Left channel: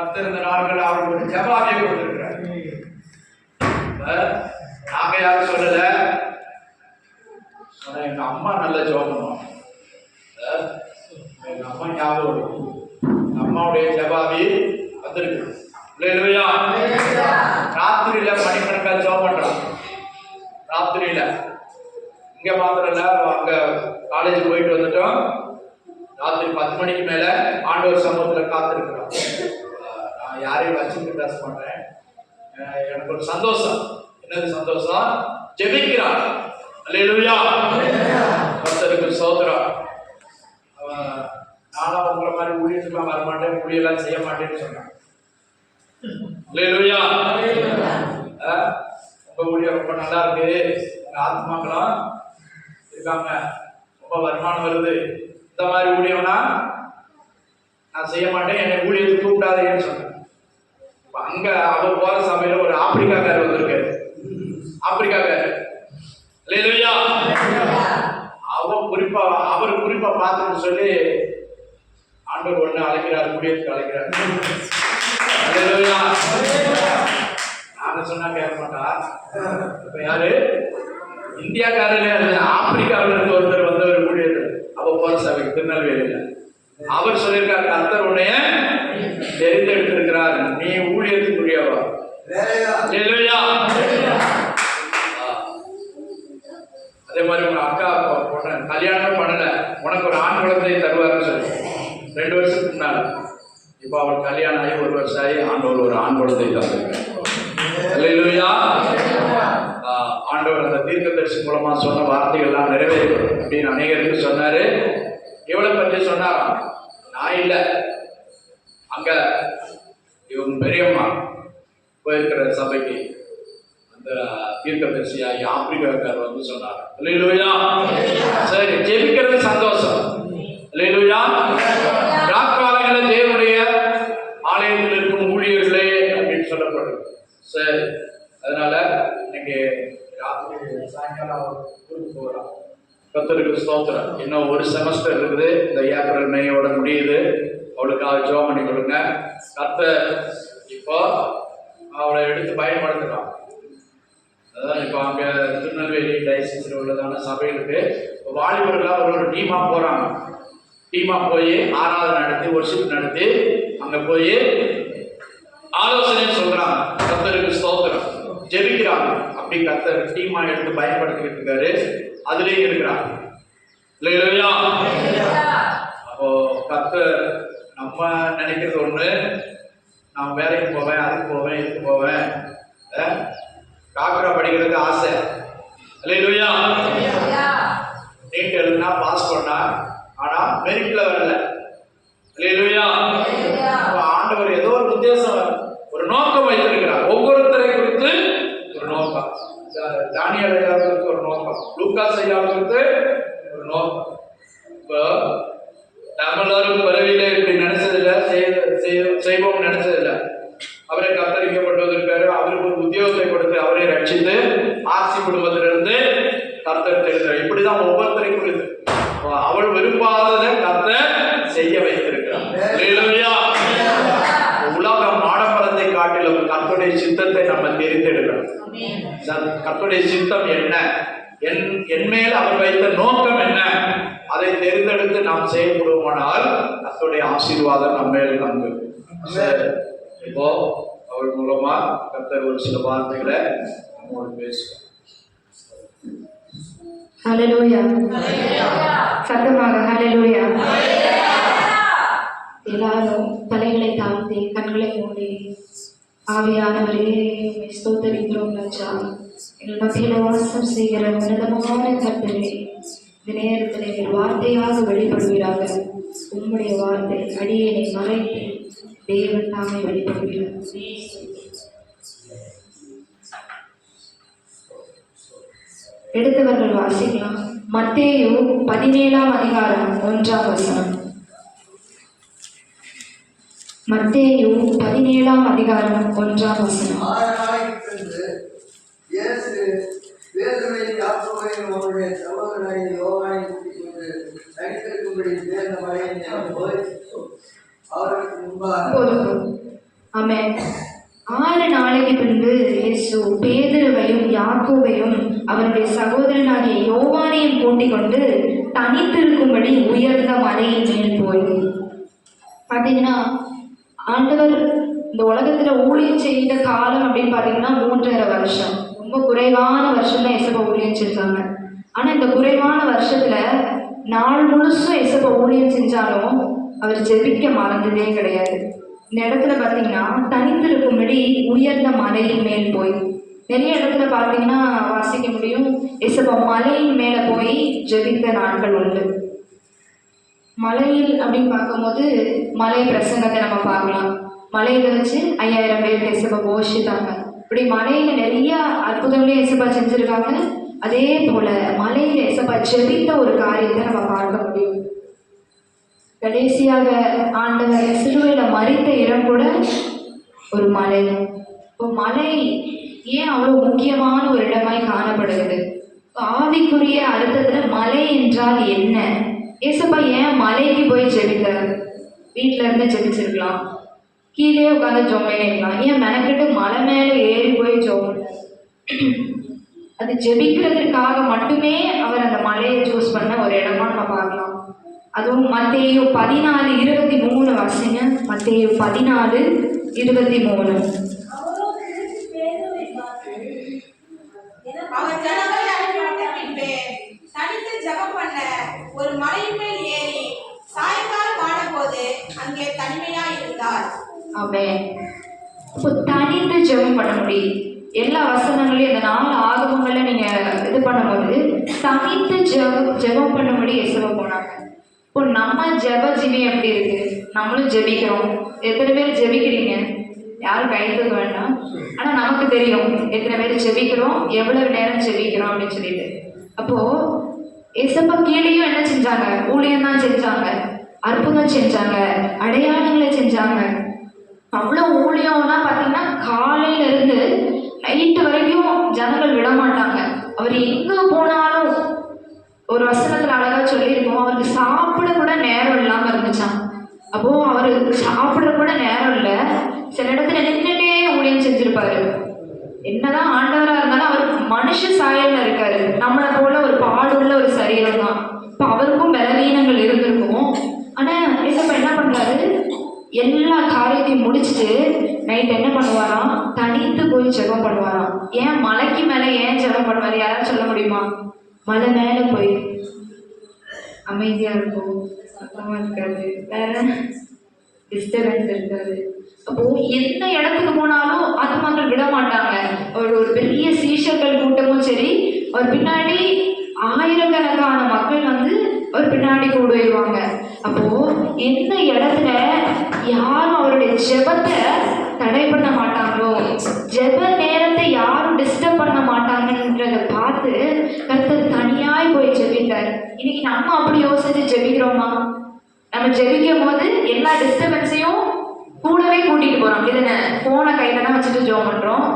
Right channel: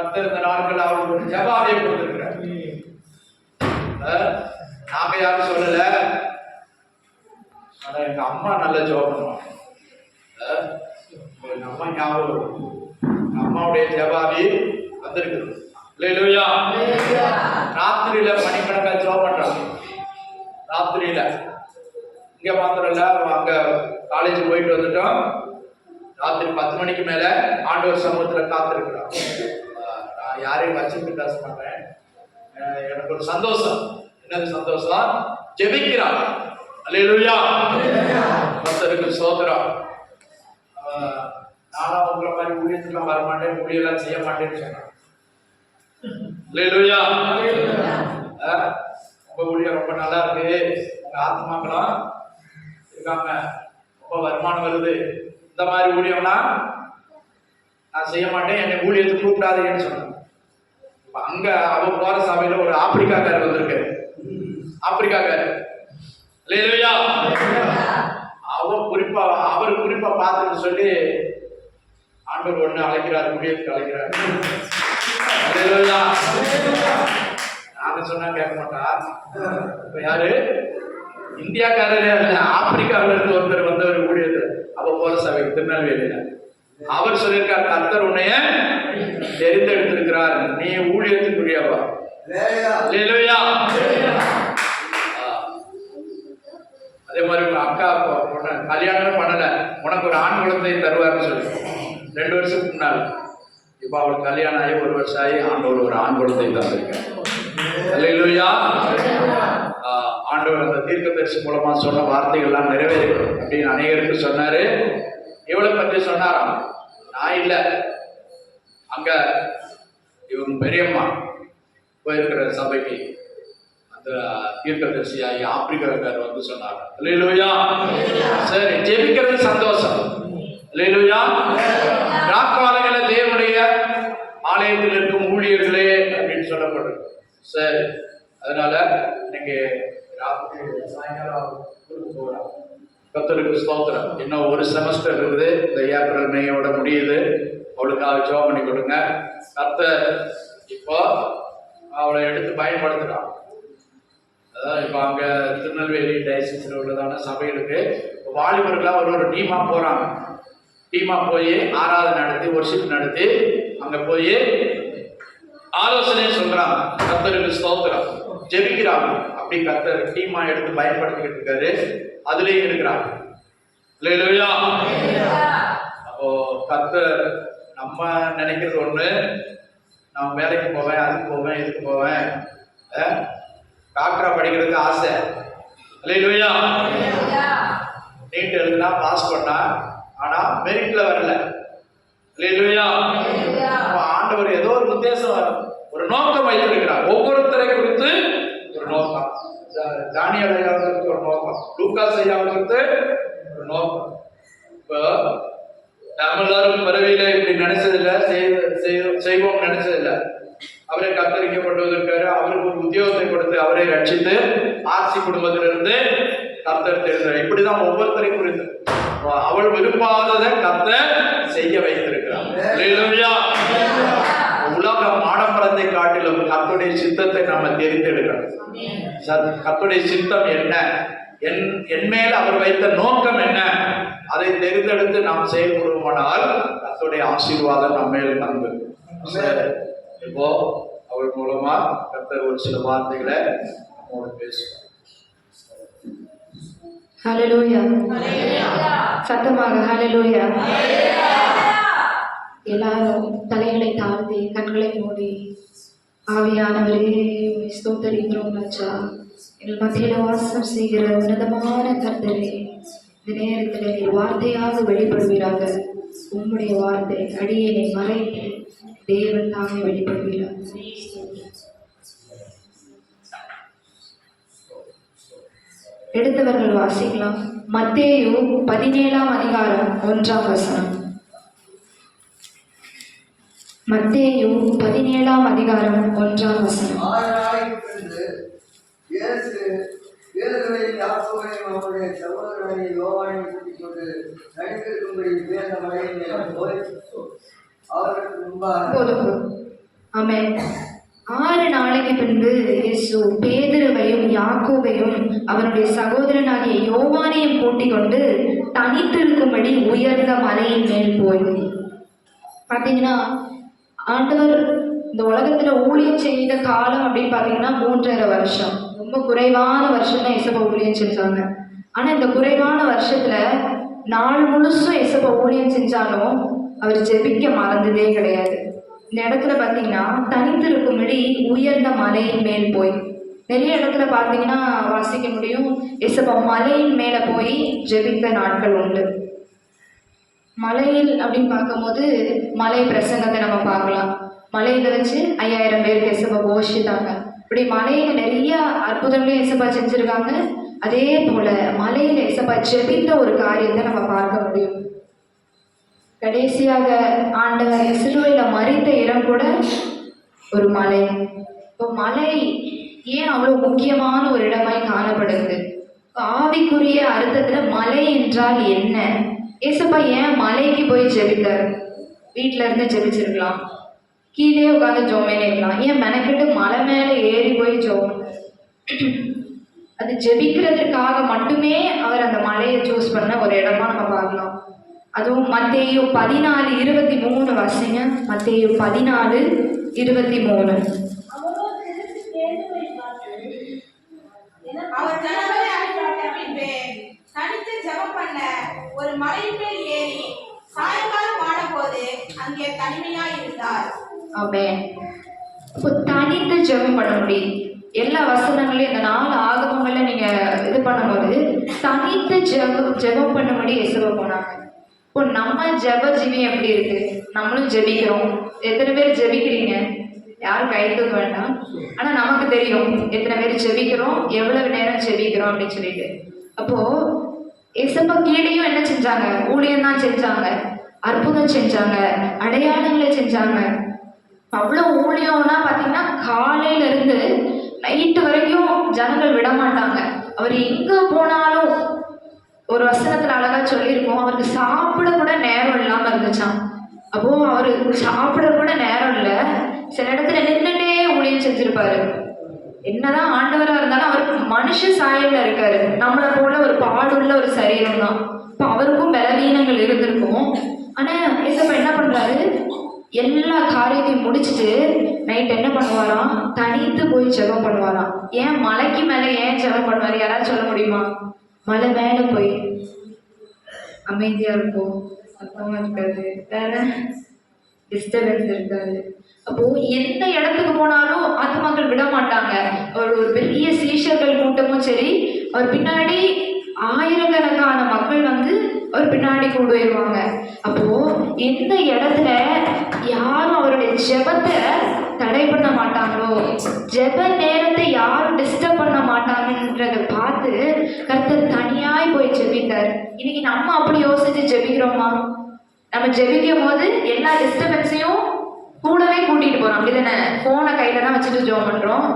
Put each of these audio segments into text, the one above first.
கர்த்தர் இந்த நாட்கள் அவருக்கு ஒரு ஜெபாவை கொடுத்திருக்கிறார். நாங்க யாரும் சொல்லல, ஆனா எங்க அம்மா நல்ல ஜெபம் பண்ணுவாங்க. எங்க அம்மா ஞாபகம், அம்மாவுடைய ஜெபாவி வந்திருக்கு. ராத்திரியில மணிக்கணக்கா ஜெபம் பண்றாங்க. ராத்திரியில இங்க மாத்திரம் இல்ல, அங்க காலேஜ் போயிட்டு வந்துட்டோம். ராத்திரி 10 மணிக்கு மேல ஆண்டவர் சமூகத்துல காத்திருக்கிறோம். நான் யாரையும் வச்சுட்டு பேச மாட்டேன். எனக்கு ஒரு சந்தோஷம். என்னது சந்தோஷம்? ஜெபிக்கிறான். அல்லேலூயா, கர்த்தருக்கு ஸ்தோத்திரம். நானும் உங்களை மாதிரி ஊழியத்துக்குலாம் வரமாட்டேன், ஊழியெல்லாம் செய்ய மாட்டேன்னு சொன்னேன். அல்லேலூயா, உங்க ஊழியம் ரொம்ப நல்லா இருக்கு, உங்க ஆத்மாக்களும் இருக்காங்க, ரொம்ப வருமானம் வருது, இந்த மாதிரி ஊழியம்னா நான் செய்ய மாட்டேன், என்னை ஊழியத்துக்கு கூப்பிடாதேன்னு சொன்னேன். அங்க அவர் போற சபையில ஒரு ஆப்பிரிக்காக்காரர் வந்திருக்காரு. ஆப்பிரிக்காக்காரர் அவர் குறிப்பா பார்த்துன்னு சொல்லி ஆண்டவர் ஒண்ணு அழைக்கிறார், ஊழியத்துக்கு அழைக்கிறார். நாங்க சொன்னா கேட்க மாட்டா. இப்ப யாரு? இந்தியாக்காரர் ஆப்பிரிக்காவில இருந்து ஒருத்தர் வந்தவர் ஊழியர். அவ போற சபை திருநெல்வேலியில. அவர் சொல்லியிருக்கார், கர்த்தர் உன்னைய தெரிந்தெடுத்திருக்கிறார், நீ ஊழியத்துக்குரியவா. அதே மாதிரி ஒரு அக்கா பொண்ணு கல்யாணமே பண்ணல, உனக்கு ஒரு ஆண் குழந்தை தருவார்னு சொல்லி 2 வருஷத்துக்கு முன்னாடி. இப்ப அவள் கல்யாணம் ஆகி 1 வருஷம் ஆகி ஆண்டவர் ஒரு ஆண் குழந்தை தந்திருக்கார். ஆண்டவர் அந்த தீர்க்கதரிசி மூலமா சொன்ன வார்த்தைகள்லாம் நிறைவேறும் அப்படின்னு அநேகருக்கு சொன்னாரு. எவ்வளவு பற்றி சொன்னாராம்? நான் இல்ல, அங்க இவங்க பெரியம்மா போயிருக்கிற சபைக்கு அந்த தீர்க்கதரிசியாகி ஆப்பிரிக்காக்காரர் வந்து சொன்னார். அல்லேலூயா, சரி, ஜெபிக்கிறது சந்தோஷம். அல்லேலூயா, ராக்காலங்கள தேவனுடைய ஆலயத்தில் இருக்கும் ஊழியர்களே அப்படின்னு சொல்லப்படுது. சரி, அதனால இன்னைக்கு ராத்திரி சாயங்காலம் ஊருக்கு போகிறோம். கர்த்தருக்கு ஸ்தோத்திரம். இன்னும் ஒரு செமஸ்டர் இருக்குது, இந்த ஏப்ரல் மேயோட முடியுது. அவளுக்காக ஜெபம் பண்ணி கொடுங்க. கர்த்தர் இப்போ அவளை எடுத்து பயன்படுத்துறான். அதான் இப்போ அங்கே திருநெல்வேலி டைசிஸில் உள்ளதான சபைகளுக்கு இப்போ வாலிபர்களாக ஒரு டீமா போகிறாங்க. டீமா போய் ஆராதனை நடத்தி ஒர்ஷிப் நடத்தி அங்கே போய் ஆலோசனையும் சொல்றாங்க. கர்த்தருக்கு ஸ்தோத்திரம். ஜெபிக்கிறாங்க. அப்படி கர்த்தர் டீமா எடுத்து பயன்படுத்திக்கிட்டு இருக்காரு. அதுலேயும் இருக்கிறாங்க. அல்லேலூயா. அப்போ கர்த்தர் நம்ம நினைக்கிறது ஒண்ணு, நான் வேலைக்கு போவேன், அதுக்கு போவேன், இதுக்கு போவேன், டாக்டரா படிக்கிறது ஆசை. அல்லேலூயா. நீட் எழுதுனா பாஸ் பண்ணா, ஆனா மெரிட்ல வரல. அல்லேலூயா. ஆண்டவர் ஏதோ ஒரு உத்தேசம், ஒரு நோக்கம் வைத்திருக்கிறார். ஒவ்வொருத்தரை குறித்து ஒரு நோக்கம். தானியேல் ஐயாவுக்கு ஒரு நோக்கம், லூக்காஸ் ஐயாவுக்கு ஒரு நோக்கம். இப்போ நம்மளாரும் பிறவியில இப்படி நினைச்சதில்லை, செய்வோம் நினைச்சதில்லை. அவரை கர்த்தரிக்கப்பட்டு வந்திருக்காரு. அவருக்கு ஒரு உத்தியோகத்தை கொடுத்து அவரை ரட்சித்து ஆர்சி குடும்பத்திலிருந்து கர்த்தர் தெரிந்தார். இப்படிதான் ஒவ்வொருத்தரை குறித்து அவள் விரும்பாததை கர்த்தர் செய்ய வைத்திருக்கிறார். உலகம் ஆடம்பரத்தை காட்டிலும் கர்த்தருடைய சித்தத்தை நம்ம தெரிந்தெடுக்கணும். கர்த்தருடைய சித்தம் என்ன, என் மேல் அவர் வைத்த நோக்கம் என்ன, அதை தெரிந்தெடுத்து நாம் செயல்படுவோமானால் கர்த்தருடைய ஆசீர்வாதம் நம்ம மேல் தங்கும். இப்போ அவள் மூலமா கர்த்தர் ஒரு சில வார்த்தைகளை நம்மோடு பேசுவார். ஹல்லேலூயா. சத்தமாக ஹல்லேலூயா. எல்லாரும் தலைகளை தாழ்த்தி கண்களை மூடி, ஆவியானவரே ஸ்தோத்திரிக்கிறோம் ராஜா. எங்கள் மத்தியில் வாசம் செய்கிற உன்னதமான கர்த்தரே, இந்த நேரத்தில் எங்கள் வார்த்தையாக வெளிப்படுவீராக. உம்முடைய வார்த்தை அடியேனை மறைத்து தேவன் தாமே வெளிப்படுவீராக. எடுத்தவர்கள் வாசிக்கலாம். மத்தேயு 17ஆம் அதிகாரம் 1ஆம் வசனம். மத்தேயு 17ஆம் அதிகாரம் 1ஆம் வசனம். அவருடைய சகோதரனை யோவானை கூட்டிக் கொண்டு தனித்திருக்கும்படி பேர்ந்த மலையின் போய் அவருக்கு முன்பாக ஆமென். 6 நாளைக்கு பின்பு இயேசு பேதுருவையும் யாக்கோபையும் அவருடைய சகோதரனாகிய யோவானையும் கூட்டிக் கொண்டு தனித்திருக்கும்படி உயர்ந்த மலையின் மேல் போய் பார்த்தீங்கன்னா, ஆண்டவர் இந்த உலகத்துல ஊழியம் செய்த காலம் அப்படின்னு பார்த்தீங்கன்னா 3.5 வருஷம். ரொம்ப குறைவான வருஷம் தான் இயேசுப்பா ஊழியம் செஞ்சாங்க. ஆனா இந்த குறைவான வருஷத்துல நாள் முழுசும் இயேசுப்பா ஊழியம் செஞ்சாலும் அவர் ஜெபிக்க மறந்ததே கிடையாது. இந்த இடத்துல பார்த்தீங்கன்னா தனித்திருக்கும்படி உயர்ந்த மலையின் மேல் போய், நிறைய இடத்துல பார்த்தீங்கன்னா வாசிக்க முடியும், இயேசுப்பா மலையின் மேல போய் ஜெபித்த நாட்கள் உண்டு. மலையில் அப்படின்னு பார்க்கும்போது மலை பிரசங்கத்தை நம்ம பார்க்கலாம். மலையில வச்சு 5000 பேர் இயேசுப்பா போஷித்தாங்க. இப்படி மலையில நிறைய அற்புதங்களையும் இயேசுப்பா செஞ்சிருக்காங்க. அதே போல மலையில இயேசுப்பா ஜெபித்த ஒரு காரியத்தை நம்ம பார்க்க முடியும். கடைசியாக ஆண்டவர் சிலுவையில மரித்த இடம் கூட ஒரு மலை. இப்போ மலை ஏன் அவ்வளவு முக்கியமான ஒரு இடமாய் காணப்படுது? ஆவிக்குரிய அர்த்தத்துல மலை என்றால் என்ன? ஏசப்பா ஏன் மலைக்கு போய் ஜெபித்தார்? வீட்டில இருந்து ஜெபிச்சிருக்கலாம், கீழே உட்காந்து ஜோம் பண்ணிருக்கலாம். ஏன் மெனக்கிட்டு மலை மேல ஏறி போய் ஜோம்? அது ஜெபிக்கிறதுக்காக மட்டுமே அவர் அந்த மலையை சூஸ் பண்ண ஒரு இடமா நம்ம பார்க்கலாம். அதுவும் மத்தேயு 14:23 வாசிங்க. மத்தேயு 14:23. அவர் ஜனங்களை அனுப்பிவிட்ட பின்பு தனித்து ஜெபம் பண்ண ஒரு மலையின் மேல் ஏறி சாயங்காலம் ஆனபோது அங்கே தனிமையாய் இருந்தார். ஆமென். இப்போ தனித்து ஜெபம் பண்ண முடியும். எல்லா வசனங்களையும் இந்த 4 ஆகமங்களை நீங்க இது பண்ணும்போது தனித்து ஜெபம் பண்ண முடியும் இயேசுவா போனாங்க. இப்போ நம்ம ஜெப ஜீவி எப்படி இருக்கு? நம்மளும் ஜெபிக்கிறோம். எத்தனை பேர் ஜெபிக்கிறீங்க? யாரும் கைது வேண்டாம். ஆனா நமக்கு தெரியும் எத்தனை பேர் ஜெபிக்கிறோம், எவ்வளவு நேரம் ஜெபிக்கிறோம் அப்படின்னு சொல்லிட்டு. அப்போ இயேசுப்பா கீழேயும் என்ன செஞ்சாங்க? ஊழியம் தான் செஞ்சாங்க, அற்புதம் செஞ்சாங்க, அடையாளங்களை செஞ்சாங்க. அவ்வளோ ஊழியம்னா பார்த்தீங்கன்னா காலையில இருந்து நைட்டு வரைக்கும் ஜனங்கள் விட மாட்டாங்க. அவர் எங்க போனாலும் ஒரு வசனத்துல அழகா சொல்லியிருக்கோம், அவருக்கு சாப்பிட கூட நேரம் இல்லாம இருந்துச்சான். அப்போ அவருக்கு சாப்பிட கூட நேரம் இல்லை. சில இடத்துல நின்றுட்டே ஊழியம் செஞ்சிருப்பாரு. என்னதான் ஆண்டவரா இருந்தாலும் அவர் மனுஷ சாயல்ல இருக்காரு. நம்மளை போல ஒரு பாடுள்ள ஒரு சரீரம் தான். இப்போ அவருக்கும் பலவீனங்கள் இருந்திருக்கும். ஆனா இயேசுப்பா என்ன பண்றாரு? எல்லா காரியத்தையும் முடிச்சுட்டு நைட் என்ன பண்ணுவாராம்? தனித்து போய் ஜெபம் பண்ணுவாராம். ஏன் மலைக்கு மேல ஏன் ஜெபம் பண்ணுவாரு? யாராவது சொல்ல முடியுமா? மலை மேல போய் அமைதியா இருக்கும், சத்தமா இருக்காது, வேற டிஸ்டர்பன்ஸ் இருக்காது. அப்போ எந்த இடத்துக்கு போனாலும் ஆத்மாக்கள் விட மாட்டாங்க. ஒரு பெரிய சீஷர்கள் கூட்டமும் சரி, அவர் பின்னாடி ஆயிரக்கணக்கான மக்கள் வந்து அவர் பின்னாடி கூடுவாங்க. அப்போ எந்த இடத்துல யாரும் அவருடைய ஜெபத்தை தடை பண்ண மாட்டாங்களோ, ஜெப நேரத்தை யாரும் டிஸ்டர்ப் பண்ண மாட்டாங்கன்றத பார்த்து கர்த்தர் தனியாய் போய் ஜெபித்தார். இன்னைக்கு நம்ம அப்படி யோசிச்சு ஜெபிக்கிறோமா? நம்ம ஜெபிக்கும் போது எல்லா டிஸ்டர்பன்ஸையும் கூடவே கூட்டிட்டு போறோம், அப்படிதானே? போனை கையில தான் வச்சுட்டு ஜெபம் பண்றோம்.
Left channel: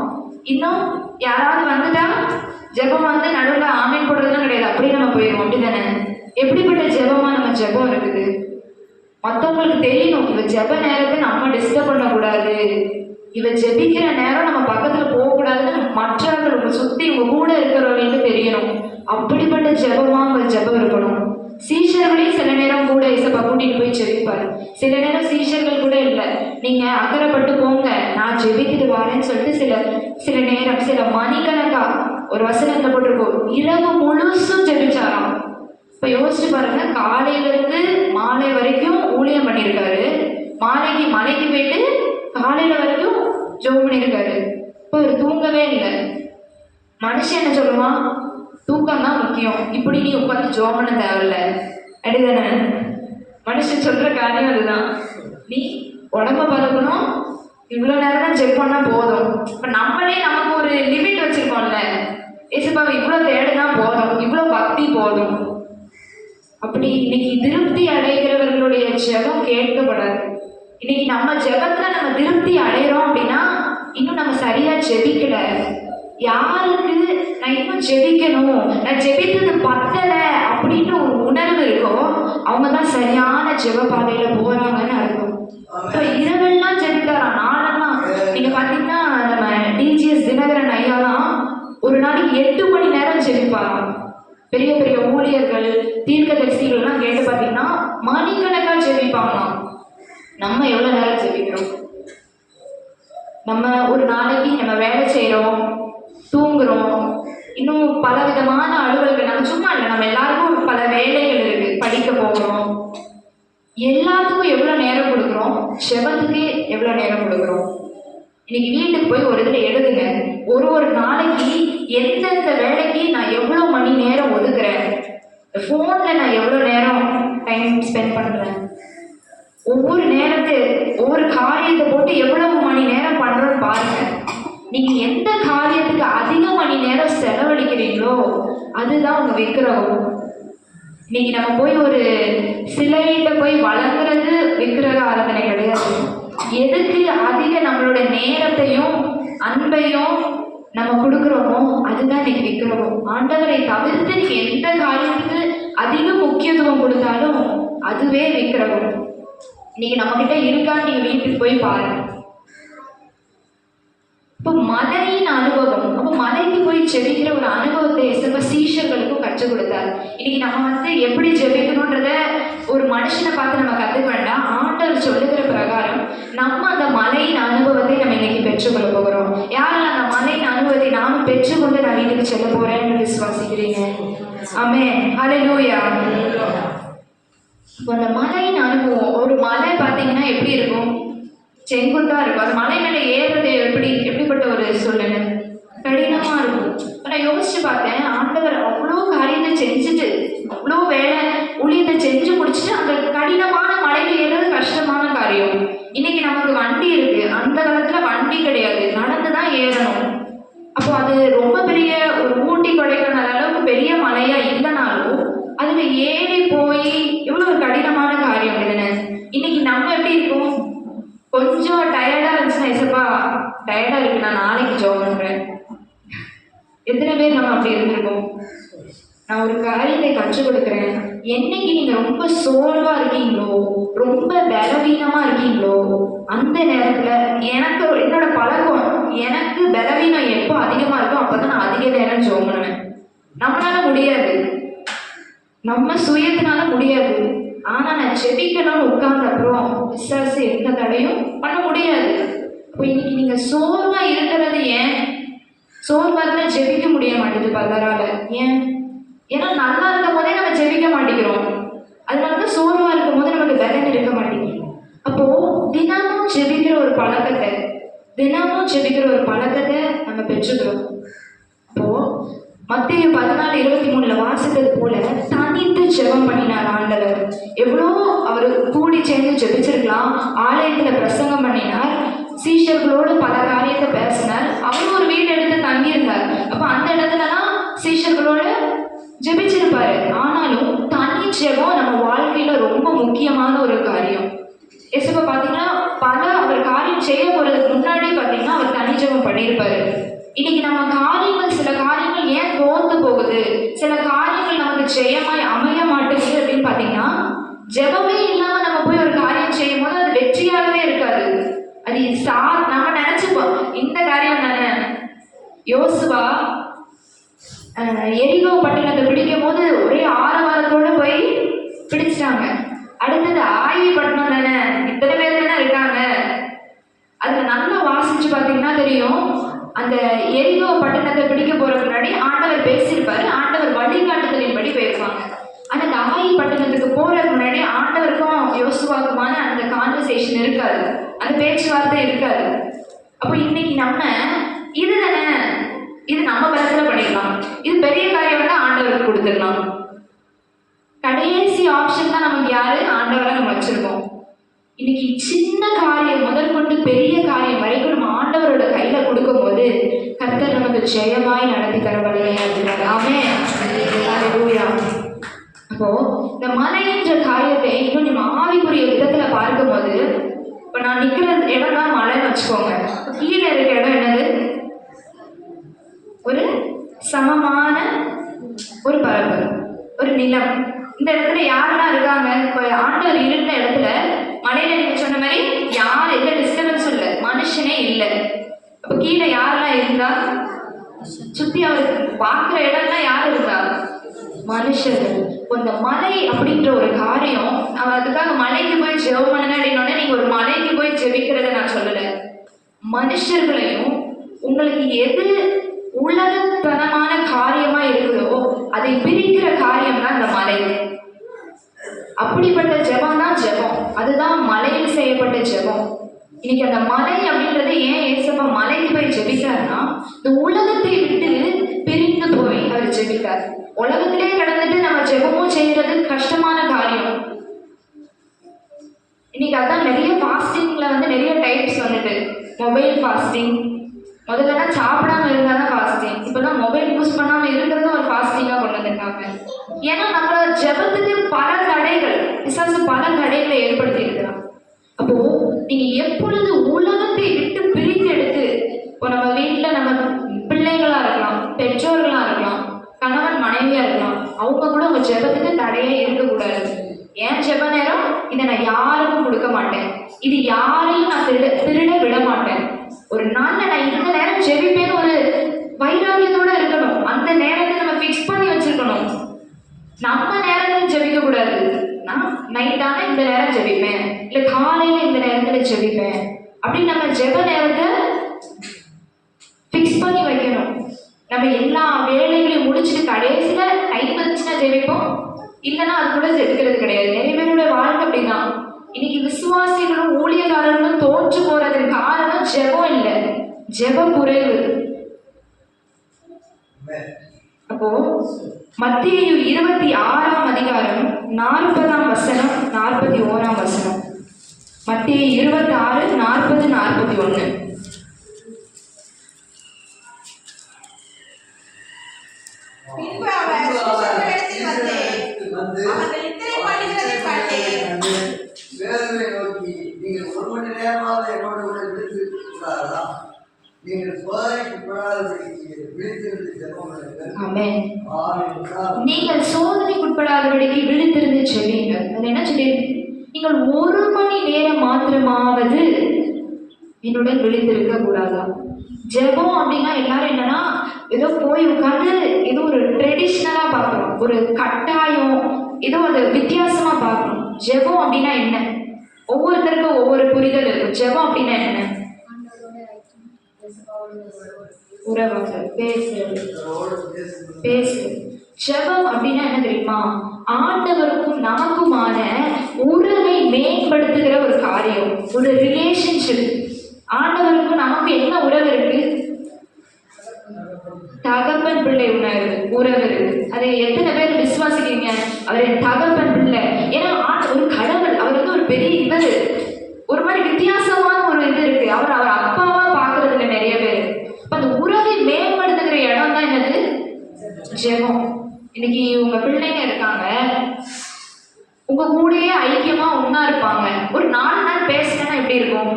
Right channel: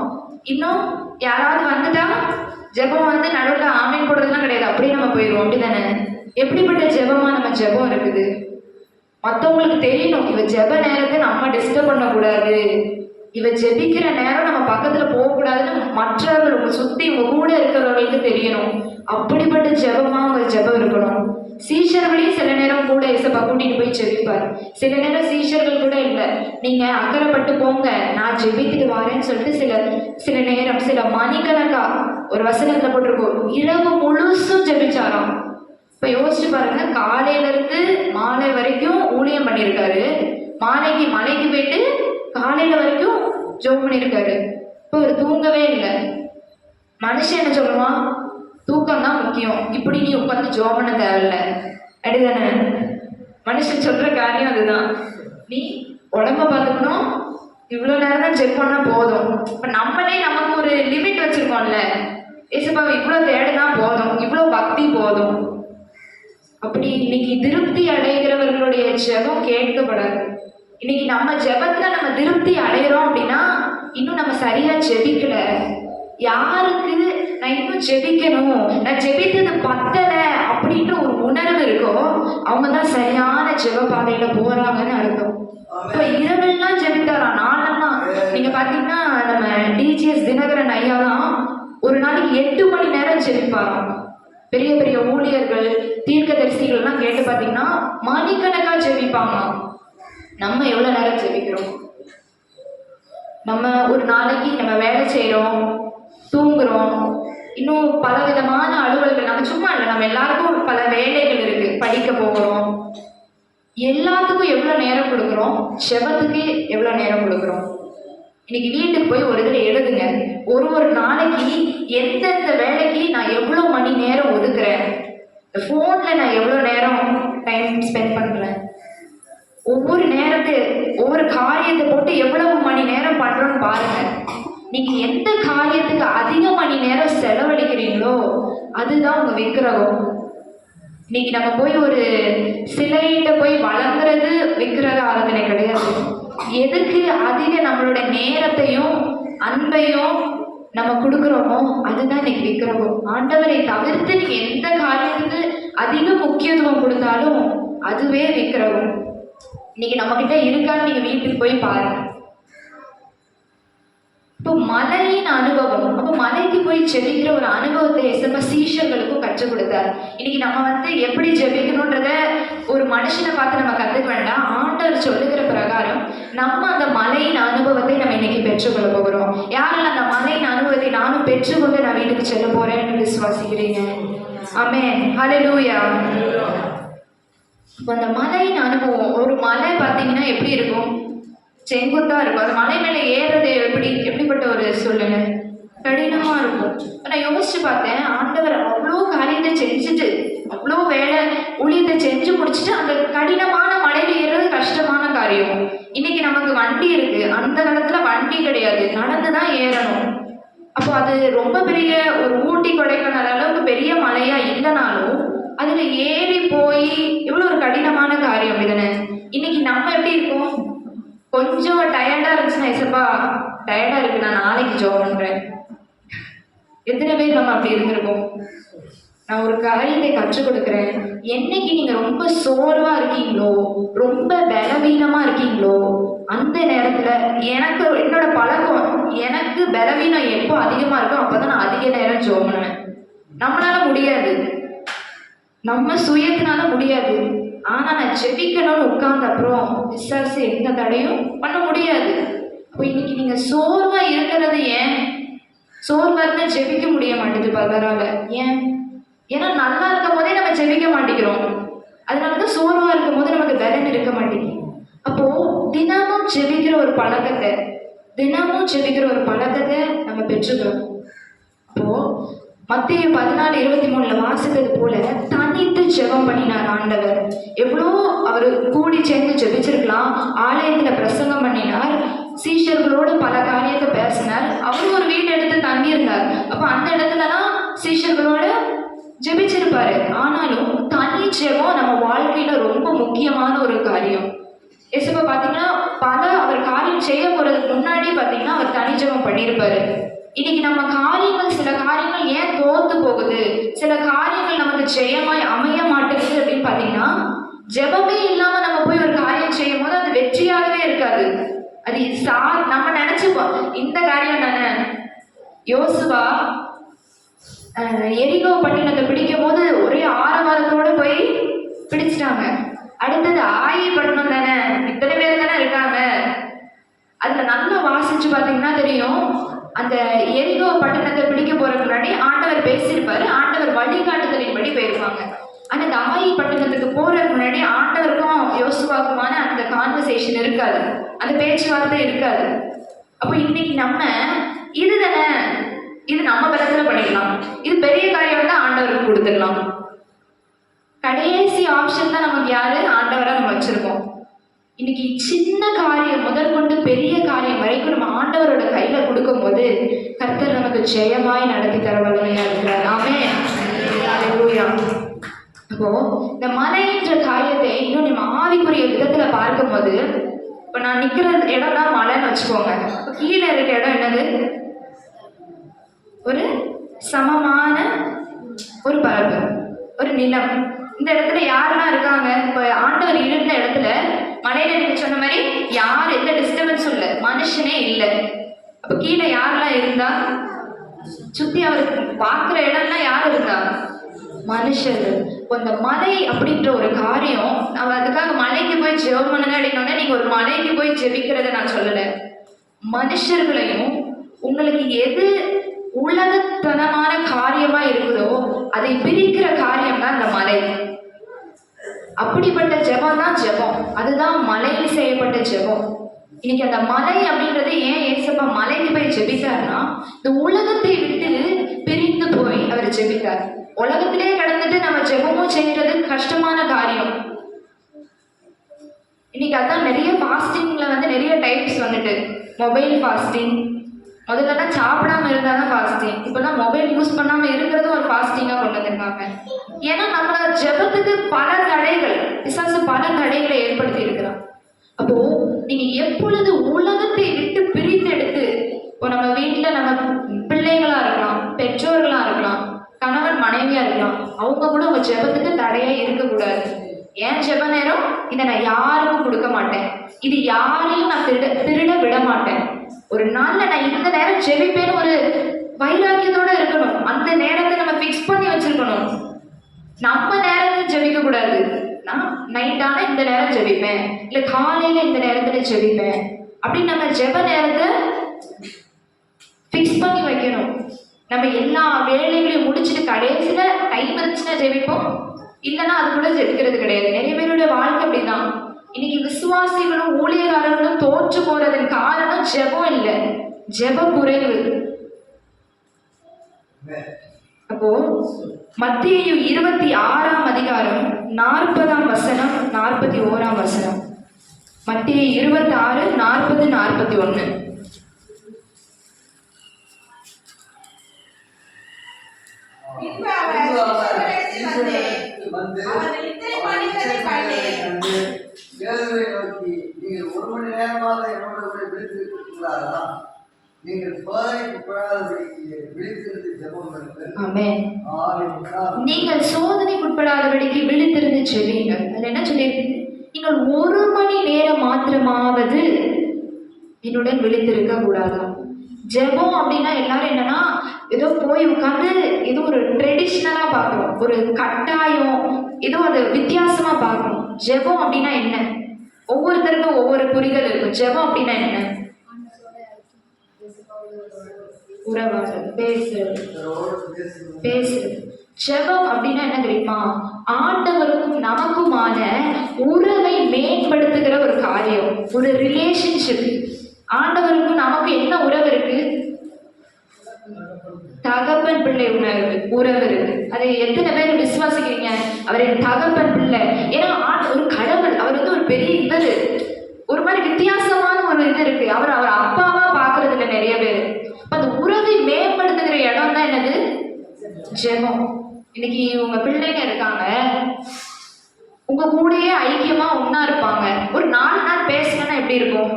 இன்னும் யாராவது வந்துட்டா ஜெபம் வந்து நடுவில் ஆமீன் போடுறதுலாம் கிடையாது, அப்படியே நம்ம போயிடுவோம், அப்படிதானே? எப்படிப்பட்ட ஜெபமா நம்ம ஜெபம் இருக்குது? மற்றவங்களுக்கு தெரியணும், இவ ஜெப நேரத்தை நம்ம டிஸ்டர்ப் பண்ணக்கூடாது, இவ ஜெபிக்கிற நேரம் நம்ம பக்கத்துல போகக்கூடாதுன்னு மற்றவர்கள் உங்க சுத்தி உங்க கூட இருக்கிறவர்களுக்கு தெரியணும். அப்படிப்பட்ட ஜெபமா ஒரு ஜெபம் இருக்கணும். சீஷர்களையும் சில நேரம் கூட இயேசுப்பா கூட்டிட்டு போய் ஜெபிப்பார். சில நேரம் சீஷர்கள் கூட இல்லை, நீங்க அக்கறைப்பட்டு போங்க, நான் ஜெபித்துட்டு வரேன்னு சொல்லிட்டு சில நேரம் சில மணிக்கணக்கா ஒரு வசனத்தை போட்டிருக்கோம், இரவு முழுசும் ஜெபிச்சாராம். இப்ப யோசிச்சு பாருங்க, காலையில இருந்து மாலை வரைக்கும் ஊழியம் பண்ணியிருக்காரு, மாலைக்கு மலைக்கு போயிட்டு காலையில வரைக்கும் ஜோம் பண்ணியிருக்காரு. இப்போ ஒரு தூங்கவே இல்லை. மனுஷன் என்ன சொல்லுவான்? தூக்கம் தான் முக்கியம், இப்படி நீ உட்காந்து ஜோம் பண்ண தேவையில்ல, அப்படிதானே? மனுஷன் சொல்ற காரியம் அதுதான். நீ உடம்ப பார்த்துக்கணும், இவ்வளோ நேரம் தான் செக் பண்ணா போதும். இப்போ நம்மளே நமக்கு ஒரு லிமிட் வச்சிருக்கோம்ல, ஏசப்பா இவ்வளோ தேடுனா போதும், இவ்வளோ பக்தி போதும். அப்படி இன்னைக்கு திருப்தி அடைகிறவர்களுடைய ஜெபம் கேட்கப்படாது. இன்னைக்கு நம்ம ஜெபத்துல நம்ம திருப்தி அடைகிறோம் அப்படின்னா இன்னும் நம்ம சரியா ஜெபிக்கல. யாருக்கு நான் இன்னும் ஜெபிக்கணும், நான் ஜெபித்தது பத்தலை அப்படின்ற ஒரு உணர்வு இருக்கோ அவங்க தான் சரியான ஜெப பாதையில போறாங்கன்னு அர்த்தம். இப்போ இரவெல்லாம் ஜெபித்தாரா, நாளெல்லாம் நம்ம ஒரு நாளைக்கு நம்ம வேலை செய்கிறோம், தூங்குறோம், இன்னும் பல விதமான அலுவல்கள். நம்ம சும்மா இல்லை, நம்ம எல்லாருக்கும் பல வேலைகள் இருக்கு. படிக்க போகிறோம், எல்லாத்துக்கும் எவ்வளோ நேரம் கொடுக்குறோம், செவத்துக்கு எவ்வளோ நேரம் கொடுக்குறோம். இன்னைக்கு வீட்டுக்கு போய் ஒரு இதில் எழுதுங்க, ஒரு நாளைக்கு எந்தெந்த வேலைக்கு நான் எவ்வளோ மணி நேரம் ஒதுக்குறேன், ஃபோனில் நான் எவ்வளோ நேரம் டைம் ஸ்பெண்ட் பண்ணுறேன், ஒவ்வொரு ஒவ்வொரு காரியத்தை போட்டு எவ்வளவு மணி நேரம் பண்ணுறோன்னு பாருங்க. நீங்கள் எந்த காரியத்துக்கு அதிக மணி நேரம் செலவழிக்கிறீங்களோ அதுதான் உங்கள் விக்கிரகம். இன்னைக்கு நம்ம போய் ஒரு சிலையிட்ட போய் வளர்க்குறது விக்கிரக ஆராதனை கிடையாது. எதுக்கு அதிக நம்மளோட நேரத்தையும் அன்பையும் நம்ம கொடுக்குறோமோ அதுதான் இன்னைக்கு விக்கிரகம். ஆண்டவரை தவிர்த்து நீங்க எந்த காரியத்துக்கு அதிக முக்கியத்துவம் கொடுத்தாலும் அதுவே விக்கிரகம். இன்னைக்கு நம்ம கிட்ட இருக்கான்னு நீங்க வீட்டுக்கு போய் பாருங்க. இப்போ மலையின் அனுபவம், அப்போ மலைக்கு போய் ஜெபிக்கிற ஒரு அனுபவத்தை எஸ்எம்மா சீஷர்களுக்கும் கற்றுக் கொடுத்தாரு. இன்னைக்கு நம்ம எப்படி ஜெபிக்கணுன்றத ஒரு மனுஷனை பார்த்து நம்ம கற்றுக்க வேண்டாம். ஆண்டவர் சொல்லுகிற பிரகாரம் நம்ம அந்த மலையின் அனுபவத்தை நம்ம இன்னைக்கு பெற்றுக்கொள்ள போகிறோம். யாரும் அந்த மலையின் அனுபவத்தை நானும் பெற்றுக்கொண்டு நான் வீட்டுக்கு செல்ல போறேன்னு விசுவாசிக்கிறீங்க? ஆமென், ஹல்லேலூயா. இப்போ அந்த மலையின் அனுபவம், ஒரு மலை பார்த்தீங்கன்னா எப்படி இருக்கும்? செங்குத்தா இருக்கும். அந்த மலை மேலே ஏறுறது எப்படிப்பட்ட ஒரு சூழ்நிலை? கடினமா இருக்கும். நான் யோசிச்சு பார்த்தேன், ஆண்டவர் அவ்வளோ காரியத்தை செஞ்சுட்டு அவ்வளோ வேலை ஊழியத்தை செஞ்சு முடிச்சுட்டு அந்த கடினமான மலையில் ஏறுறது கஷ்டமான காரியம். இன்னைக்கு நமக்கு வண்டி இருக்கு, அந்த காலத்துல வண்டி கிடையாது, நடந்துதான் ஏறணும். அப்போ அது ரொம்ப பெரிய ஒரு ஊட்டி கொடைக்கானல் அளவுக்கு பெரிய மலையா இல்லைனாலும் அதுல ஏறி போய் எவ்வளவு ஒரு கடினமான காரியம் இதுன்னு. இன்னைக்கு நம்ம எப்படி இருக்கோம்? கொஞ்சம் டயர்டா இருந்துச்சுன்னா, எசப்பா டயர்டா இருக்கு, நான் நாளைக்கு ஜாப் பண்றேன். எத்தனை பேர் நம்ம அப்படி இருந்திருக்கோம்? நான் ஒரு காரியத்தை கற்றுக் கொடுக்குறேன். என்னைக்கு நீங்க ரொம்ப சோர்வா இருக்கீங்களோ, ரொம்ப பலவீனமா இருக்கீங்களோ, அந்த நேரத்துல என்னோட பழக்கம், எனக்கு பலவீனம் எப்போ அதிகமா இருக்கோ அப்பதான் நான் அதிக நேரம் ஜெபம் பண்ணுவேன். நம்மளால முடியாது, நம்ம சுயத்தினால முடியாது. ஆனா நான் ஜெபிக்கணும்னு உட்கார்ந்த அப்புறம் விசாரிச்சு எந்த தடையும் பண்ண முடியாது. இப்போ இன்னைக்கு நீங்க சோர்வா இருக்கிறது ஏன்? சோர்வா இருந்தா ஜெபிக்க முடிய மாட்டேங்குது பலரால. ஏன்? ஏன்னா நல்லா இருக்கும் போதே நம்ம ஜெபிக்க மாட்டேங்கிறோம். அதனாலதான் சோர்வா இருக்கும் போது நமக்கு பலன் இருக்க மாட்டேங்குது. அப்போ தினமும் ஜெபிக்கிற ஒரு பழக்கத்தை நம்ம பெற்றுக்கிறோம். அப்போ மத்தேயு 14:23 வாசித்தது போல தனித்து ஜெபம் பண்ணினார் ஆண்டவர். எவ்வளோ அவர் கூடி சேர்ந்து ஜெபிச்சிருக்கலாம். ஆலயத்துல பிரசங்கம் பண்ணினார், சீஷர்களோடு பல காரியத்தை பேசினார். அவர் ஒரு வீடு எடுத்து தங்கியிருந்தார். அப்போ அந்த இடத்துலதான் சீஷர்களோட ஜெபிச்சிருப்பாரு. ஆனாலும் தனி ஜெபம் நம்ம வாழ்க்கையில ரொம்ப முக்கியமான ஒரு காரியம். எசப்பா பாத்தீங்கன்னா அவர் காரியம் செய்ய போறதுக்கு முன்னாடி பாத்தீங்கன்னா அவர் தனி ஜெபம் பண்ணியிருப்பாரு. இன்னைக்கு நம்ம சில காரியங்கள் ஏன் தோத்து போகுது, சில காரியங்கள் நமக்கு ஜெயமாய் அமைய மாட்டேங்குது அப்படின்னு பாத்தீங்கன்னா, ஜெபமே இல்லாம நம்ம போய் ஒரு காரியம் செய்யும் போது அது வெற்றியாகவே இருக்காது. அது நம்ம நினைச்சுப்போம் இந்த காரியம் தானே. யோசுவா எரிகோ பட்டணத்தை பிடிக்கும் போது ஒரே ஆரவாரத்தோட போய் பிடிச்சிட்டாங்க. அடுத்தது ஆயி பட்டணம் தானே, இத்தனை பேர் தானே இருக்காங்க. அதுல நல்லா வாசிச்சு பாத்தீங்கன்னா தெரியும், அந்த எரிகோ பட்டணத்தை பிடிக்க போறதுக்கு முன்னாடி ஆண்டவர் பேசியிருப்பாரு. ஆண்டவர் வழிகாட்டுதலின்படி போயிருப்பாங்க. அந்த ஆயி பட்டணத்துக்கு போறதுக்கு முன்னாடி ஆண்டவருக்கும் யோசுவாக்குமான அந்த கான்வர்சேஷன் இருக்காது, அந்த பேச்சுவார்த்தை இருக்காது. அப்போ இன்னைக்கு நம்ம இது நம்ம பலத்துல பண்ணிக்கலாம், இது பெரிய காரியம் தான் ஆண்டவருக்கு கொடுத்துக்கலாம். கடைசி ஆப்ஷன் தான் நமக்கு யாரு? ஆண்டவரா நம்ம வச்சிருக்கோம். இன்னைக்கு சின்ன காரியம் முதல் கொண்டு பெரிய காரியம் வரைக்கும் நம்ம ஆண்டவரோட கையில கொடுக்கும் போது கர்த்தர் நமக்கு ஜெயமாய் நடத்தி தர வழியா இருக்கிறார். ஆமென். அப்போ இந்த மலைன்ற காரியத்தை இன்னும் நம்ம ஆவிக்குரிய விதத்துல பார்க்கும்போது, இப்ப நான் நிக்கிற இடம் தான் மலைன்னு வச்சுக்கோங்க. கீழே இருக்க இடம் என்னது? ஒரு சமமான ஒரு பரப்பு, ஒரு நிலம். இந்த இடத்துல யாரெல்லாம் இருக்காங்க? இப்போ ஆண்டவர் இருந்த இடத்துல மலையில நீங்க சொன்ன மாதிரி யார் எந்த டிஸ்டர்பன்ஸும் இல்லை, மனுஷனே இல்லை. அப்போ கீழே யாரெல்லாம் இருந்தா? சுத்தி அவர் பார்க்குற இடம்லாம் யார் இருந்தா? மனுஷர்கள். இந்த மலை அப்படின்ற ஒரு காரியம், அவ அதுக்காக மலைக்கு போய் ஜெபம் பண்ணுங்க அப்படின்னா நீங்க ஒரு மலைக்கு போய் ஜெபிக்கிறத நான் சொல்லலை. மனுஷர்களையும் உங்களுக்கு எது உலகத்தனமான காரியமா இருக்குதோ அதை பிரிக்கிற காரியம் தான் இந்த மலை. அப்படிப்பட்ட ஜெபம் தான் ஜெபம். அதுதான் மலையில் செய்யப்பட்ட ஜெபம். இன்னைக்கு அந்த மலை அப்படின்றது ஏன் ஏசப்பா மலைக்கு போய் ஜெபித்தார்னா, இந்த உலகத்தை விட்டு பிரிந்து போய் அவர் ஜெபித்தார். உலகத்திலே கடந்துட்டு நம்ம ஜெபமும் செய்யறது கஷ்டமான காரியம். இன்னைக்கு அதான் நிறைய ஃபாஸ்டிங்ல வந்து நிறைய டைப்ஸ் வந்துட்டு, மொபைல் ஃபாஸ்டிங், முதல்லலாம் சாப்பிடாம இருந்தால் தான் ஃபாஸ்டிங், இப்போதான் மொபைல் யூஸ் பண்ணாம இருக்கிறது ஒரு ஃபாஸ்டிங்காக கொண்டு வந்திருக்காங்க. ஏன்னா நம்மளோட ஜெபத்துக்கு பல தடைகள், பிசாசு பல தடைகளை ஏற்படுத்தி இருக்கிறான். அப்போ நீங்க எப்பொழுது உலகத்தை விட்டு பிரித்து எடுத்து, இப்போ நம்ம வீட்டில் நம்ம பிள்ளைகளா இருக்கலாம், பெற்றோர்களா இருக்கலாம், கணவன் மனைவியா இருக்கலாம், அவங்க கூட உங்க ஜெபத்துக்கு தடையே இருக்கக்கூடாது. ஏன் ஜெப நேரம் இதை நான் யாருக்கும் கொடுக்க மாட்டேன், இது யாரையும் நான் திருட விட மாட்டேன். ஒரு நாள்ல நான் இந்த நேரம் ஜெபிப்பேன்னு ஒரு வைராகியத்தோட இருக்கணும். அந்த நேரத்தை நம்ம ஃபிக்ஸ் பண்ணி வச்சிருக்கணும். நம்ம நேரத்தில் ஜெபிக்க கூடாது. நான் நைட்டான இந்த நேரம் ஜெபிப்பேன், இல்லை காலையில இந்த நேரத்தில் ஜெபிப்பேன் அப்படின்னு நம்ம ஜெப நேரத்தை ஃபிக்ஸ் பண்ணி வைக்கணும். நம்ம எல்லா வேலைகளையும் முடிச்சுட்டு கடைசியில டைம் இருந்துச்சுன்னா ஜெபிப்போம், இல்லைன்னா அதுக்குள்ள ஜெபிக்கிறது கிடையாது. நிறைய பேருடைய வாழ்க்கை அப்படிதான். இன்னைக்கு விசுவாசிகளும் ஊழியக்காரர்களும் தோற்று போறதுக்கு காரணம் ஜெபம் இல்லை, ஜெப குறைவு. அப்போ மத்தேயு 26ஆம் அதிகாரம் 40ஆம் வசனம் 41ஆம் வசனம். மத்தேயு 26, 40, 41. பின்பு அவர் சீஷர்களிடத்தில் வந்து அவர்கள் இத்தனை பண்ணுகிறதைக் கண்டு பேதுருவை நோக்கி, நீங்கள் 1 மணி நேரமாக என்னோட கூட விழித்திருக்க கூடாதா? நீங்கள் சோதனைக்குட்படாதபடிக்கு விழித்திருந்து ஜெபம் பண்ணுங்கள். ஆமென். ஆமென். நீங்கள் சோதனைக்குட்படாதபடிக்கு விழித்திருந்து ஜெபியுங்கள். அது என்ன சொல்லியிருக்கு? நீங்கள் 1 மணி நேரம் மாத்திரமாவது என்னுடன் விழித்திருக்க கூடாதா? ஜெபம் அப்படின்னா எல்லாரும் என்னன்னா ஏதோ போய் உட்காந்து ஏதோ ஒரு ட்ரெடிஷ்னலா பார்க்கணும், ஒரு கட்டாயம், ஏதோ அதை வித்தியாசமா பார்க்கணும். ஜெபம் அப்படின்னா என்ன? ஒவ்வொருத்தருக்கும் ஒவ்வொரு புரிதல் இருக்கும். ஜெபம் அப்படின்னா என்ன? உறவாக பேசுறது. ஜெபம் அப்படின்னா என்ன தெரியுமா? ஆண்டவருக்கும் நமக்குமான உறவை மேம்படுத்துகிற ஒரு காரியம், ஒரு ரிலேஷன்ஷிப். ஆண்டவருக்கும் நமக்கு என்ன உறவு இருக்கு? தகப்பன் பிள்ளை உறவு இருக்கு. அதை எத்தனை பேர் விசுவாசிக்கிறீங்க? அவர் என் தகப்பன் பிள்ளை. ஏன்னா ஒரு கடவுள், அவர் வந்து ஒரு பெரிய இவர், ஒரு மாதிரி வித்தியாசமான ஒரு இது இருக்கு. அவர் அப்பாவா பாக்குறது இல்லை நிறைய பேர். அந்த உறவை மேம்படுத்துகிற இடம் தான் என்னது? ஜெபம். இன்னைக்கு உங்க பிள்ளைங்க இருக்காங்க, உங்க கூடயே ஐக்கியமா ஒன்னா இருப்பாங்க. ஒரு 4 நாள் பேசலன்னா எப்படி இருக்கும்?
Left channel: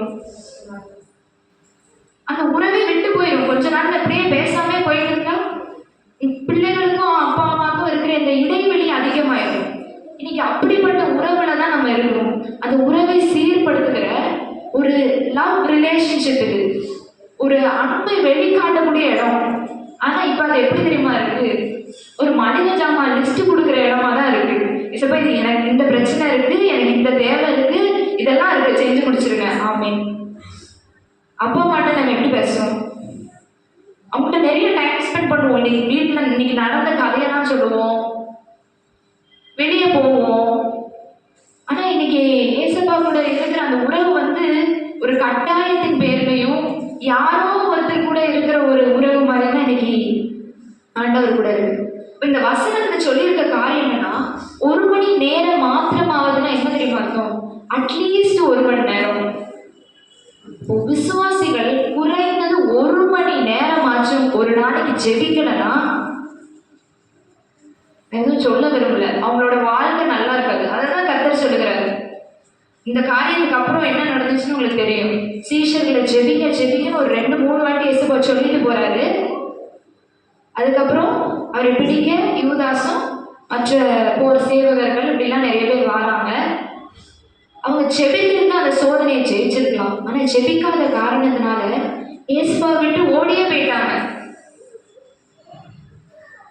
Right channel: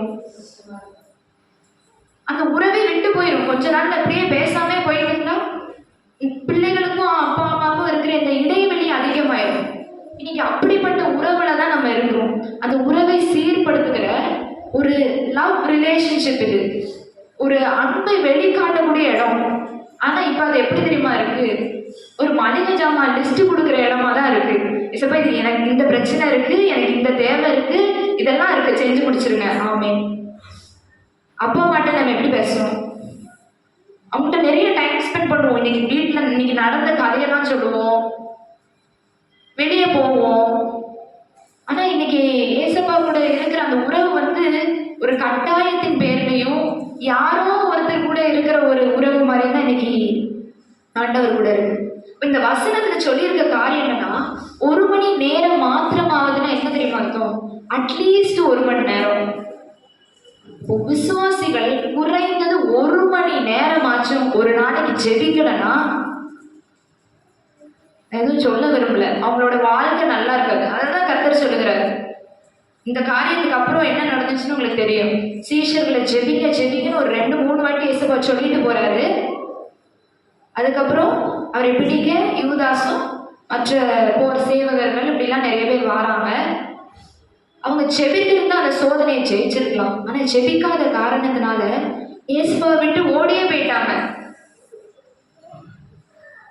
அந்த உறவே விட்டு போயிடும். கொஞ்ச நாள் அப்படியே பேசாம போயிட்டு இருந்தா பிள்ளைகளுக்கும் அப்பா அம்மாவுக்கும் இருக்கிற இந்த இடைவெளி அதிகமாயிடும். இன்னைக்கு அப்படிப்பட்ட உறவுல தான் நம்ம இருக்கிறோம். அந்த உறவை சீர்படுத்துகிற ஒரு லவ் ரிலேஷன்ஷிப் இது, ஒரு அன்பை வெளிக்காட்டக்கூடிய இடம். ஆனா இப்ப அது எப்படி தெரியுமா இருக்கு? ஒரு மனித ஜாமான் லிஸ்ட் கொடுக்குற இடமா தான் இருக்கு. இப்ப இது எனக்கு இந்த பிரச்சனை இருக்கு, எனக்கு இந்த தேவை இருக்கு, இதெல்லாம் இருக்கு, செஞ்சு முடிச்சிருங்க. ஆமென். அப்பா மட்டும் நம்ம எப்படி பேசுவோம்? அவங்கள்ட்ட நிறைய டைம் ஸ்பெண்ட் பண்ணுவோம். இன்னைக்கு வீட்டில் இன்னைக்கு நடந்த கதையெல்லாம் சொல்லுவோம், வெளியே போவோம். ஆனா இன்னைக்கு ஏசப்பா கூட இருக்கிற அந்த உறவு வந்து ஒரு கட்டாயத்தின் பேர்லையும் யாரோ ஒருத்தர் கூட இருக்கிற ஒரு உறவு மாதிரி தான் இன்னைக்கு ஆண்டவர் கூட இருக்கு. இந்த வசனத்துக்கு சொல்லியிருக்க காரியம் என்னன்னா, 1 மணி நேரம் மாத்திரமாவதுன்னா என்ன தெரியுமா அர்த்தம்? அட்லீஸ்ட் 1 மணி நேரம். விசுவாசிகள் குறைந்தது 1 மணி நேரமாச்சும் ஒரு நாளைக்கு ஜெபிக்கலன்னா, எதுவும் சொல்ல விரும்பல, அவங்களோட வாழ்க்கை நல்லா இருக்காது. அதான் கர்த்தர் சொல்லுகிறாரு. இந்த காரியத்துக்கு அப்புறம் என்ன நடந்துச்சுன்னு உங்களுக்கு தெரியும். சீஷர்களை ஜெபிக்கன்னு ஒரு 2-3 வாட்டி இயேசுவா சொல்லிட்டு போறாரு. அதுக்கப்புறம் அவரை பிடிக்க யூதாசும் மற்ற போர் சேவகர்கள் இப்படிலாம் நிறைய பேர் வராங்க. அவங்க ஜெபித்திருந்தா அந்த சோதனையை ஜெயிச்சிருக்கலாம். ஆனா ஜெபிக்காத காரணத்தினால இயேசுவை விட்டு ஓடியே போயிட்டாங்க.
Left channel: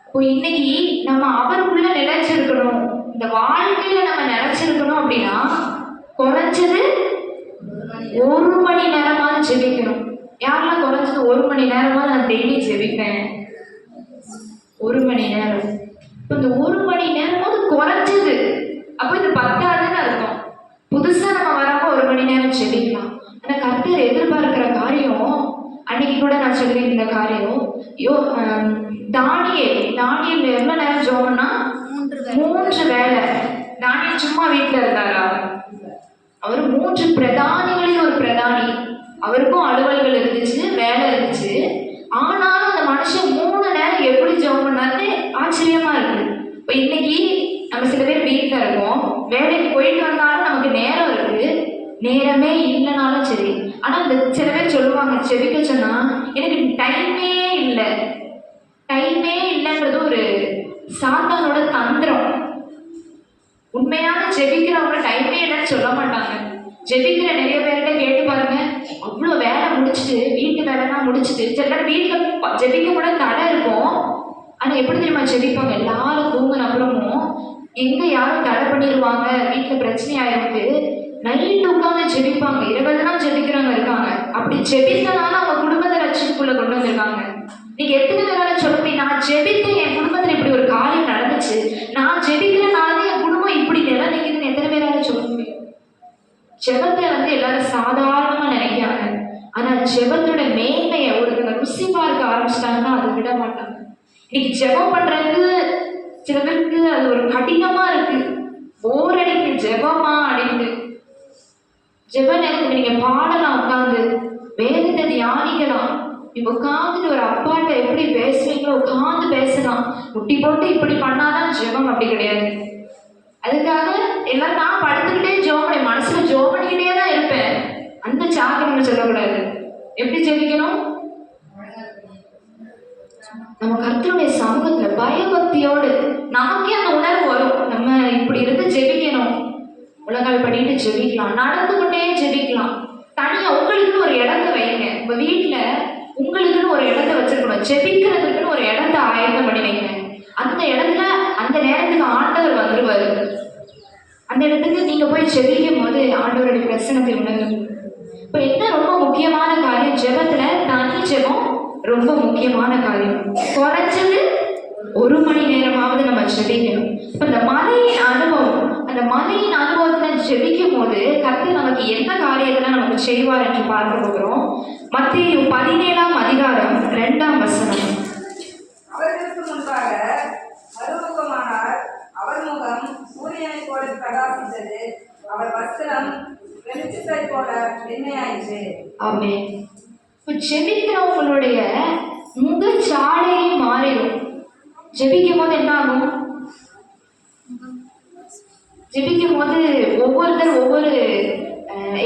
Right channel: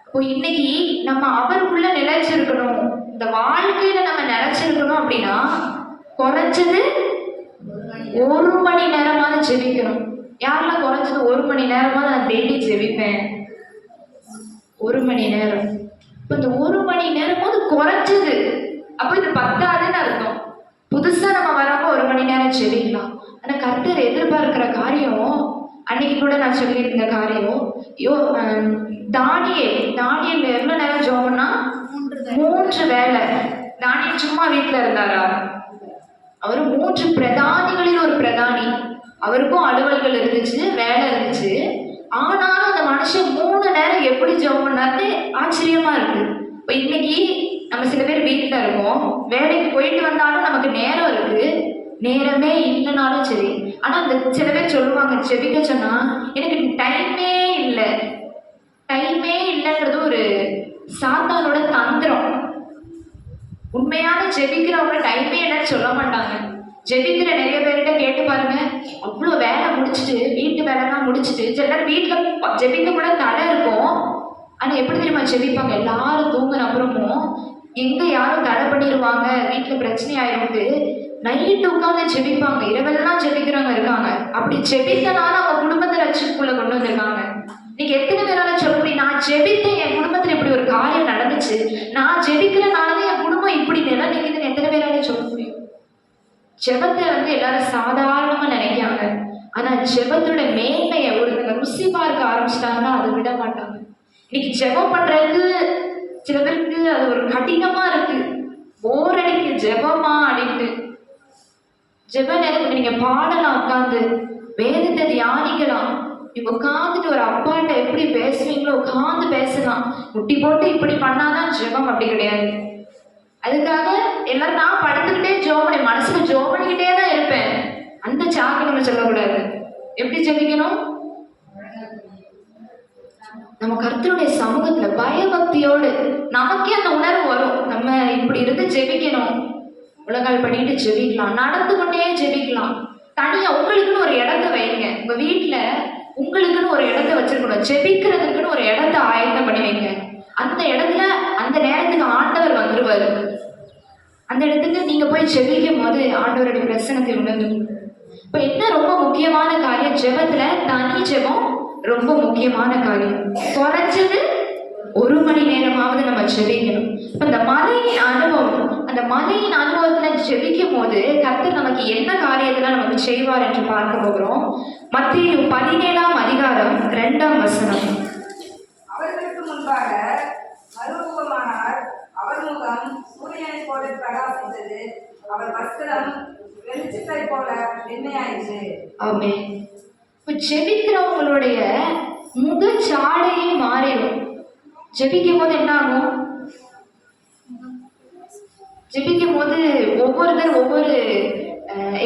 இப்போ இன்னைக்கு நம்ம அவருக்குள்ள நிலைச்சிருக்கணும், இந்த வாழ்க்கையில நம்ம நிலைச்சிருக்கணும் அப்படின்னா குறைஞ்சது 1 மணி நேரமாவது ஜெபிக்கணும். 1 மணி நேரமா நான் டெய்லி ஜெபிப்பேன். 1 மணி நேரம். இப்போ இந்த 1 மணி நேரமாவது குறைஞ்சது. அப்போ இது பத்தாதுன்னு அர்த்தம். புதுசா நம்ம வராம 1 மணி நேரம் ஜெபிக்கலாம். ஆனா கர்த்தர் எதிர்பார்க்கிற காரியம், அன்னைக்கு கூட நான் சொல்லியிருந்த காரியம், தானியேல் எவ்வளவு நேரம் ஜெபம்னா 3 வேளை. தானியேல் சும்மா வீட்டுல இருந்தாரா? அவர் 3 பிரதானிகளில் ஒரு பிரதானி. அவருக்கும் அலுவல்கள் இருந்துச்சு, வேலை இருந்துச்சு. ஆனாலும் அந்த மனுஷன் 3 நேரம் எப்படி ஜெபம் பண்ணாருன்னு ஆச்சரியமா இருக்கு. இப்போ இன்னைக்கு நம்ம சில பேர் வீட்டில் இருக்கோம், வேலைக்கு போயிட்டு வந்தாலும் நமக்கு நேரம் இருக்கு, நேரமே இல்லைனாலும் சரி. ஆனால் இந்த சில பேர் சொல்லுவாங்க, ஜெபிக்க சொன்னா எனக்கு டைமே இல்லைன்றது ஒரு சாத்தானோட தந்திரம். உண்மையான ஜெபிக்கிறவங்க டைமே இல்லைன்னு சொல்ல மாட்டாங்க. ஜெபிக்கிற நிறைய பேர்கிட்ட கேட்டு பாருங்க, அவ்வளோ வேலை முடிச்சுட்டு, வீட்டு வேலைலாம் முடிச்சுட்டு, சில நேரம் வீட்டில் ஜெபிக்க கூட தடை இருக்கும். ஆனால் எப்படி தெரியுமா ஜெபிப்பாங்க? எல்லாரும் தூங்கின அப்புறமும் எங்கே யாரும் தடை பண்ணிடுவாங்க, வீட்டில் பிரச்சனை ஆயிருக்கு, நைட்டு உட்காந்து ஜெபிப்பாங்க. இரவெல்லாம் ஜெபிக்கிறவங்க இருக்காங்க. அப்படி ஜெபித்தனால அவங்க குடும்பத்தை ரட்சிப்புக்குள்ள கொண்டு வந்திருக்காங்க. நீங்க எத்தனை பேரால சொல்ல முடியும், நான் ஜெபித்தேன், என் குடும்பத்தில் இப்படி ஒரு காரியம் நடந்துச்சு, நான் ஜெபிக்கிறனால என் குடும்பம் இப்படி நிலைமைக்குதுன்னு எத்தனை பேரால சொல்ல முடியும்? ஜெபத்தை எல்லாரும் சாதாரணமா நினைக்கிறாங்க. ஆனா ஜெபத்தோட மேன்மையை ஒருத்தங்க ருசி பார்க்க ஆரம்பிச்சிட்டாங்கன்னா அதை விட மாட்டாங்க. இன்னைக்கு ஜெபம் பண்றது சில பேருக்கு அது ஒரு கடினமா இருக்கு, போர் அடிக்கு ஜெபமா அப்படின்னு. ஜெப நேரத்துக்கு நீங்க பாடலாம், உட்காந்து வேதத்தை தியானிக்கலாம். நீங்க உட்காந்துட்டு ஒரு அப்பாட்ட எப்படி பேசுவீங்களோ உட்காந்து பேசலாம். முட்டி போட்டு இப்படி பண்ணாதான் ஜெபம், அப்படி கிடையாது. அதுக்காக எல்லாம் நான் படுத்துக்கிட்டே ஜோமனை மனசுல ஜோமனிக்கிட்டே தான் இருப்பேன், அந்த சாக்கு நம்ம சொல்லக்கூடாது. எப்படி ஜெபிக்கணும்? நம்ம கர்த்தருடைய சமூகத்துல பயபக்தியோடு நமக்கே அந்த உணர்வு வரும், நம்ம இப்படி இருந்து ஜெபிக்கணும். உலகால் பண்ணிட்டு ஜெபிக்கலாம், நடந்து கொண்டே ஜெபிக்கலாம். தனியா உங்களுக்குன்னு ஒரு இடத்த வைங்க. உங்க வீட்டுல உங்களுக்குன்னு ஒரு இடத்த வச்சிருக்கணும். ஜெபிக்கிறதுக்குன்னு ஒரு இடத்த ஆயத்தம் பண்ணி வைங்க. அந்த இடத்துல அந்த நேரத்துக்கு ஆண்டவர் வந்துருவாரு. அந்த இடத்துக்கு நீங்க போய் ஜெபிக்கும் போது ஆண்டவருடைய பிரசனத்தை உணர்ந்து. இப்ப என்ன ரொம்ப முக்கியமான காரியம் ஜெபத்துல, தனி ஜெபம் ரொம்ப முக்கியமான காரியம். குறைஞ்சது 1 மணி நேரமாவது நம்ம ஜெபிக்கணும். இப்ப இந்த மலையின் அனுபவம், அந்த மலையின் அனுபவத்துல ஜெபிக்கும் போது கர்த்தர் நமக்கு என்ன காரியத்தெல்லாம் நமக்கு செய்வார் என்று பார்க்க போகிறோம். மத்தேயு 17ஆம் அதிகாரம் 2ஆம் வசனம். அவர்களுக்கு முன்பாக மறுமுகமானார். அவர் முகம் சூரியனை போல பிரகாசித்தது, அவர் வஸ்திரம் வெளிச்சத்தை போல வெண்மையாயிற்று. ஆமென். இப்போ ஜெபிக்கிறவங்களுடைய முகச்சாடையே மாறிடும். ஜெபிக்கும் போது என்ன ஆகும்? ஜெபிக்கும் போது ஒவ்வொருத்தர் ஒவ்வொரு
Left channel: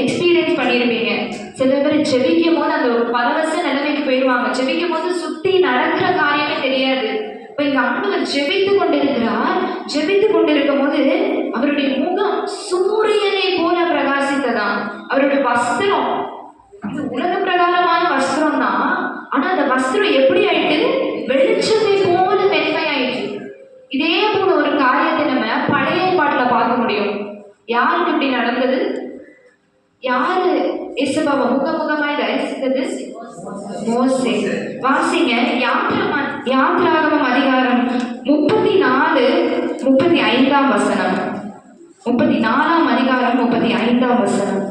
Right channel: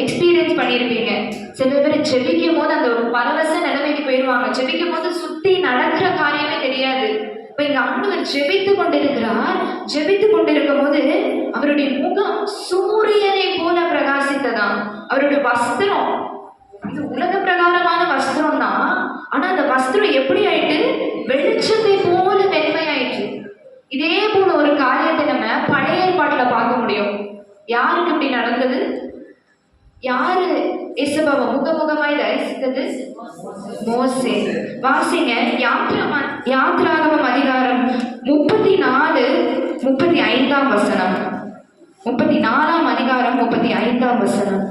எக்ஸ்பீரியன்ஸ் பண்ணியிருப்பீங்க. சில பேர் ஜெபிக்கும் போது அந்த ஒரு பரவச நிலைமைக்கு போயிடுவாங்க. ஜெபிக்கும் போது சுற்றி நடக்கிற காரியமே தெரியாது. இப்போ இங்க ஆண்டவர் ஜெபித்து கொண்டிருக்கிறார். ஜெபித்து கொண்டிருக்கும் போது அவருடைய முகம் சூரியனை போல பிரகாசித்ததாம். அவருடைய வஸ்திரம் இது உலக பிரகாரமான வஸ்திரம் தான். ஆனா அந்த வஸ்திரம் எப்படி ஆயிட்டு? வெளிச்சத்தை போல வெண்மையாயிற்று. இதே போல ஒரு காரியத்தை நம்ம பழைய ஏற்பாட்டுல பார்க்க முடியும். யாருக்கு இப்படி நடந்தது? யாரு இயேசுவை முகமுகமாய் தரிசித்தது? மோசே. வாசிங்க யாத்திராகமம் அதிகாரம் 34 35ஆம் வசனம். 34ஆம் அதிகாரம் 35ஆம் வசனம்.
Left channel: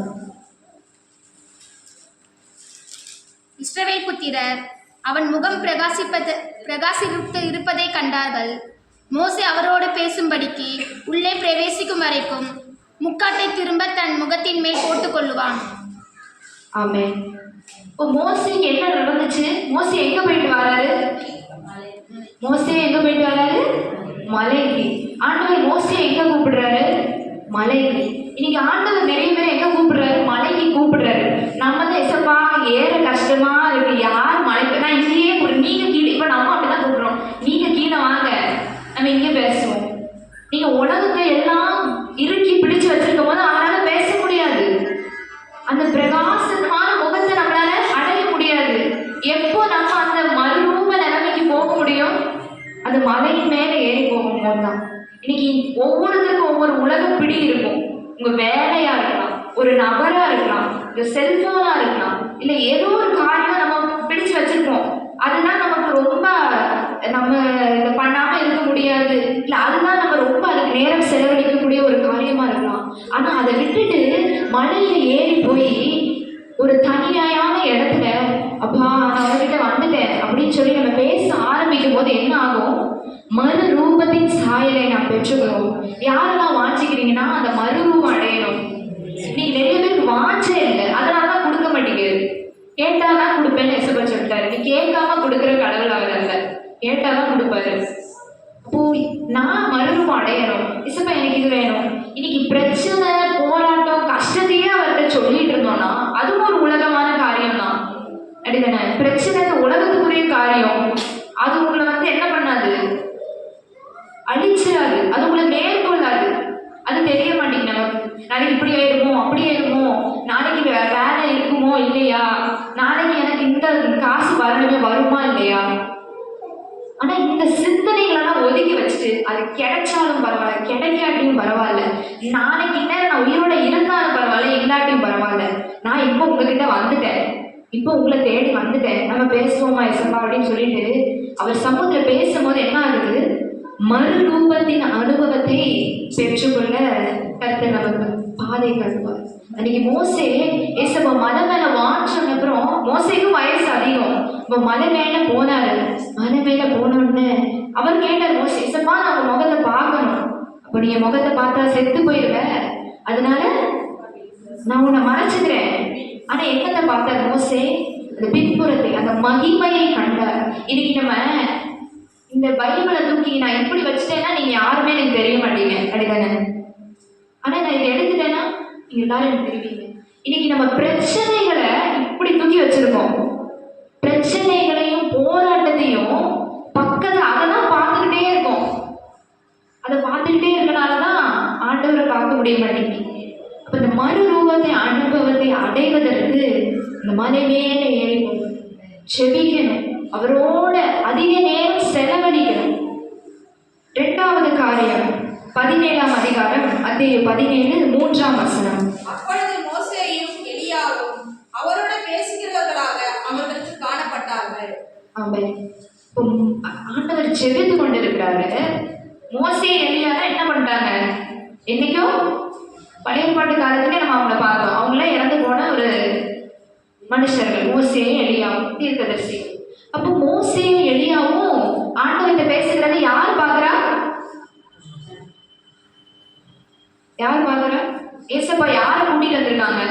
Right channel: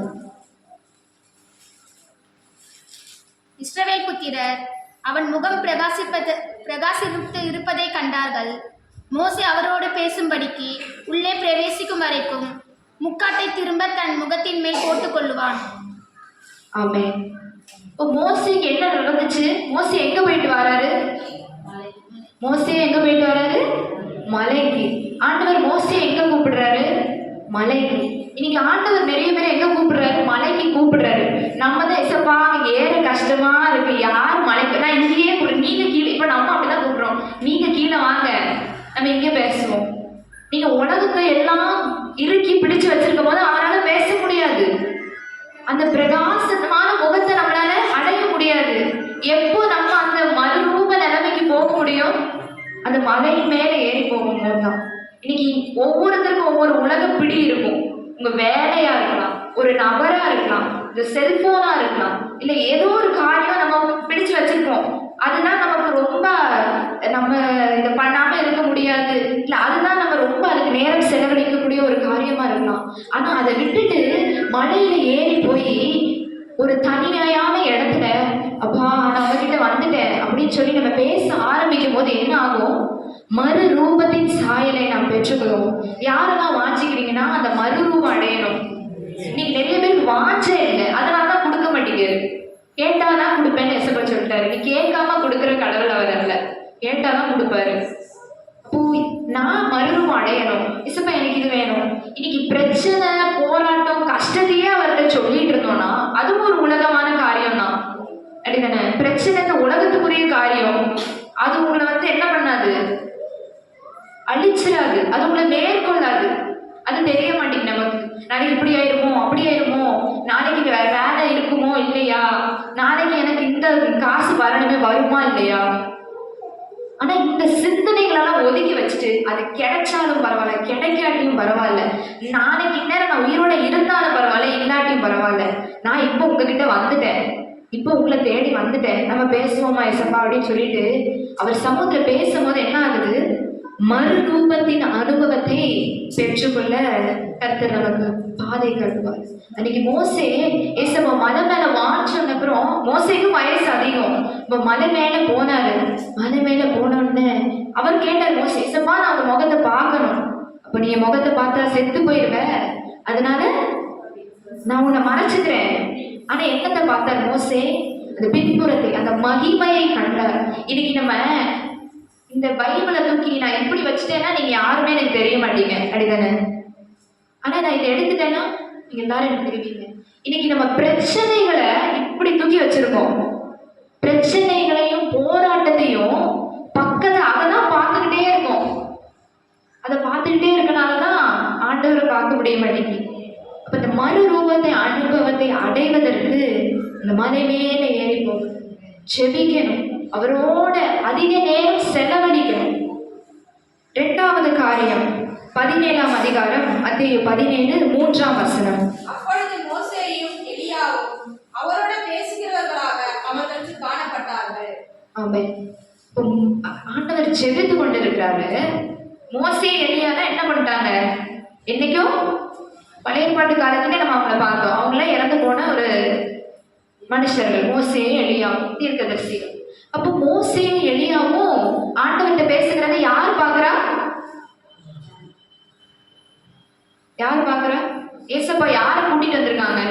இஸ்ரவேல் புத்திரர் அவன் முகம் பிரகாசித்து இருப்பதை கண்டார்கள். மோசே அவரோடு பேசும்படிக்கு உள்ளே பிரவேசிக்கும் வரைக்கும் முக்காட்டை திரும்ப தன் முகத்தின் மேல் போட்டுக் கொள்ளுவான். ஆமென். இப்போ மோசேக்கு என்ன நடந்துச்சு? மோசே எங்க போயிட்டு வராரு? மலைக்கு. ஆண்டவர் மோசே எங்க கூப்பிடுறாரு? மலைக்கு. இன்னைக்கு ஆண்டவர் நிறைய பேர் எங்க கூப்பிடுறாரு? மலைக்கு கூப்பிடுறாரு. நம்ம தான் எசப்பா ஏற கஷ்டமா இருக்கு, யார் மலைக்கு, நான் இங்கேயே நீங்க கீழே. இப்ப நம்ம அப்படிதான் கூப்பிடுறோம், நீங்க கீழே வாங்க, நம்ம இங்கே பேசுவோம். நீங்க உலகத்தை எல்லாம் இறுக்கி பிடிச்சு வச்சிருக்கும் போது அவனால பேச முடியாது. அந்த பிரகாசமான முகத்தை நம்மளால அடைய முடியாது. எப்போ நம்ம அந்த மறுரூப நிலைமைக்கு போக முடியும்? அந்த மலையின் மேல ஏறி போகும்போது தான். இன்னைக்கு ஒவ்வொருத்தருக்கும் ஒவ்வொரு உலக பிடி இருக்கும். உங்க வேலையா இருக்கலாம், ஒரு நபரா இருக்கலாம், இந்த செல்போனா இருக்கலாம், இல்ல ஏதோ ஒரு காரியம் நம்ம பிடிச்சு வச்சு பெற்றுக்கிறோம். யாரெல்லாம் வாஞ்சிக்கிறீங்கன்னா அந்த மறுரூபம் அடையணும். இன்னைக்கு நிறைய பேருக்கு வாஞ்சே இல்லை, அதனால தான் கொடுக்க மாட்டேங்குது. கேட்டாதான் கொடுப்பேன்னு எசப்பா சொல்லிட்டாரு. நீ கேட்காம கொடுக்குற கடவுள் அவர் அல்ல, கேட்டாதான் கொடுப்பாரு. அப்போ நான் மறுரூபம் அடையணும். இசப்பா எனக்கு இது வேணும். இன்னைக்கு பிரச்சனை, போராட்டம், கஷ்டத்தையே அவர்கிட்ட சொல்லிட்டு இருந்தோம்னா அதுவும் ஒரு உலகமான காரியம் தான். அப்படிதானே? பிரச்சனை உலகத்துக்குரிய காரியம். அது உங்களை என்ன பண்ணாது, அழிச்சிடாது, அது உங்களை மேற்கொள்ளாது. அது தெரிய மாட்டேங்குது நமக்கு. நாளைக்கு இப்படி ஆயிடுமோ அப்படி ஆயிடுமோ, நாளைக்கு வேலை இருக்குமோ இல்லையா, நாளைக்கு எனக்கு இந்த காசு வரணுமே வருமா இல்லையா. ஆனா இந்த சிந்தனைகளெல்லாம் ஒதுக்கி வச்சுட்டு அது கிடைச்சாலும் பரவாயில்ல, கிடைக்காட்டியும் பரவாயில்ல, நாளைக்கு நேரம் நான் உயிரோட இருந்தாலும் பரவாயில்ல, இல்லாட்டியும் பரவாயில்ல, நான் இப்போ உங்ககிட்ட வந்துட்டேன், இப்போ உங்களை தேடி வந்துட்டேன், நம்ம பேசுவோமா எசப்பா அப்படின்னு சொல்லிட்டு அவர் சமூகத்துல பேசும்போது என்ன ஆகுது, மறுரூபத்தின் அனுபவத்தை பெற்றுக்கொள்ள கர்த்தர் நமக்கு பாதை கட்டுவார். அன்னைக்கு மோசே ஏசப்பா மலை மேல வாங்கின அப்புறம் மோசேக்கு வயசு அதிகம். இப்போ மலை மேல போனாரு. மலை மேல போனோடனே அவர் கேட்டார், மோசே ஏசப்பா நான் அவங்க முகத்தை பார்க்கணும். அப்ப நீ என் முகத்தை பார்த்தா செத்து போயிடுவ, அதனால நான் உன்னை மறைச்சுக்கிறேன். ஆனா என்னத்தை பார்த்தார் மோசே, அந்த பின்புறத்தை, அந்த மகிமையை கண்டார். இன்னைக்கு நம்ம இந்த பைபிளை தூக்கி நான் எப்படி வச்சுட்டேன்னா நீங்க யாருமே எனக்கு தெரிய மாட்டீங்க, அப்படிதானே? ஆனா நான் இதை எடுத்துட்டேன்னா நீங்க எல்லாரும் எனக்கு தெரிவிங்க. இன்னைக்கு நம்ம பிரச்சனைகளை இப்படி தூக்கி வச்சிருக்கோம். பிரச்சனைகளையும் போராட்டத்தையும் பக்கத்துல அதெல்லாம் பார்த்துக்கிட்டே இருக்கோம். அதை பார்த்துக்கிட்டே இருக்கனாலதான் ஆண்டவரை பார்க்க முடிய மாட்டேங்குது. அப்ப இந்த மறுரூபத்தை அனுபவத்தை அடைவதற்கு இந்த மலை மேல ஏறி போகணும், செபிக்கணும், அவரோட அதிக நேரம் செலவழிக்கணும். 2வது காரியம் 17ஆம் அதிகாரம் அத்தியாயம் 17 3ஆம் வசனம். அப்பொழுது மோசேயும் எலியாவும் அவரோட பேசுகிறவர்களாக அவர்களுக்கு காணப்பட்டார்கள். ஆமென். ஆண்டவர் செபித்து கொண்டிருக்கிறாரு. மோசே எலியானா என்ன பண்ணிட்டாங்க, என்னைக்கோ பழைய பாட்டு காலத்துல நம்ம அவங்கள பார்த்தோம். அவங்களே இறந்து போன ஒரு மனுஷர்கள் மோசே எலியாவும் தீர்க்கதரிசிகள். அப்போ மோசேயும் எலியாவும் ஆண்டவர்கிட்ட பேசுகிறத யார் பார்க்கிறா, யார் பார்க்கிறா? ஏசப்பா யாரை கூட்டிட்டு வந்திருக்காங்க?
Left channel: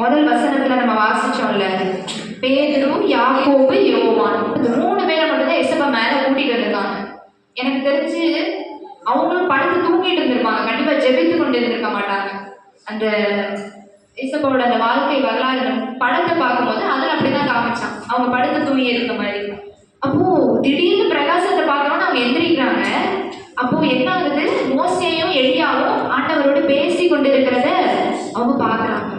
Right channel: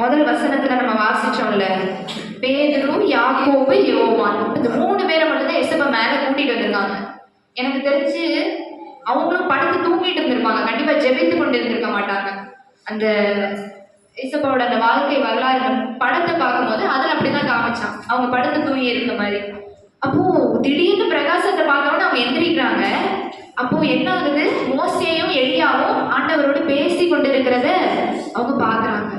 முதல் வசனத்துல நம்ம வாசிச்சோம்ல, பேதுரு, யாக்கோபு, யோவான், இந்த 3 பேரை மட்டும்தான் ஏசப்பா மேல கூட்டிட்டு வந்திருக்காங்க. எனக்கு தெரிஞ்சு அவங்களும் படுத்து தூங்கிட்டு இருந்திருப்பாங்க, கண்டிப்பா ஜெபித்து கொண்டு இருந்திருக்க மாட்டாங்க. அந்த ஏசப்பாவோட அந்த வாழ்க்கை வரலாறு படத்தை பார்க்கும்போது அதில் அப்படிதான் காமிச்சான், அவங்க படுத்து தூங்கி இருக்க மாதிரி. அப்போ திடீர்னு பிரகாசத்தை பார்த்தோன்னா அவங்க எந்திரிக்கிறாங்க. அப்போ என்ன ஆகுது, மோசேயும் எலியாவும் ஆண்டவரோடு பேசி கொண்டிருக்கிறத அவங்க பார்க்குறாங்க.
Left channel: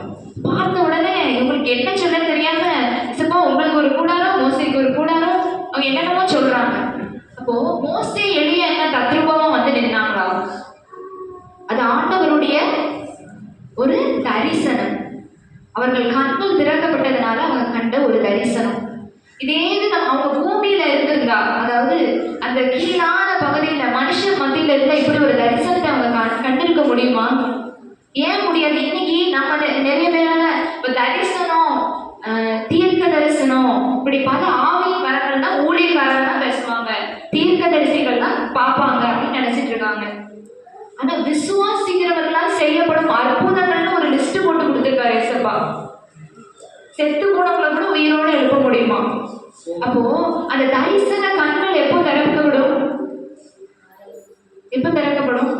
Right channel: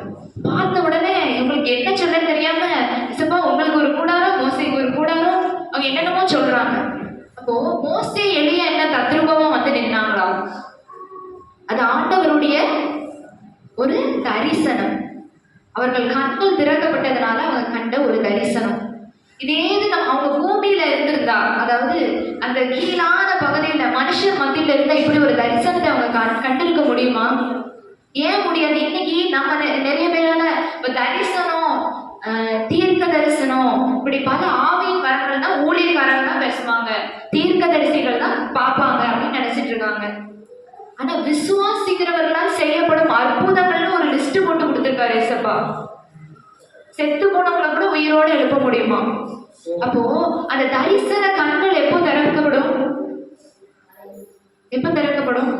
பார்த்த உடனே இவங்களுக்கு என்ன சொல்ல தெரியாம, ஏசப்பா உங்களுக்கு ஒரு கூடாரம், மோசேக்கு ஒரு கூடாரம், அவங்க என்னென்னமோ சொல்றாங்க. அப்போ மோசே எலியா என்ன தத்ரூபமா வந்து நின்னாங்களா, அது ஆண்டவருடைய ஒரு தரிசனம். அவர்கள் கண்கள் திறக்கப்பட்டதுனால அவங்க கண்ட ஒரு தரிசனம். இதே நம்ம அவங்க பூமியில இருந்திருந்தா, அதாவது அந்த கீழான பகுதியில மனுஷர் மத்தியில இருந்தா இப்படி ஒரு தரிசனத்தை அவங்க கண்டிருக்க முடியுமா? ஏன் முடியாது? இன்னைக்கு நம்ம நிறைய பேரால இப்ப தரிசனம், தீர்க்க தரிசனம், இப்படி பல ஆவியின் வரங்கள்னா ஊழியக்காரர்கள் தான் பேசுவாங்க, தீர்க்க தரிசிகள் தான் பார்ப்பாங்க அப்படின்னு நினைச்சிட்டு இருக்காங்க. ஆனா விசுவாசிக்கிறவர்களால் செய்யப்படும் அற்புதங்கள்னு ஒரு லிஸ்ட் போட்டு கொடுத்திருக்காரு ஏசப்பா. செத்து போனவங்களை கூட உயிரோட எழுப்ப முடியுமா? அப்போ அந்த தரிசன கண்கள் எப்போ திறக்கப்படும்? எப்ப திறக்கப்படும்?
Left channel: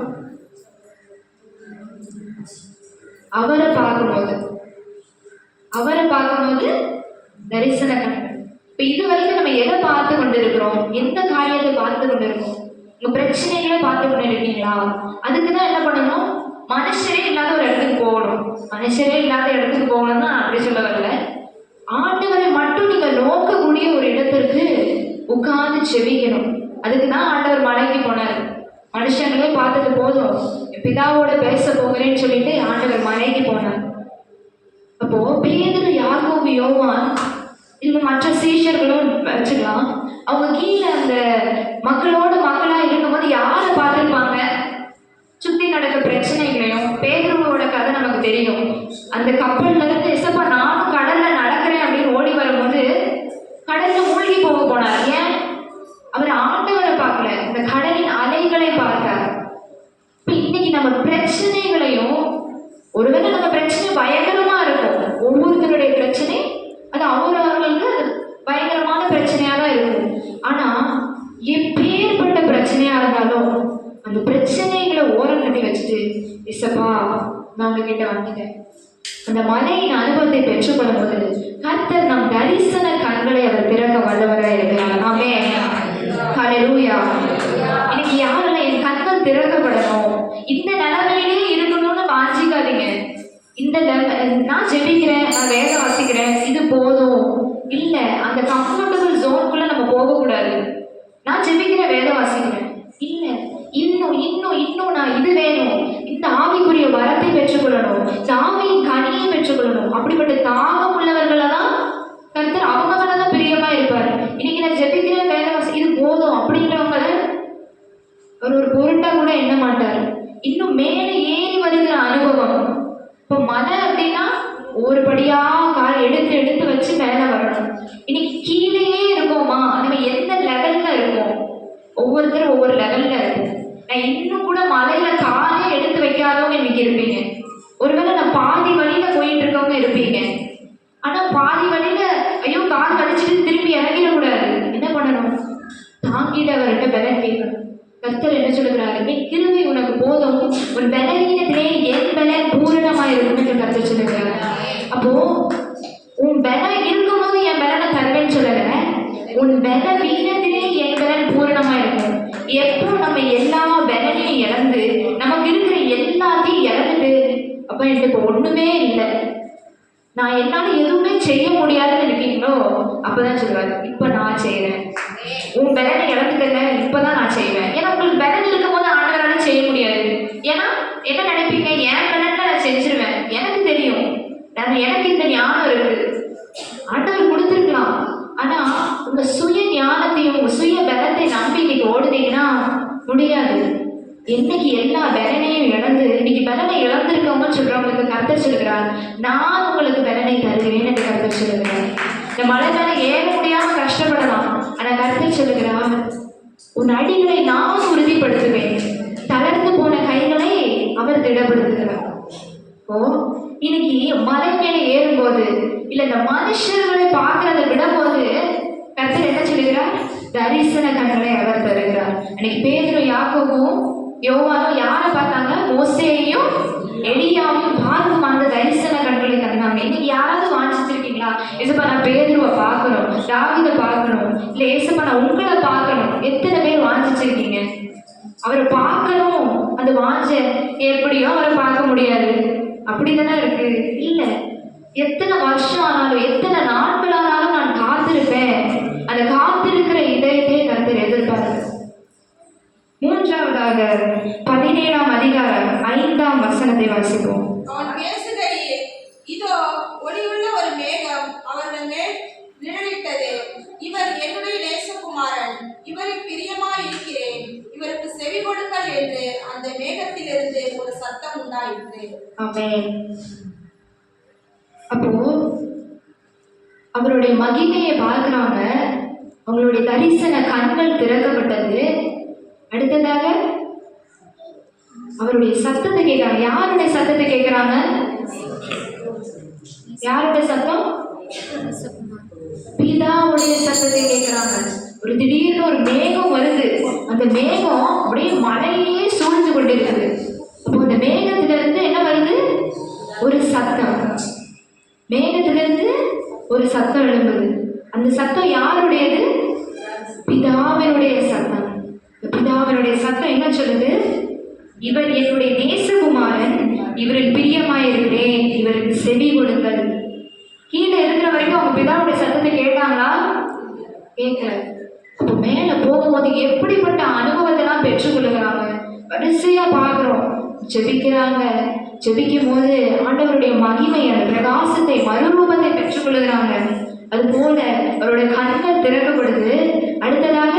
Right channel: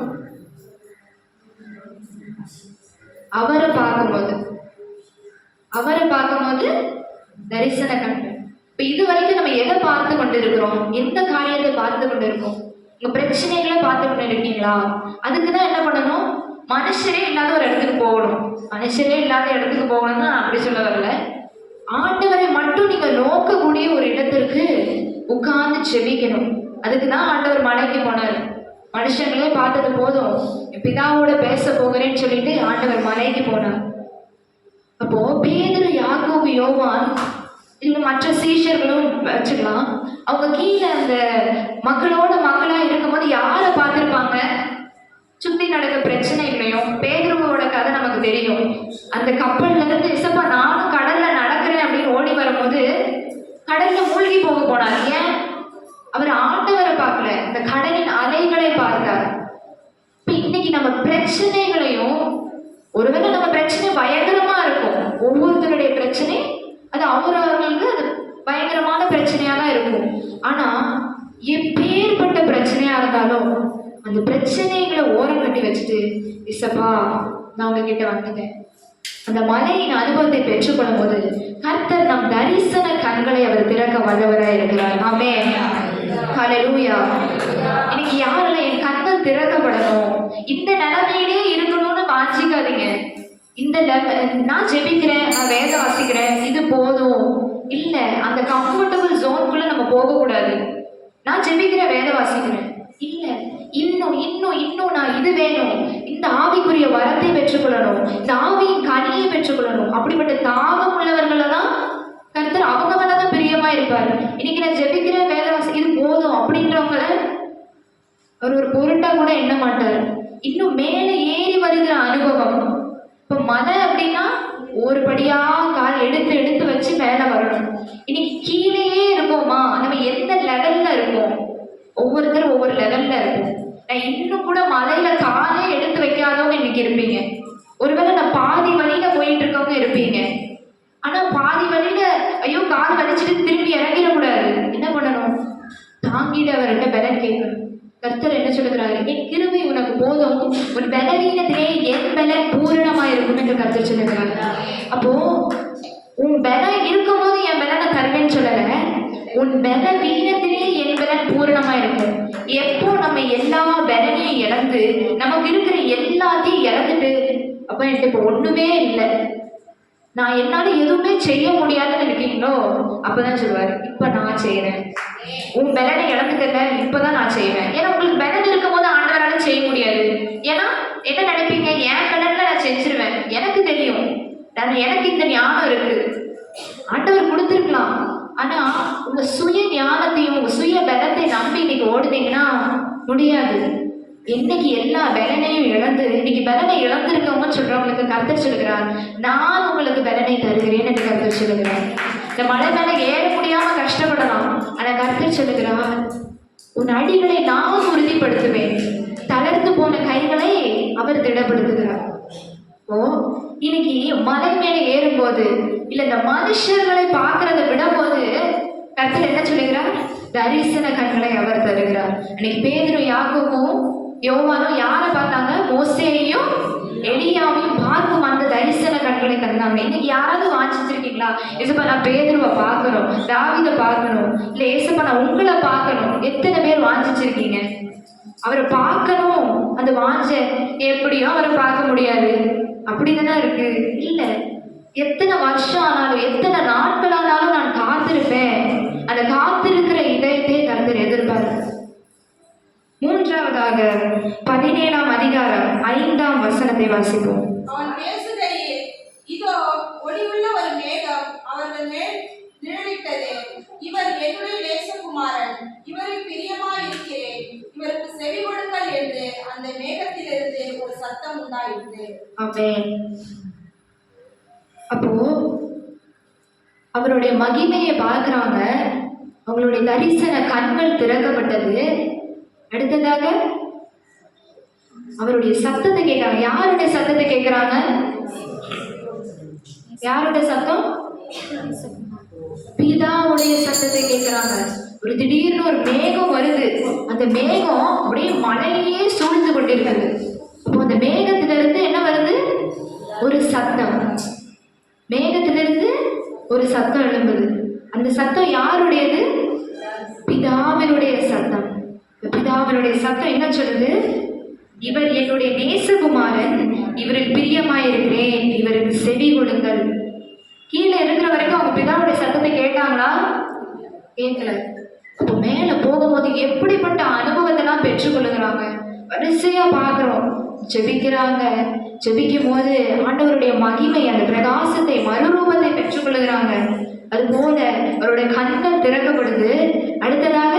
அவரை பார்க்கும்போது, அவரை பார்க்கும்போது தரிசன கண்கள். இப்ப இது வரைக்கும் நம்ம எதை பார்த்து கொண்டிருக்கிறோம், எந்த காரியத்தை பார்த்து கொண்டிருக்கோம்? உங்க பிரச்சனைகளை பார்த்து கொண்டு இருக்கீங்களா? அதுக்குதான் என்ன பண்ணணும், மனுஷரே இல்லாத ஒரு இடத்துக்கு போகணும். மனுஷரே இல்லாத இடத்துக்கு போகணும் தான் அப்படி சொல்ல வரல. ஆண்டவரை மட்டும் நீங்க நோக்கக்கூடிய ஒரு இடத்திற்கு உட்கார்ந்து செபிக்கணும். அதுக்கு தான் ஆண்டவர் மலைக்கு போனார். மனுஷங்களே பார்த்தது போதும், பிதாவோட பேச போகிறேன்னு சொல்லிட்டு ஆண்டவர் மலைக்கு போனார். அப்போ பேதுரு, யாக்கோபு, யோவான் இல்லை மற்ற சீஷர்களும் வச்சுக்கலாம், அவங்க கீழே அந்த மக்களோட மக்களா இருக்கும்போது யாரை பார்த்துருப்பாங்க? சுத்தி நடக்கிற பிரச்சனைகளையும். பேதுருவோட கதை நமக்கு தெரியும். அந்த கப்பல்ல இருந்து இசப்பா நானும் கடல்ல நடக்கிறேன் அப்படின்னு ஓடி வரும்போது கடல்ல மூழ்கி போக போனார். ஏன்? அவர் ஆண்டவரை பார்க்கல, இந்த கடலின் அலைகளை அந்த மலையின் அனுபவத்தை பெற்றுக்கொள்ளும் போது கர்த்தர் நம் தரிசன கண்களை அவர் திறக்க வல்லவராக இருக்கிறார். ஆமென். ஹல்லேலூயா. இன்னைக்கு யாருல என் கண்கள் திறக்கப்படணும், இந்த நிலைமையிலேயே இருக்கணும்னு வாஞ்சிக்காதீங்க. நான் ஜெபிக்கிறேன், நான் வேலை வாசிக்கிறேன், இது போதும் இல்ல. அந்த கம்ஃபர்டபுள் ஜோனுக்குள்ள நம்ம போகக்கூடாது. நான் ஜெபிக்கிறேன், வேலை வாசிக்கிறேன், இல்ல இன்னும் இன்னும் இன்னும் நான் இது வேணும், இந்த ஆவிக்குரிய வரத்தை பெற்றுக்கொள்ளணும், இந்த ஆவியின் கனியை பெற்றுக்கொள்ளணும். அப்படிப்பட்ட தாகம் உள்ளவர்களை தான் கர்த்தர் அவங்க மேலதான் பிரியமா இருப்பாரு. இன்னைக்கு நான் ஜெபிக்கிறேன், வேலை வாசி, இது போதும் அப்படிங்கிறவங்கள அவர் ஒரு பொருட்டா கூட எண்ண மாட்டார். இன்னும் மேலே ஏறி வருகிற அனுபவம். இப்போ மலை அப்படின்னா ஒரு படியா கால் எடுத்து எடுத்து வச்சு மேலே வரணும். இன்னைக்கு கீழேயே இருக்கோமா, நம்ம எந்த லெவல்ல இருக்கோம்? ஒவ்வொருத்தரும் ஒவ்வொரு லெவல்ல இருக்கும். நான் இன்னும் கூட மலையில காலே எடுத்து வைக்காதவங்க இன்னைக்கு இருப்பீங்க. ஒருவேளை நான் பாதி வழியில போயிட்டு இருக்கவங்க இருப்பீங்க. ஆனா பாதி வழியில ஐயோ கால் வலிச்சுட்டு திரும்பி இறங்கிடக்கூடாது. என்ன பண்ணணும்? தாங்கிட்டு அவர்கிட்ட பலன் கேட்கணும். கர்த்தர் என்ன சொல்லுகிறாரு? என் கிருபை உனக்கு போதும், உன் பலவீனத்திலே என் பலன் பூரணமா இருக்கும் என்று கர்த்தர் சொல்லுகிறாரு. அப்போ உன் பலம் இருக்கும் போது என் பலனை தருவேன்னு சொல்லல, உன் பலவீனத்திலே என் பலன் பூரணமா இருக்கும். எப்போ நம்ம எல்லா பலனையும் இழந்து நமக்கு இருக்கிற எல்லாத்தையும் இழந்துட்டு அப்ப எனக்கு இப்போ ஒண்ணுமே இல்லை, நான் என்னால எதுவுமே செய்ய முடியாதுன்னு இருக்கீங்களோ, அப்பதான் சொல்லுவாரு இப்ப நான் செய்யறேன். உன் பலனை இழந்துக்கல, இப்பதான் நான் செய்வேன். ஏன்னா உங்களுக்கு பலன் இருக்கும் போது ஆண்டவரால செய்ய முடியாது. ஏன்னா என்ன நினைப்பீங்க? என் பலன்ல நான் செஞ்சிருவேன், எனக்கு தெரியும், எனக்கு இந்த ஞானம் இருக்கு, ஆண்டவர் கொடுத்துருக்கலாம். ஆனா உங்க சுய ஞானத்தையும் உங்க சுய பலத்தை நம்பி இன்னைக்கு ஓடுனீங்கன்னா முடியாது. என்னைக்கு எல்லா பலனையும் இழந்து இன்னைக்கு பலனை இழந்திருக்கவங்கன்னு சொல்றவங்களுக்கு கர்த்தர் சொல்லுகிறார், நான் உங்களுக்கு பலனை தருகிறேன் என்று கர்த்தர் சொல்லுகிறார். இந்த மலை மேல ஏற முடியாம கஷ்டப்படலாம், ஆனா கர்த்தர் சொல்லுகிறார், உன் அடிகளை நான் உறுதிப்படுத்துவேன், தளர்ந்து போன கைகளை அவர் திடப்படுத்துகிறார். ஓ இன்னைக்கு மலை மேல ஏறும்போது இல்ல இந்த மனுஷர்களை பார்க்கறத விடும்போது கர்த்தர் என்ன சொல்லுகிறார்? தரிசன கண்களை அவர் தருகிறார். அன்னைக்கு பேதுரு யாக்கோபும் யோவானும் யாரை பார்த்தாங்க? மோசேயையும் எலியாவையும் பார்க்கும் அந்த தரிசன கண்களை தந்தாங்க. இன்னைக்கு யாராவது வாஞ்சிச்சிருக்கீங்களா? ஏசப்பா நான் பேதுருவை பார்க்கணும், தாவீதை பார்க்கணும், இல்ல ஏசப்பா நான் உங்களை பார்க்கணும்? எத்தனை பேர் வாஞ்சிச்சிருக்கீங்க? அவரை பார்க்கணும், அந்த வாஞ்ச எப்படியோ அவரை பார்க்க முடியாது, அப்படிதானே இருக்கு. இல்ல எத்தனை வருஷம் ஆனாலும் எத்தனை நாட்கள் ஆனாலும் நான் காத்திருப்பேன். அந்த காத்திருக்கிற இதயத்தை கர்த்தர் எதிர்பார்க்க. மூன்றாவதாக 17ஆம் அதிகாரம் 5ஆம் வசனத்தை வாசிப்போம். அவன் பேசுகையில், இதோ ஒளியுள்ள ஒரு மேகம் அவர்கள் மேல் நிழலிட்டது. இவர் என்னுடைய நேசகுமாரன், இவரில் பிரியமாயிருக்கிறேன், இவருக்கு செவி கொடுங்கள் என்று அந்த மேகத்திலிருந்து ஒரு சத்தம் உண்டாயிற்று. ஆமென். அப்போ அவருடைய மகிமையை பார்க்குறாங்க, அவங்களுடைய தரிசன கண்கள் திறக்கப்பட்டது. அடுத்ததாக அவருடைய சத்தத்தை கேட்கிறாங்க. யாருடைய சத்தத்தை கேட்கிறாங்க? யாருடைய சத்தம்? பிதாவுடைய சத்தத்தை கேட்கிறாங்க. ஒரு திடீர்னு ஒரு மேகம் வருது, அந்த மேகம் அப்படியே மழையே சூழ்ந்து கொண்டிருக்குது. அப்போ அந்த மேகத்திலிருந்து என்ன வருது? ஒரு சத்தம். மேகத்திலிருந்து ஒரு சத்தம் எழும்புது. அந்த சத்தம் யாருடையது? பிதாவினுடைய சத்தம். பிதாவினுடைய சத்தம் என்ன சொல்லுது? இவர் என்னுடைய நேசகுமாரன், இவரில் பிரியமாயிருக்கிறேன், இவருக்கு செவி கொடுங்கள். கீழே இருக்கிற வரைக்கும் அவங்க பிதாவுடைய சத்தத்தை கேட்டாங்களா? கேட்கல. அப்போ மேல போகும்போது எப்படிப்பட்ட அனுபவத்தெல்லாம் பெற்றுக்கொள்ளுகிறாங்க. வரிசையா பார்க்கிறோம், ஜெபிக்கிறாங்க. ஜெபிக்கும் போது ஆண்டவருடைய மகிமை, அந்த பிரகாசத்தை, மறுரூபத்தை பெற்றுக்கொள்ளுகிறாங்க. அது போல அவருடைய கண்கள் திறக்கப்படுது. அடுத்ததாக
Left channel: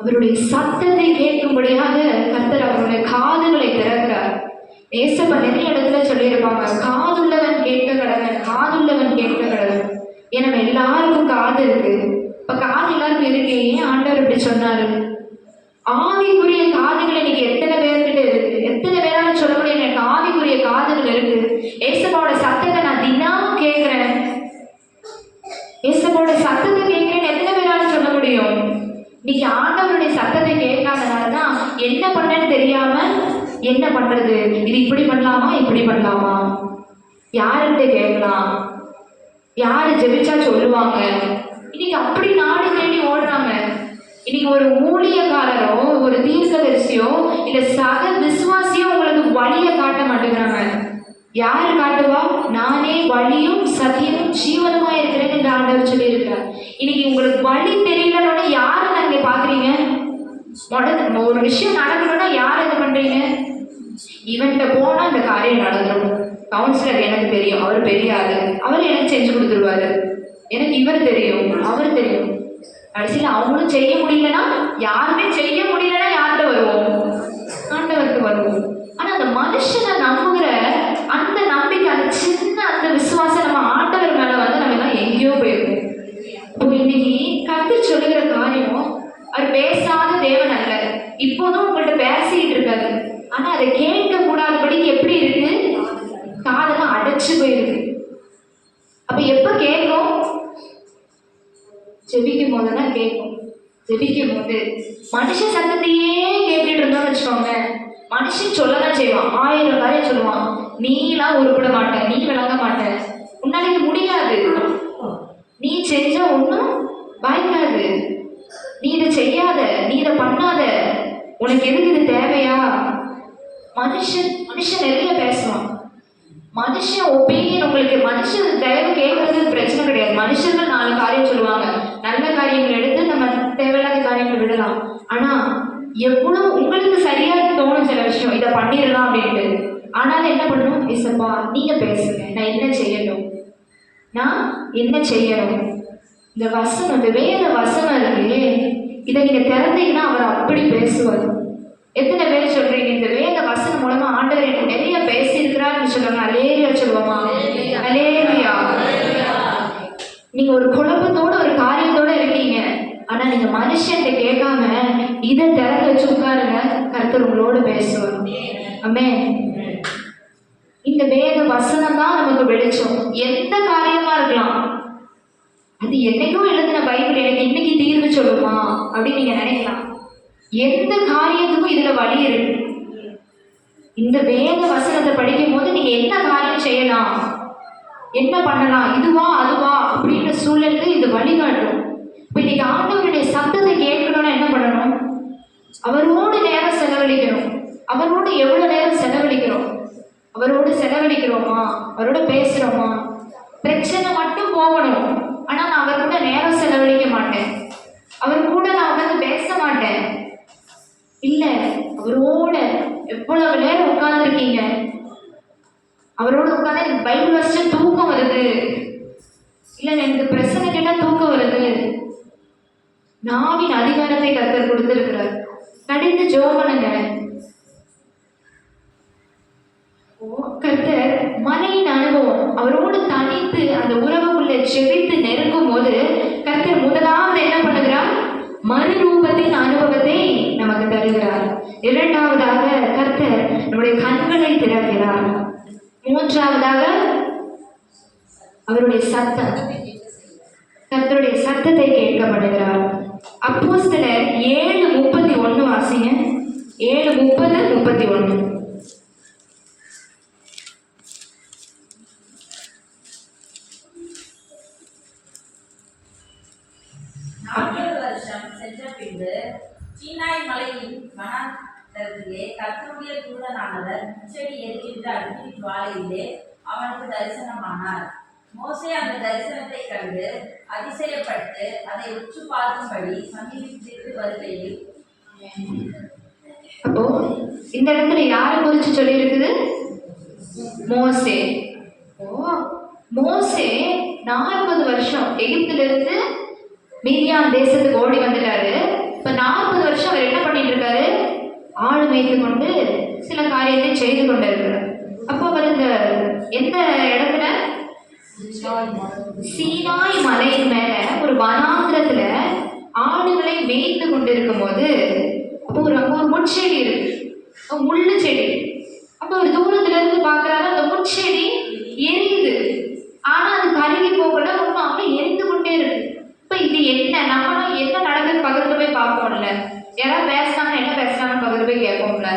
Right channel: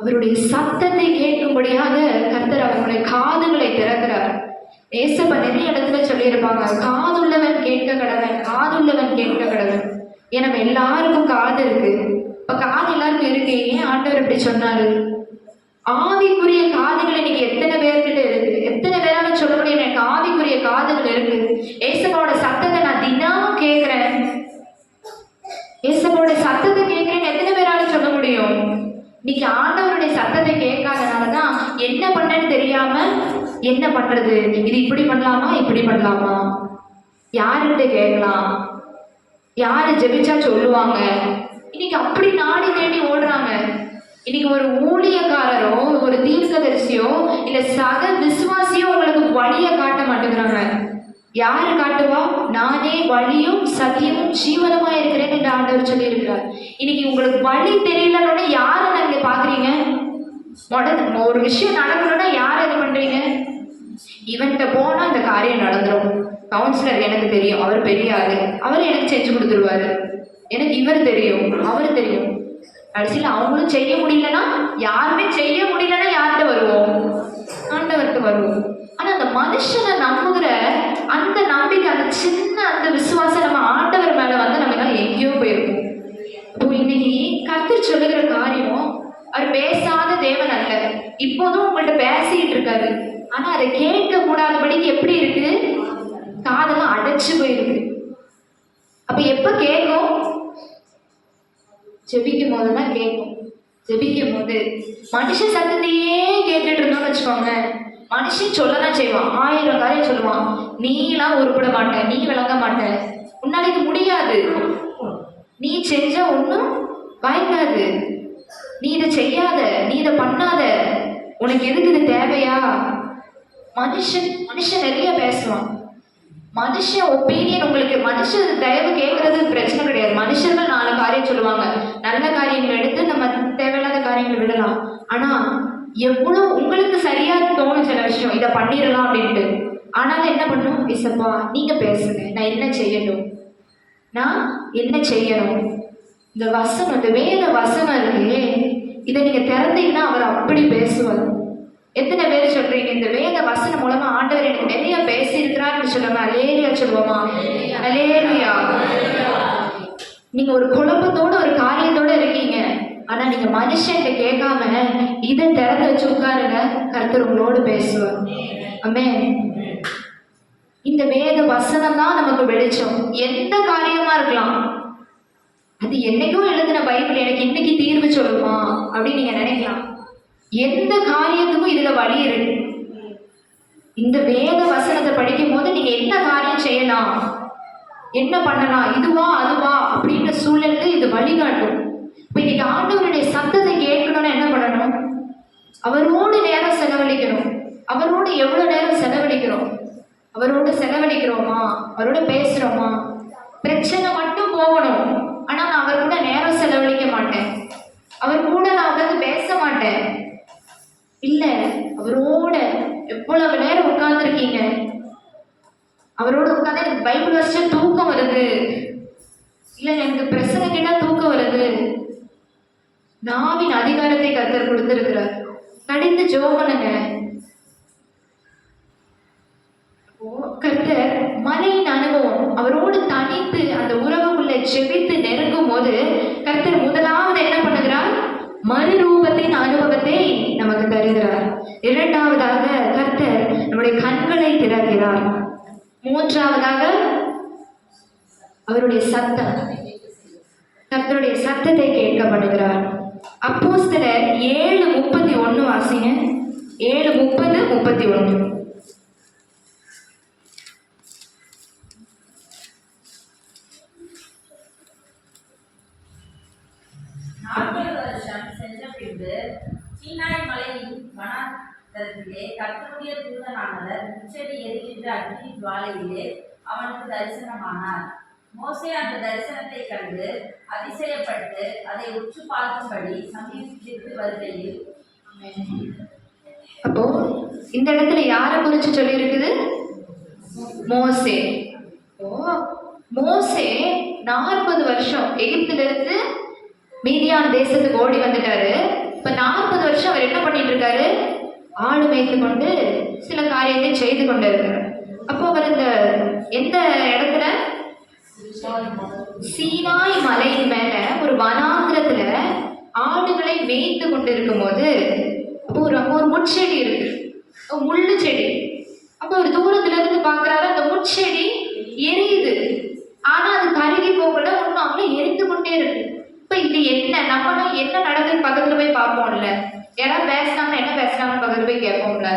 அவருடைய சத்தத்தை கேட்கும்படியாக கர்த்தர் அவருடைய காதுகளை திறக்கிறார். ஏசப்பா நிறைய இடத்துல சொல்லியிருப்பாங்க, காதுள்ளவன் கேட்க கடவன், காதுள்ளவன் கேட்க கடவன். ஏன்னா எல்லாருக்கும் காது இருக்கு. இப்ப காது எல்லாருக்கும் இருக்கு. ஏன் ஆண்டவர் இப்படி சொன்னாரு? ஆவிக்குரிய காதுகள் இன்னைக்கு எத்தனை பேர்கிட்ட இருக்கு? எத்தனை பேரால சொல்ல முடியும் எனக்கு ஆவிக்குரிய காதுகள் இருக்கு? ஏசப்பாவோட சத்தத்தை நான் தினமும் கேட்கிறேன், ஏசப்பாவோட சத்தத்தை கேட்கிறேன்னு எத்தனை பேரால சொல்ல முடியும்? இன்னைக்கு ஆண்டவருடைய சத்தத்தை கேட்காதனாலதான் என்ன பண்ணேன்னு தெரியாம என்ன பண்றது, இது இப்படி பண்ணலாமா இப்படி பண்ணலாமா, யாருக்கிட்ட கேட்கலாம், யாரு ஜெபிச்சா சொல்லுவாங்க, இன்னைக்கு அப்படி நாடி தேடி ஓடுறாங்க. இன்னைக்கு ஒரு ஊழியக்காரரோ ஒரு தீர்க்கதரிசியோ இல்ல சக விசுவாசியோ உங்களுக்கு வழியை காட்ட மாட்டேங்கிறாங்க. யாரு காட்டுவா? நானே வழியும் சத்தியமும் ஜீவனமா இருக்கிறேன் என்று ஆண்டவர் சொல்லி இருக்கிறார். இன்னைக்கு உங்களுக்கு வழி தெரியலன்னா யாரை நீங்க பாக்குறீங்க? ஒரு விஷயம் நடக்கணும்னா யாரை இது பண்றீங்க? இவன்கிட்ட போனா அந்த காரியம் நடந்துடும். கவுன்சிலர் எனக்கு தெரியும், அவர் பெரிய ஆளு, அவர் எனக்கு செஞ்சு கொடுத்துருவாரு. எனக்கு இவர் தெரியும், அவர் தெரியும். கடைசியில் அவங்களும் செய்ய முடியலன்னா, யாருமே செய்ய முடியலன்னா யார்கிட்ட வருவோம்? ஆண்டவருக்கு வருவோம். ஆனா அந்த மனுஷனை நம்புகிற அந்த நம்பிக்கை, அந்த சின்ன அந்த விசுவாசம் நம்ம ஆண்டவர் மேல வந்து நம்ம எங்கேயோ போயிருக்கோம். இப்போ இன்னைக்கு கர்த்தர் சொல்லுகிற காரியம், அவர் பேசாத தேவன் அல்ல. இப்போதும் உங்கள்கிட்ட பேசிட்டு இருக்காரு. ஆனா அதை கேட்க கூடாதபடிக்கு எப்படி இருக்கு? காதெல்லாம் அடைச்சு போயிருக்கு. அப்ப எப்ப கேட்கும்? ஜெபிக்கும் போதுதான் கேட்கும். ஜெபிக்கும் போது மனுஷன் சத்தத்தையே கேட்டுட்டு இருந்தோம்னு வச்சுக்கோங்க, மனுஷன் சொல்லதான் செய்வான், 1000 காரியம் சொல்லுவான். நீலாம் உருப்பிட மாட்ட, நீ விளங்க மாட்ட, உன்னால இது முடியாது, நீ செஞ்ச ஒன்றும் பயக்காது, நீ இதை செய்யாத, நீ இதை பண்ணாத, உனக்கு எதுக்கு இது தேவையா? மனுஷன் நிறைய பேசுவான். மனுஷன் ஒப்பீனியன், உங்களுக்கு மனுஷன் தயவு கேட்கறது பிரச்சனை கிடையாது. மனுஷர்கள் 4 காரியம் சொல்லுவாங்க. நல்ல காரியங்கள் எடுத்து நம்ம தேவையில்லாத காரியங்களை விடலாம். ஆனா எவ்வளவு உங்களுக்கு சரியா தோணும் சில விஷயம், இதை பண்ணிடலாம் அப்படின்ட்டு. ஆனாலும் என்ன பண்ணும்? இசப்பா நீங்க பேசுங்க, நான் என்ன செய்யணும், நான் என்ன செய்யணும்? இந்த வசனம், இந்த வேற வசனம் இருக்கு, இதை நீங்க திறந்தீங்கன்னா அவர் அப்படி பேசுவார். எத்தனை பேர் சொல்றீங்க இந்த வேத வசனம் மூலமா ஆண்டவர் எனக்கு நிறைய பேசியிருக்கிறான்னு சொல்லுவாங்க? அலேலியா சொல்லுவோமா? அலேலியா. நீங்க ஒரு குழப்பத்தோட ஒரு காரியத்தோட இருக்கீங்க, ஆனா நீங்க மனுஷன் கேட்காம இதை திறந்து வச்சு உட்காருங்க, கர்த்தர் உங்களோடு பேசுவார். ஆமென். இந்த வேத வசனம் தான் நமக்கு வெளிச்சம். எந்த காரியமா இருக்கலாம், அது என்னைக்கும் எழுதின பைபிள் எனக்கு இன்னைக்கு தீர்வு சொல்லுமா அப்படின்னு நீங்க நினைக்கலாம். எந்த காரியத்துக்கும் இதுல வழி இருக்கு. இந்த வேத வசனத்தை படிக்கும் போது நீங்க என்ன காரியம் செய்யலாம், என்ன பண்ணலாம், இதுவா அதுவா அப்படின்ற சூழலுக்கு இது வழிகாட்டும். இப்ப இன்னைக்கு ஆண்டவருடைய சத்தத்தை கேட்கணும்னா என்ன பண்ணணும்? அவரோடு நேரம் செலவழிக்கணும். அவரோடு எவ்வளவு நேரம் செலவழிக்கிறோம்? அவரோடு செலவழிக்கிறோமா? அவரோட பேசுறோமா? பிரச்சனை மட்டும் போகணும், ஆனா நான் அவர் கூட நேரம் செலவழிக்க மாட்டேன், அவர் கூட நான் உட்காந்து பேச மாட்டேன். இல்ல, அவரோட எவ்வளவு நேரம் உட்கார்ந்து இருக்கீங்க, அவரோட உட்கார்ந்து எனக்கு பைபிள் வாசிச்சா தூக்கம் வருது, இல்ல எனக்கு பிரச்சனை கேட்டா தூக்கம் வருது. நாவின் அதிகாரத்தை கர்த்தர் கொடுத்திருக்கிறார். கடிந்து ஜெபம் பண்ணுங்க. கர்த்தர் மலையின் அனுபவம், அவரோடு தனித்து அந்த உறவுக்குள்ள செவித்து நெருங்கும் போது கர்த்தர் முதலாவது என்ன பண்ணுகிறார்? மறுரூபத்தின் அனுபவத்தை நமக்கு தருகிறார். இரண்டாவதாக கர்த்தர் நம்முடைய கண்களை திறக்கிறார். மூன்றாவதாக அவருடைய சத்தம், கர்த்தருடைய சத்தத்தை கேட்கப்படுகிறார். அப்போஸ்தலர் 7:31 வாசிங்க. 7:30-31. சென்ற பின்பு சீனாய் மலையின் வனாந்தரத்திலே கர்த்தருடைய தூதனானவர் முச்செடி எரிகின்ற அக்னி ஜுவாலையிலே அவனுக்கு தரிசனமானார். மோசே அந்த தரிசனத்தை கண்டு அதிசயப்பட்டு அதை உற்று பார்க்கும்படி சமீபித்து வருகையில். அப்போ இந்த இடத்துல யாரை குறிச்சு சொல்லி இருக்குது? மோசே. மோசே 40 வருஷம் எகிப்திலிருந்து மீதியான் தேசத்துக்கு ஓடி வந்துட்டாரு. இப்ப 40 வருஷம் அவர் என்ன பண்ணிட்டு இருக்காரு? ஆடு மேய்த்து கொண்டு சில காரியத்தை செய்து கொண்டு இருக்கிறார். அப்போ அவர் இந்த எந்த இடத்துல? சீனாய் மலையின் மேல ஒரு வனாந்திரத்துல ஆடுகளை மேய்த்து கொண்டு இருக்கும் போது அப்போ ஒரு முட்செடி இருக்கு, முள்ளு செடி. அப்போ ஒரு தூரத்துல இருந்து பாக்குறாரு, அந்த முட்செடி எரியுது, ஆனா அது கருகி போகல, ஒன்றும் அங்கே எரிந்து கொண்டே இருக்கு. இப்ப இது என்ன, நம்ம என்ன நடக்குது பக்கத்துல போய் பார்ப்போம்ல, யாராவது பேசுனாங்க என்ன பேசுறாங்க பக்கத்துல போய் கேட்போம்ல.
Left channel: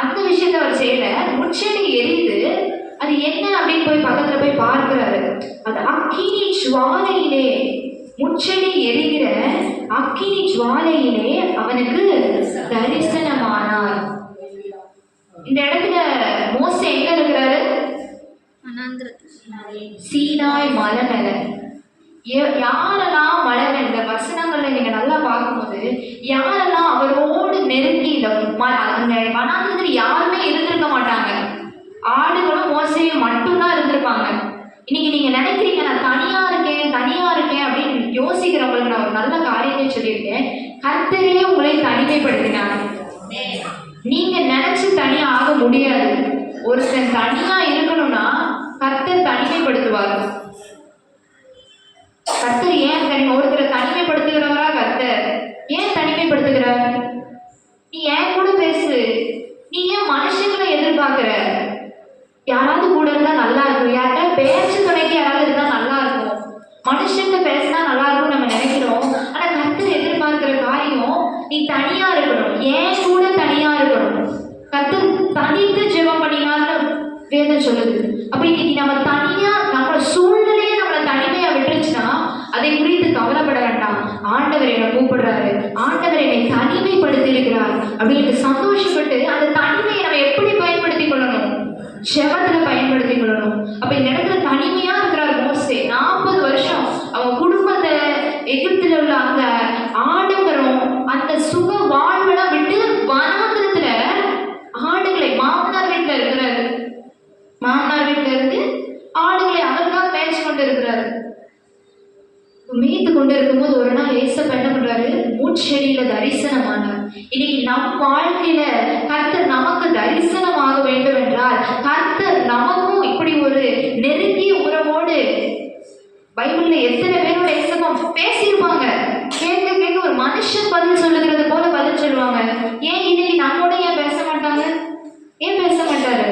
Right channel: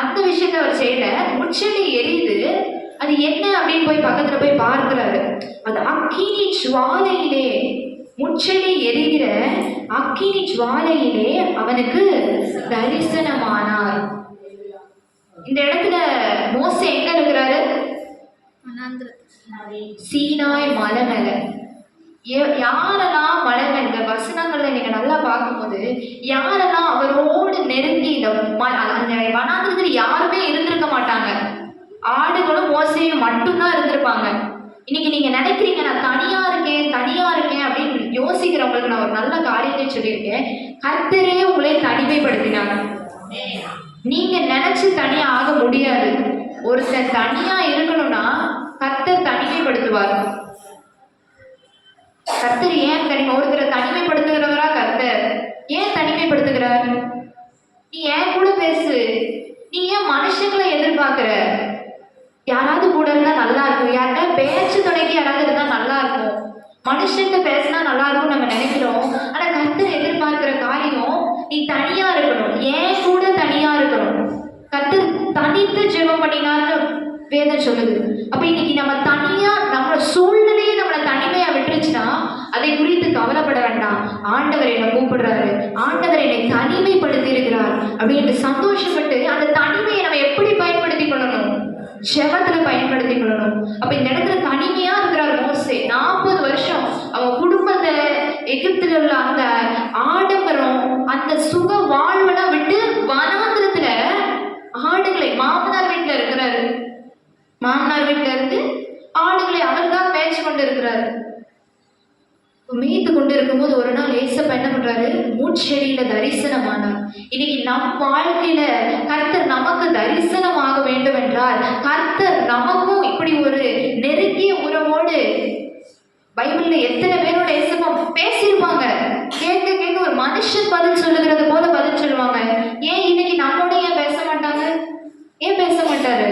அந்த விஷயத்த அவர் செய்யல, முட்செடி எரியுது, அது என்ன அப்படின்னு போய் பக்கத்துல ஜுவாலையிலே, முச்செடி எரிகிற அக்கினி ஜுவாலையிலே அவனுக்கு தரிசனமானார். இந்த இடத்துல மோசே எங்க இருக்கிறாரு? சீனாய் மலை மேல. யாரெல்லாம் மலை மேல, இந்த வசனங்கள்ல நீங்க நல்லா பார்க்கும்போது யாரெல்லாம் அவரோடு நெருங்கி அந்த வனாந்திரத்தில் யாருமே இருந்திருக்க மாட்டாங்க. ஆடுகளும் மோசையும் மட்டும்தான் இருந்திருப்பாங்க. இன்னைக்கு நீங்க நினைக்கிறீங்க நான் தனியா இருக்கேன் அப்படின்னு யோசிக்கிறவங்களுக்கு நான் ஒரு நல்ல காரியத்தை சொல்லியிருக்கேன். கர்த்தரே உங்களை தனிமைப்படுத்தினாங்க. நீங்க நினைச்சு தனியா ஆக முடியாது. ஒருத்தன் தனியா இருக்கணும்னா கர்த்தர் தனிமைப்படுத்துவார். கர்த்தர் ஏன் ஒருத்தரை தனிமைப்படுத்துகிறவரா? கர்த்தர் ஏன் தனிமைப்படுத்துகிறார்? நீ ஏன் கூட பேசு. நீ ஏன் மனுஷங்களை எதிர்பார்க்கிற? யாராவது கூட இருந்தா நல்லா இருக்கும். யார்கிட்ட பேச்சு துணைக்கு யாராவது இருந்தா நல்லா இருக்கும். மனுஷங்க பேசினா நல்லா இருக்கும் நம்ம நினைக்கிறோம். ஆனா கர்த்தர் எதிர்பார்க்கிற காரியம் நீ தனியா இருக்கணும். ஏன் கூட தனியா இருக்கணும். கர்த்தர் தனித்து ஜெபம் பண்ணினான்னு வேதம் சொல்லுது. அப்ப இன்னைக்கு நம்ம தனியா நம்ம சூழ்நிலையே நம்மளை தனிமையா விட்டுருச்சுன்னா அதை குறித்து கவலைப்பட வேண்டாம். ஆண்டவர் என்னை கூப்பிடுறாரு, ஆண்டவர் என்னை தனிமைப்படுத்தி இருக்கிறார் அப்படின்னு சந்தோஷப்பட்டு அந்த தனிமையை நம்ம எப்படி பயன்படுத்தி கொள்ளணும்? ஜெபத்துல பயன்படுத்தி கொள்ளணும். அப்ப இந்த இடத்துல தனிமையா இருக்கிறார் மோசே. 40 வருஷம் அவங்க குடும்பத்தை எகிப்தில் உள்ள அந்த ஆடம்பரம் அந்த சுக வாழ்வெல்லாம் விட்டு வனாந்திரத்துல ஆடுகளை மாமனார் வீட்டுல இருக்கிறாரு. மாமனார் வீட்டுல இருந்து ஆடுகளை அவர்தான் மேய்ச்சி கொண்டு இருக்கிறாரு. மேய்த்து கொண்டு இருக்கும்போது ஒரு நாள் ஏசப்பா என்ன பண்றாரு? மூச்செடியில தரிசனமானார். இன்னைக்கு நம் வாழ்க்கையில கர்த்தர் நமக்கு தரிசனமாக வேண்டும் என்றால் கர்த்தர் நமக்கும் இப்படி ஒரு நெருங்கிய உறவோடு பைபிள்ல எத்தனை பேரோட ஏசப்பா பேசியிருப்பாங்க. கேட்க கேட்க ஒரு மனுஷன் பதில் சொல்லுகிறது போல பதில் சொல்லுவாங்க. ஏன் இன்னைக்கு நம்மோட ஏன் பேச மாட்டாங்க? ஏன் பேச மாட்டாரு?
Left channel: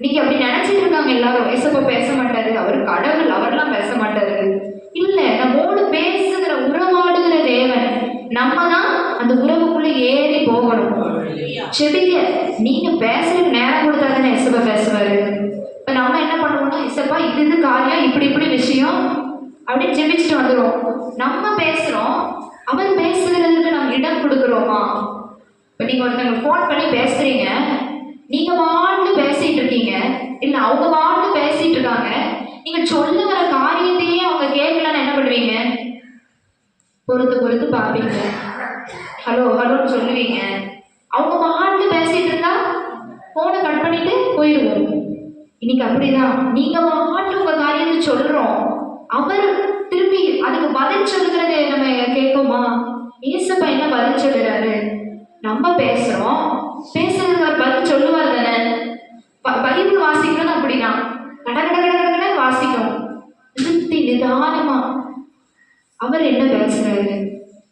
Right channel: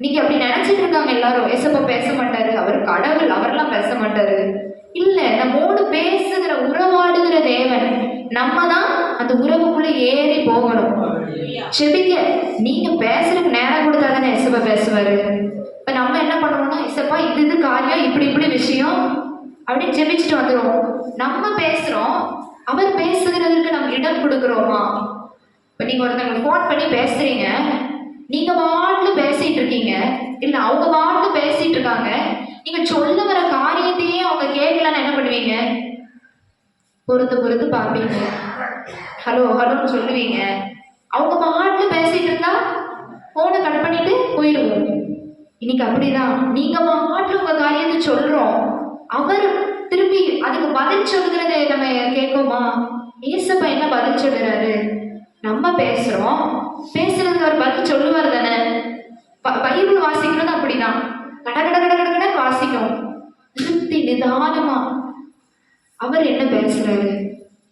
இன்னைக்கு அப்படி நினைச்சிட்டு இருக்காங்க எல்லாரும். ஏசப்பா பேச மாட்டாரு, அவர் கடவுள், அவரெல்லாம் பேச மாட்டாரு. இல்ல, நம்மோடு பேசுகிற உறவாடுகிற தேவன். நம்ம தான் அந்த உறவுக்குள்ள ஏறி போகணும். செடிங்க நீங்க பேசுறதுக்கு நேரம் கொடுத்தாதானே ஏசப்பா பேசுவாரு. இப்ப நம்ம என்ன பண்ணுவோம்னா, ஏசப்பா இது காரியம், இப்படி விஷயம் அப்படின்னு ஜெபிச்சுட்டு வந்துடும். நம்ம பேசுறோம், அவர் பேசுகிறதுக்கு நம்ம இடம் கொடுக்குறோமா? இப்ப நீங்க ஒருத்தவங்க போன் பண்ணி பேசுறீங்க, நீங்க வாட்டு பேசிட்டு இருக்கீங்க, இல்ல அவங்க வாட்டு பேசிட்டு இருக்காங்க. நீங்க சொல்ல வர காரியத்தையே அவங்க கேட்கலான்னு என்ன பண்ணுவீங்க? பொறுத்து பார்ப்பீங்க, ஹலோன்னு சொல்லுவீங்க. அவங்க பாட்டுல பேசிட்டு இருந்தா போனை கட் பண்ணிட்டு போயிடுவோம். இன்னைக்கு அப்படிதான், நீங்க பாட்டுல உங்க காரியத்தை சொல்றோம், அவர் திரும்பி அதுக்கு பதில் சொல்றதை நம்ம கேட்போமா? ஏசப்பா என்ன பதில் சொல்றாரு? நம்ம பேசுறோம், பேசுறதுக்கு அவர் பதில் சொல்லுவார் தானே. பைபிள் வாசிக்கணும் அப்படிதான், கட வாசிக்கும், நிறுத்தி நிதானமா அவர் என்ன பேசுறாரு.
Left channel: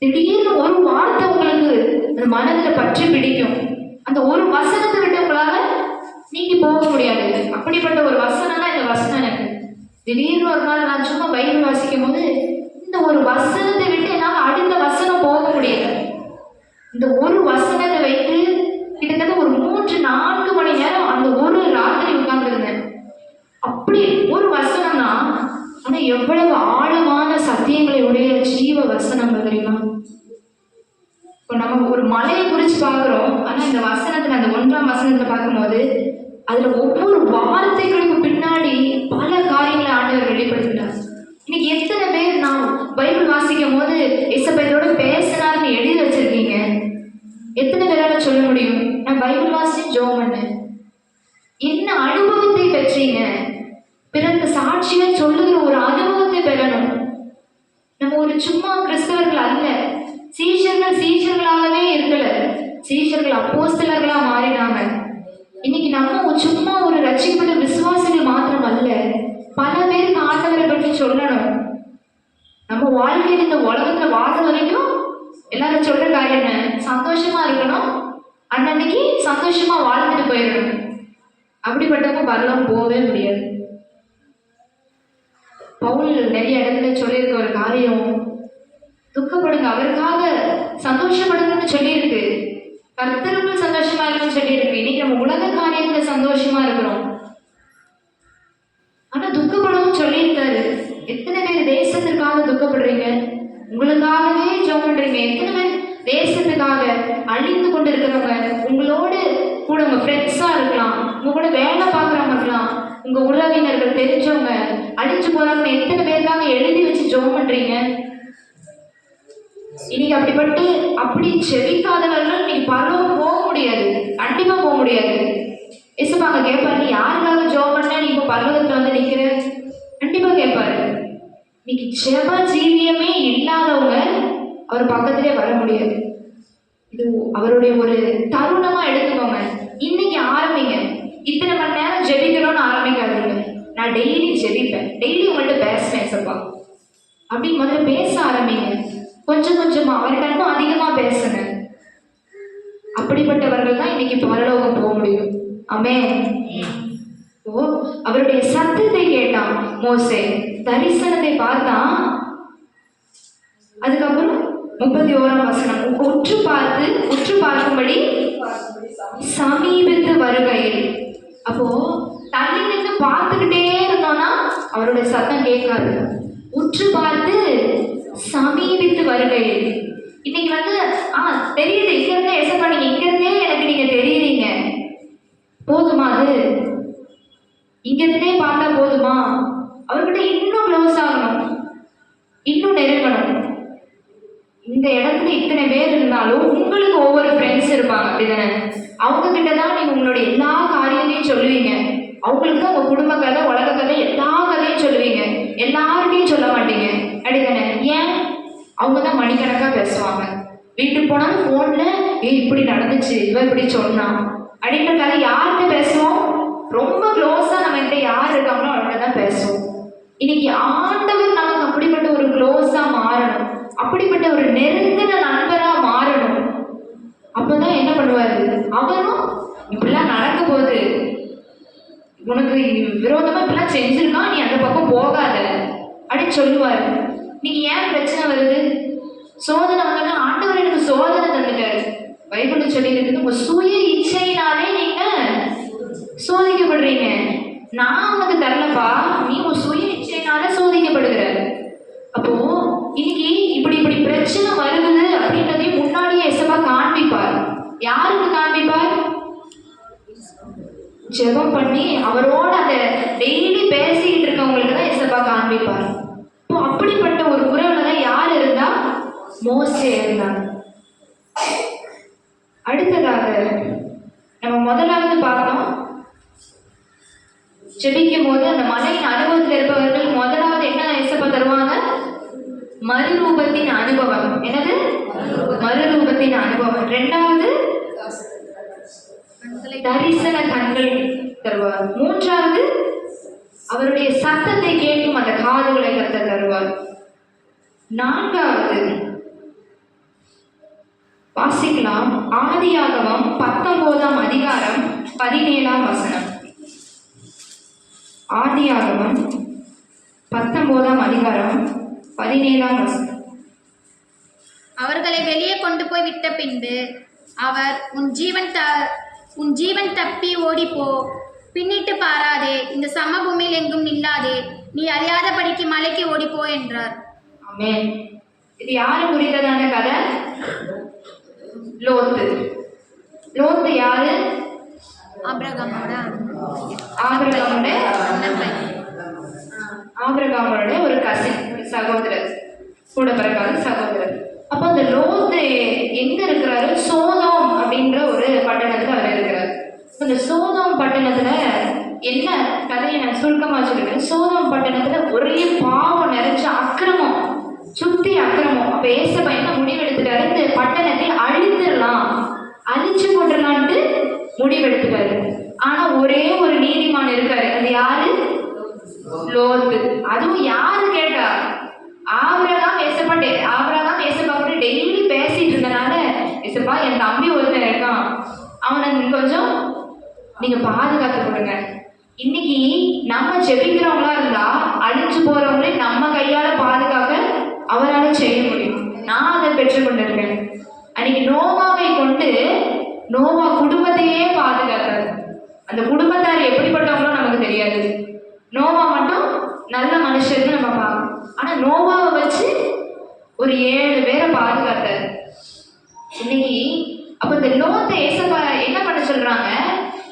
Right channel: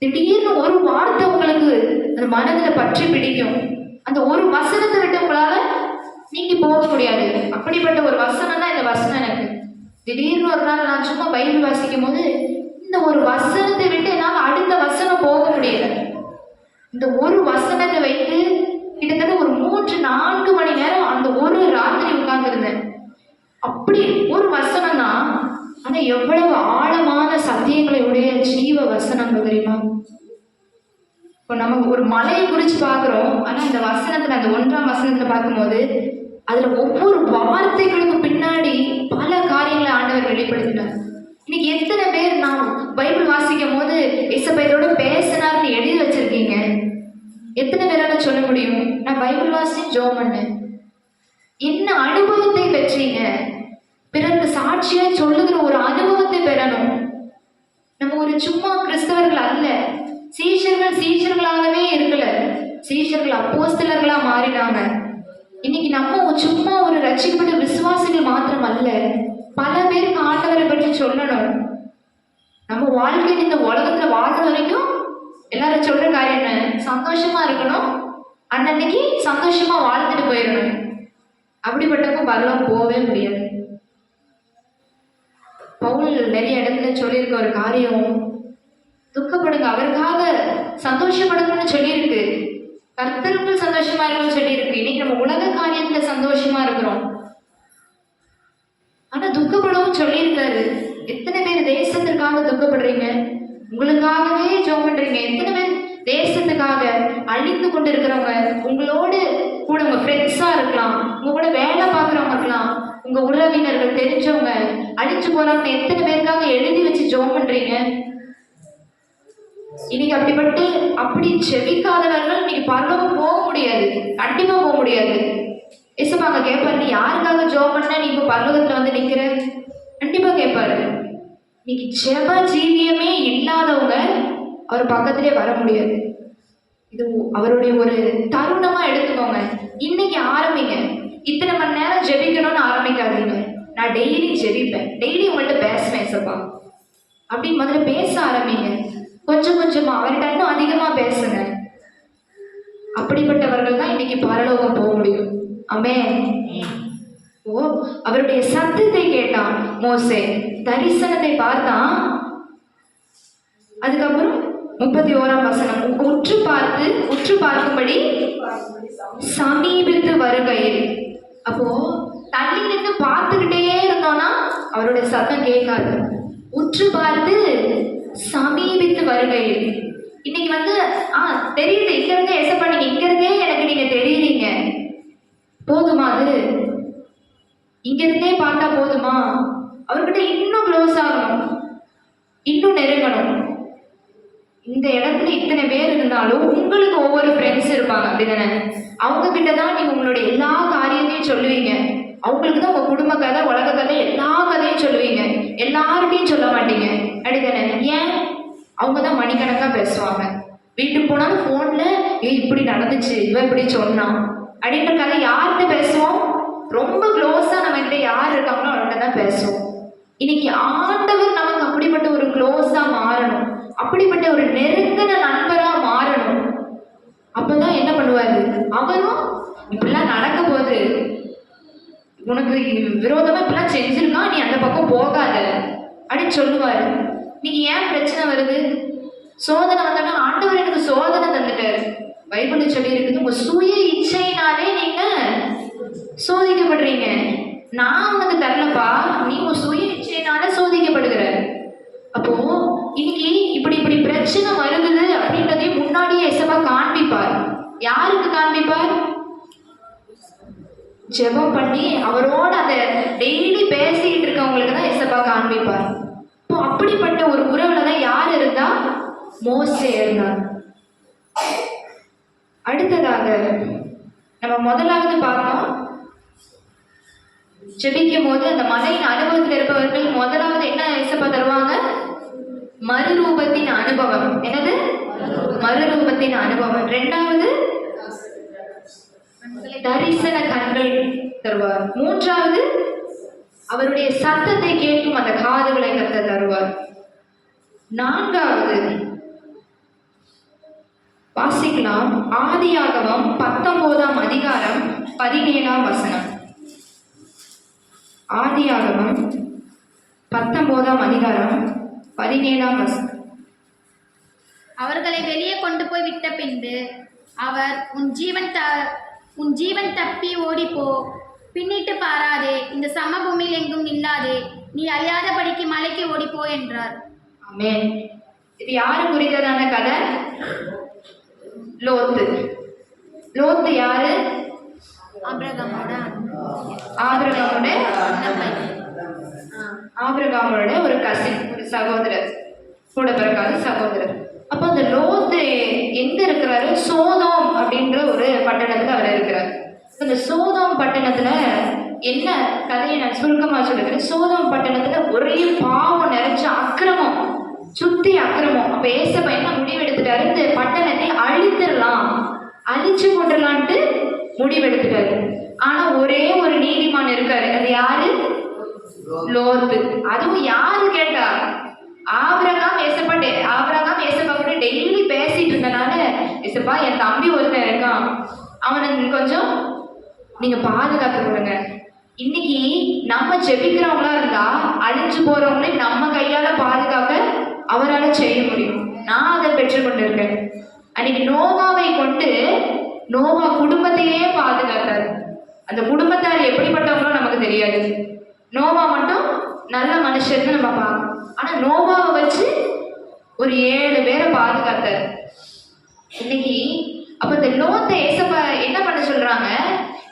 திடீர்னு ஒரு வார்த்தை உங்களுக்கு அந்த மனதுல பற்றி பிடிக்கும். அந்த ஒரு வசனத்தை விட்டு உங்களால நீங்கி போக முடியாது. அப்படிப்பட்ட ஒரு வசனம் தான் இந்த வசனம். எனக்கு திடீர்னு ஒரு நாள் நான் சும்மா பைபிள் வாசிக்கும் போது இந்த ஒரு வசனத்தை விட்டு என்னால் அடுத்த வசனம் போக முடியாது. இந்த ஒரு வசனத்தை வைத்து கிட்டத்தட்ட ஒரு 3-4 மணி நேரம் அந்த ஒரு ராத்திரி உட்கார்ந்து இருந்தேன். அப்படி ஒரு வசனம் தான், ஆனா எவ்வளவு ஆழமான சத்தியங்களை உடைய ஜீவ வசனம் தெரியுமா? இப்போ நம்ம ஒரு மலையை குறிச்சு பார்க்கிறோம், ஆனா இந்த வசனத்துல அந்த 1ஆம் வசனத்தை பார்க்கும்போது அதுல ஒவ்வொரு வார்த்தைகளுக்கு பின்னாடி பல காரியங்களை ஆண்டவர் வெளிப்படுத்தினார். இன்னைக்கு எத்தனை பேர் நான் பைபிள் வாசிக்கும் போது ஏசப்பா பேசினார்னு எழுதி வச்சிருக்கீங்க? எத்தனை பேரால சொல்ல முடியும் நான் பைபிள் வாசி ஜெபம் பண்ணேன்? என்ன அனுபவத்தை பெற்றீங்க? பிறகு சாட்சியா சொல்லுகிற ஒரு அனுபவத்தை பெறணும். நம்ம ஒரு சும்மா கிறிஸ்தவர்கள் அல்ல, சீஷர்களாகவே இருக்கல, சீஷர்கள் அப்போஸ்தலர்களா மாறினாங்க. இன்னைக்கு நம்ம சும்மா ஒரு ரட்சிக்கப்பட்ட விசுவாசிகள் மாத்திரம் அல்ல, பல பேருக்கு ஆண்டவரை பற்றி சொல்லணும். நம்ம வாழ்க்கையில் இந்த உலகத்துல வாழ்ற வரைக்கும் எல்லாரும் சொல்ற காரியம் என்ன? சந்தோஷமா இருக்கணும், அன்னைக்கு சந்தோஷமா வாழ்ந்துட்டு போயிடணும். அப்படிப்பட்டவங்க பரலாம் போகவே முடியாது. பவுல் நிறைய இடத்துல சொல்லியிருக்க ஒரு காரியம், துக்கப்படுங்க, அவருக்காக சந்தோஷப்படுங்கன்னு சொல்லியிருக்கு, கர்த்தருக்குள் சந்தோஷமா இருக்குன்னு சொல்லியிருக்கு. இன்னைக்கு நம்ம உலக காரியத்துல சந்தோஷமா இருக்கிறோம், ஆனா துக்கப்படவும் சொல்லியிருக்காரு. எத்தனை பேர் தேசத்திற்காக துக்கப்படுறீங்க? உங்களுக்காகவே ஜெபம் பண்றீங்க. எத்தனை பேர் தேசத்துக்காக அழிந்து கொண்டு இருக்கிறவங்க, உங்களோடு கூட உங்க ஃப்ரெண்ட்ஸா இருக்கலாம், உங்க கூட வேலை பார்க்குறவங்க இருக்கலாம், உங்க உறவினர்கள் தெரிஞ்சவங்க அழிஞ்சு போறவங்க, எத்தனை பேருக்காக எழுதி வச்சு ஜெபம் பண்றீங்க? இன்னைக்கு அப்படி செவிக்காதவர்கள் இன்னைக்கு பரலோகம் போக முடியாது, கண்டிப்பா போக முடியாது. இயேசுப்பாங்க கேட்பாரு, நீ யாருக்காக ஜெபம் பண்ண நீ இப்போ பரலோகத்துல வந்து நிக்கிற? கண்டிப்பா கேட்பாரு. இன்னைக்கு ஜெப ஜீவியமே இல்லாதவங்க அவர் பக்கத்திலே வர முடியாது. இது அவருடைய ஒரு தருணமா எடுத்துக்கோங்க. இன்னைக்கு ஆரம்பிங்க. இத்தனை மணி நேரம் ஜெபிக்கணும்னு ஆரம்பிக்காதீங்க. நான் டெய்லி ஜெபிப்பேன், டெய்லி உங்கள்கிட்ட பேசுவேன் சப்பா அப்படின்னு முதல்ல பேச ஆரம்பிங்க. கொஞ்சம் கொஞ்சமா அவர்கிட்ட இன்னும் அதிகமா பேசுங்க. அப்படிப்பட்டவர்கள் தான் இன்னைக்கு பரலோகம் போக முடியும். ஆமென். ஓ, அவருடைய சத்தத்தை கேட்டான் மோசே, தரிசனத்தை பார்த்தான். அதுக்கப்புறம் 31ஆம் வசனம், உற்று பார்க்கும்படி சமீபித்து வருகையில். அப்போ தண்ணி நின்று பார்த்துக்கிட்டே இருந்தோம்னா அவருடைய சத்தம் கேட்காது. உற்று பார்த்து சமீபித்து வருகையில். இன்னைக்கு வந்து தெரியுது, இங்க இருந்தே ஏசப்பா நீங்க இங்க இருந்தே எனக்கு நீங்க தெரியுறீங்க, போதுமா? அது இங்க இருந்தே பார்த்தா போதுமா? அவர்கிட்ட இன்னும் க்ளோஸ் ஆகணும், இன்னும் நெருங்கணும். இந்த இடத்துல இத்தனை பேர் இருந்தாலும் உங்களுக்கு ஒவ்வொரு ஃப்ரெண்ட்ஸ் இருப்பாங்க, அப்படிதானே? அவங்க கிட்ட தான் நீங்க உங்களுடைய எல்லா காரியத்தையும் சொல்லுவீங்க. அவங்களுக்கு தான் உங்க குடும்ப கதை, உலக கதை, எல்லா கதையும் சொல்லுவீங்க. எல்லார்கிட்டையும் சொல்ல மாட்டீங்க, அப்படிதானே? ஏன்? அவங்க தான் மணிக்கணக்கா பேசுவாங்க. வீட்டுக்கு போனாலும் போன்ல இப்படி நடந்துச்சு, இவ இப்படி சொன்னான் அப்படின்ற கதை யார்கிட்ட பேசுவோம்? ரொம்ப க்ளோஸா நம்ம கிட்ட யார் இருக்காங்களோ அவர்கிட்ட தான் பேசுவோம். இன்னைக்கு ஆண்டவர் நமக்கு அப்படிப்பட்ட ஒரு க்ளோஸா மாறணும், அப்படிப்பட்ட ஒரு நெருங்கின நண்பரா மாறணும். அப்பதான் என்ன பண்ணுவாரு? அவரும் இப்படிலாம் நடக்க போகுது, உனக்கு விரோதமா இப்படிலாம் செஞ்சிருக்கான், நீ அந்த பக்கம் போகாத அப்படின்னு சொல்லுவாரு. நீங்க ஏன் பிரச்சனை வருது? சோதனை வந்தோன்னா ஆண்டவர் எனக்கு சோதனை தந்துட்டாரு. பைபிள் சொல்லி இருக்குது, உங்க சுய இச்சையினாலே நீங்க சோதிக்கப்படுறீங்க. நான் உனக்கு தரலப்பா, நீ உன் சுய இச்சையினால சோதிக்கப்படுகிற. அப்போ இன்னைக்கு இப்படி பிரச்சனை வருது அப்படின்றதையும் முன்னாடியே எசப்பா காண்பிப்பார். யாருக்கு காண்பிப்பார்? ஜெபம் பண்ணி அவரோட அதை டெய்லி பேசிட்டு இருக்கவங்களுக்கு தான் எசப்பா காண்பிப்பார். இப்போ அப்படிப்பட்ட ஒரு உறவுல தான் யார் இருந்தா? மோசே இருந்தார். அடுத்ததாக நம்ம முதலாவது பார்த்தோம், ஜெபிக்கும் போது அந்த மலையின் அனுபவத்தில் இருப்பவர்கள் முதலாவது என்ன எசப்பா தருவாங்க? மறுரூபத்தின் அனுபவம். என்னது? மறுரூபத்தின் அனுபவம். இரண்டாவது தரிசன கண்கள் தருவார். மூன்றாவது அவருடைய சத்தத்தை கேட்கும் அந்த காதுகளை கர்த்தர் தருவார். நான்காவது வாசிக்கலாம், ஆதியாகமம் 19ஆம் அதிகாரம் 17ஆம் வசனம். ஆதியாகமம் 19ஆம் அதிகாரம் 17ஆம் வசனம். அவர்களை வெளியே கொண்டு போய் விட்ட பின்பு அவர், உன் ஜீவன் தப்பி ஓடிப்போ, பின்னிட்டு பாராதே, இந்த சமபூமியில் எங்கும் நில்லாதே, நீ அழியாதபடிக்கு மலைக்கு ஓடிப்போ என்றார். ஆமென். இது யாரு குறித்ததான கதை? லோத்து. லோத்து யாரு? ஆபிரகாமோட ஒரு கசின், ஒரு சகோதரர், கூட பிறகாத சகோதரர். அப்போ அந்த லோத்து எங்க இருக்கிறாரு? சோதோம் அப்படின்ற ஒரு பட்டணத்துல அவர் இருக்கிறார். அந்த சோதோம் பட்டணத்துல என்ன கதையை நான் சுருக்கமா சொல்லிருக்கேன். சோதோம் பட்டணத்துல ஒரே பாவம் நிறைஞ்ச அக்கிரமம், சுத்தி அக்கிரமம். அப்ப ஏசப்பா என்ன முடிவெடுத்துட்டாரு? இந்த பட்டணத்தை அழித்துடலாம், அழிச்சு போட்டுடலான்ட்டு முடிவெடுத்துட்டாரு. ஆனா ஒரே ஒரு நீதிமான் இருக்காரு. அது யாரு? லோத்து. அதுவும் யாரு கேட்டா? ஆபிரகாம் ஏசப்பா கூட டெய்லி பேசிட்டு இருந்தனால, ஏசப்பா என் தம்பி ஒருத்தன் இருக்கான், அவனை கொஞ்சம் நீங்க பாதுகாத்து கொடுங்க. இன்னைக்கு நம்ம ஜெபிக்கிறவங்களா இருந்தா அழிஞ்சு போறவங்களே நம்ம கையால பாதுகாக்க அவரால் செய்ய முடியும். நான் அதை பெற்றுக்கொண்டிருக்கேன். அன்னைக்கு நோவாவை கொண்டு நோவா குடும்பத்தையே பாதுகாத்தாரு. அந்த குடும்பத்தார் எப்படிப்பட்டவங்களோ நமக்கு தெரியாது. நோவா மட்டும் நல்ல மனுஷன்னு நம்ம பார்க்கணும். ஆனா நோவாவை வச்சு ஒரு 7 பேரை பாதுகாத்தார். இன்னைக்கு அப்ப இந்த லோத்தை ஏசப்பா என்ன பண்ண சொல்றாங்க,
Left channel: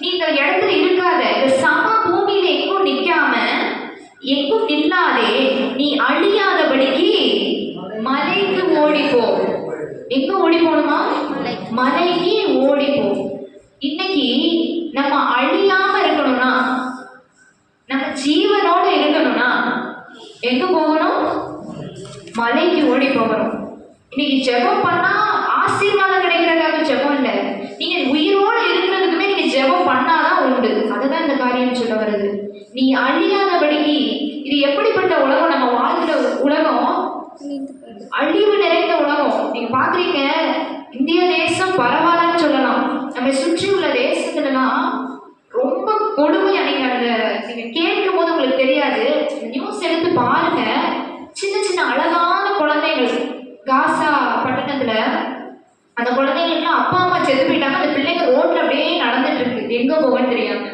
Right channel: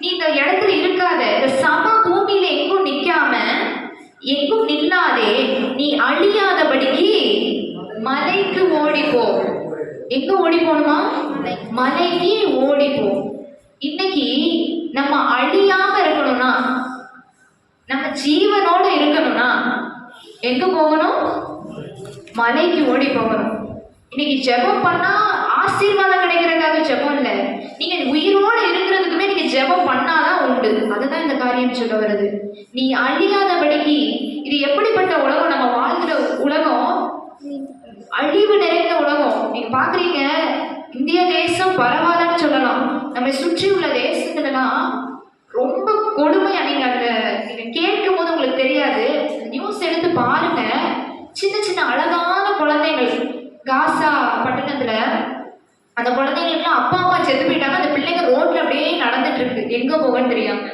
நீ இந்த இடத்துல இருக்காத, இந்த சம பூமியில எங்கும் நிக்காம எங்கும் நில்லாதே, நீ அழியாதபடிக்கு மலைக்கு ஓடிப்போ. எங்க ஓடி போகணுமா? மலைக்கு ஓடிப்போ. இன்னைக்கு நம்ம அழியாம இருக்கணும்னா, நம்ம ஜீவனோட இருக்கணும்னா எங்க போகணும்? மலைக்கு ஓடி போகணும். இன்னைக்கு ஜெபம் பண்ணா ஆசீர்வாதம் கிடைக்கிறதுக்காக ஜெபம் இல்லை, நீங்க உயிரோட இருக்கிறதுக்குமே நீங்க ஜெபம் பண்ணாதான் உண்டு. அதுதான் இந்த காரியம் சொல்ல வருது. நீ அழியாதபடிக்கு. இது எப்படிப்பட்ட உலகம்? நம்ம வாழ்கிற உலகம் அழிவு நிறைந்த உலகம். நீங்க பாக்குறீங்க, இந்திய தேசம் பரவாயில்லன்னு சொல்லலாம், நம்ம சுற்றி உள்ள தேசத்துலலாம் ரொம்ப கொடுமையா. நீங்க கேட்கும் போது உங்களுக்கு தெரியாது, நியூஸ் எடுத்து பாருங்க. சின்ன சின்ன அழகான குழந்தைகள் காசா பட்டணத்துல, அந்த குழந்தைங்களுக்குலாம் அப்பா அம்மா செத்து போயிட்டாங்க, அந்த பிள்ளைங்க ரோட்ல அப்படியே நடந்துட்டு இருக்கு, எங்க போகன்னு தெரியாம.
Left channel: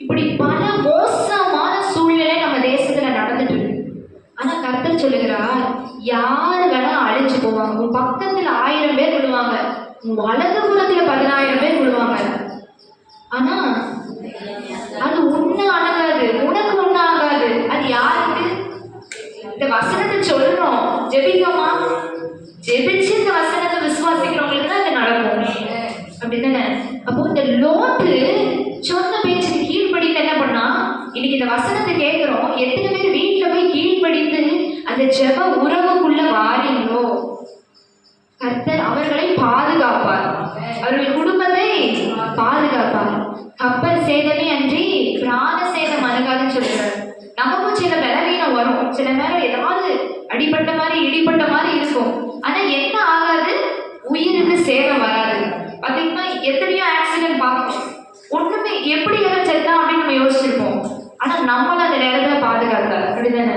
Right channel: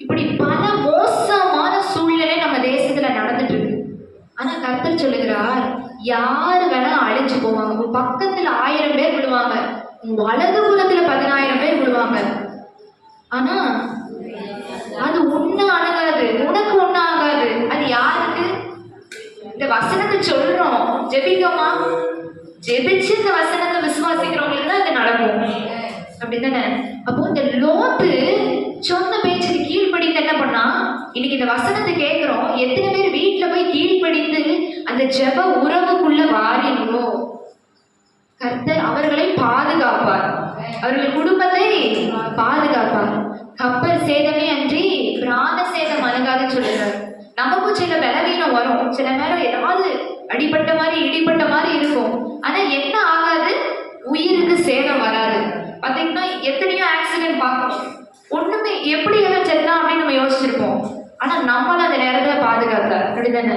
இப்படி பல மோசமான சூழ்நிலை நம்ம தேசத்துல நடந்துட்டு இருக்கு. ஆனா கர்த்தர் சொல்லுகிறார், யாரு வேணா அழைச்சு போவாங்க. உன் பக்கத்துல 1000 பேர் விழுவாங்க, உன் வலது புறத்துல 10000 பேர் விழுவாங்க. ஆனா அது ஒண்ணு ஆகாது, உனக்கு ஒண்ணு ஆகாது. அது யாருக்கு? இந்த வசனத்தை சொல்றோம், ஜெபிக்கமா, ஜெபிச்சு இந்த வசனத்தை விசுவாசிக்கிறவங்களுக்கு தான் அது நடக்கும். அப்படித்தானே? அப்போ இந்த லோத்து சொன்ன பேச்சுக்கு கீழ்ப்படிந்து என்ன பண்ணா, இன்னைக்கு இந்த வசனத்தை கேட்கிறோம், எத்தனை பேர் வீட்டுல போய் கீழ்ப்படிந்து அந்த ஜெப உறவுக்குள்ள வாரீங்களோ, கர்த்தர் அவர்களை பாதுகாப்பார், அவர்கள் குடும்பத்தை பாதுகாப்பார். கப்பல் சேதமே அன்றி பிராண சேதம் அணுகாதுன்னு சொல்லுவார். நமக்கும் சில பலவீனம் வரும், சில நேரம் ஏதாவது அடிப்பட்ட மாதிரி இடிப்பட்ட மாதிரி இருக்கும். ஆனா என்ன ஆகாது? உயிருக்கு சேதம் வராது. பாத்தீங்கன்னா எத்தனையோ ஆக்சிடென்ட் பார்க்கணும், ஒண்ணுமே எப்படி எல்லாம் செத்தா அப்படின்னு நம்ம யோசிச்சிருப்போம். ஆனா நம்மளும் அந்த நேரத்துல பாதுகாத்தார். அப்படிதானே?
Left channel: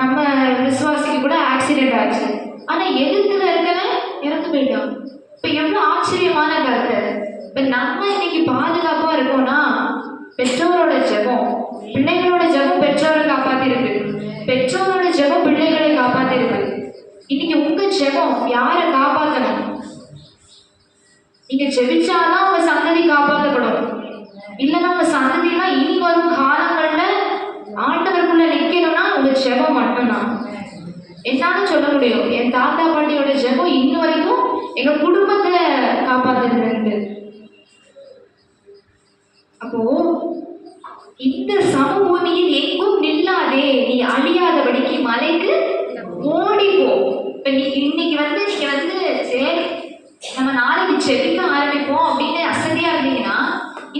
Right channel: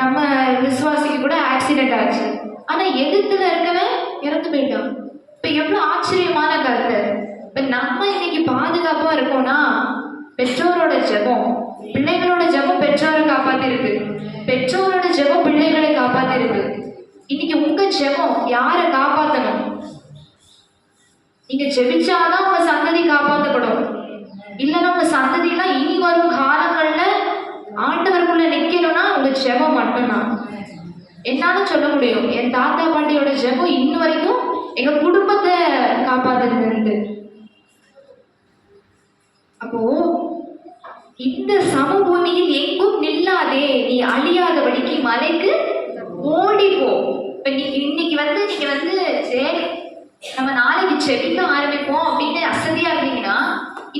நம்ம விசுவாசிக்கு கூட ஆக்சிடென்ட் ஆச்சு, ஆனா எதிர்த்துல இருக்கவன் இறந்து போயிட்டான். இப்ப எவ்வளவு ஆச்சரியமான கருத்து. இப்ப நம்ம இன்னைக்கு பாதுகாப்பா இருக்கோம்னா பெற்றோரோட ஜெபம், பிள்ளைகளோட ஜெபம் பெற்றோரை காப்பாத்திருக்கு, பெற்றோரோட ஜெபம் பிள்ளைகளை காப்பாத்திருக்கு. இன்னைக்கு உங்க ஜெபம் யாரை காப்பாத்தணும்? நீங்க ஜெபிச்சாதான் உங்க சந்ததி காப்பாற்றப்படும். இல்லைன்னா உங்க சந்ததினா இனி வரும் காலங்கள்ல ஆண்டவருக்குள்ள நிக்கணும்னா உங்க ஜெபம் மட்டும்தான். என்னால சொல்ல முடியும், என் தாத்தா பாட்டியோட ஜெபம் இன்ன வரைக்கும் எங்க குடும்பத்தை காப்பாத்துறது. அப்போ இந்த சமபூமியில் எங்கும் நில்லாதே, நீ அழியாதபடிக்கு மலைக்கு ஓடிப்போ. இப்ப இன்னைக்கு நீங்க சரி நம்ம நாளைக்கு செடிக்க ஆரம்பிப்போம் அப்படின்னு அசதியா இருந்தீங்கன்னா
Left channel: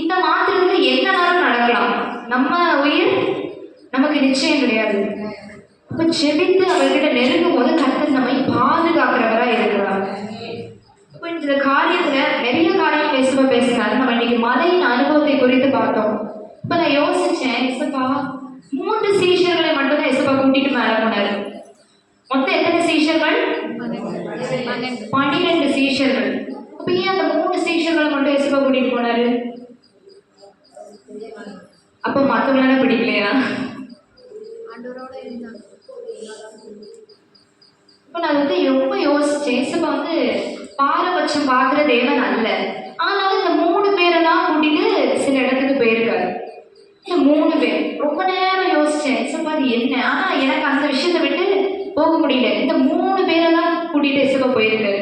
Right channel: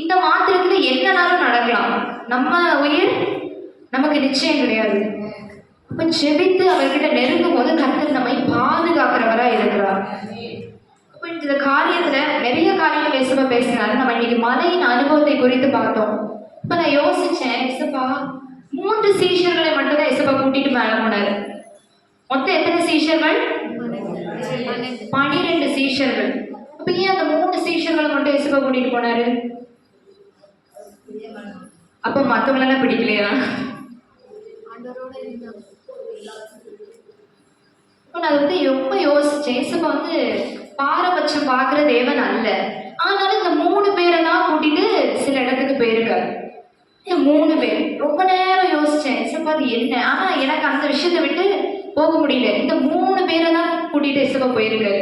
இந்த மாத்திரத்துல என்னனாலும் நடக்கலாம். நம்ம உயிர் நமக்கு நிச்சயம் கிடையாது. அப்ப செபித்து அவர்கிட்ட நெருங்கும் போது கர்த்தர் நம்மை பாதுகாக்கிறவரா இருக்கிறார். அப்ப இந்த காரியத்துல நிறைய காரியம் பேசினாரு. நம்ம இன்னைக்கு மலையின் அனுபவத்தை குறித்து பார்த்தோம். இப்ப நான் யோசிச்சேன், இசப்பா 3 சீஷர்களை மட்டும் தான் இசப்பா கூட்டிட்டு மேல பண்ணாரு. மொத்தம் எத்தனை சீஷர்கள்? 12 சீஷர்கள். அப்ப ஏன் அந்த 3 சீஷர்களை மட்டும் இசப்பா கூட்டிட்டு போனாரு? அப்ப மத்தவங்களெல்லாம் பிடிக்கலையா? இப்ப நான் ரொம்ப யோசிச்சேன், இசப்பா பாரபட்சம் பார்க்கிற தேவன் அல்ல. ஆனாலும் இந்த 3 பேரெல்லாம் கூட்டிட்டு சில இடத்துக்கு போயிருக்காரு. 3 பேர் ரொம்ப நேரம் யோசிச்சேன், இசப்பா அது என்ன? ஆனா எனக்கு அந்த விஷயத்தை விட்டு போக முடியல. இந்த 3 பேரை தான் கூட்டிட்டு இசப்பா போயிருக்காரு.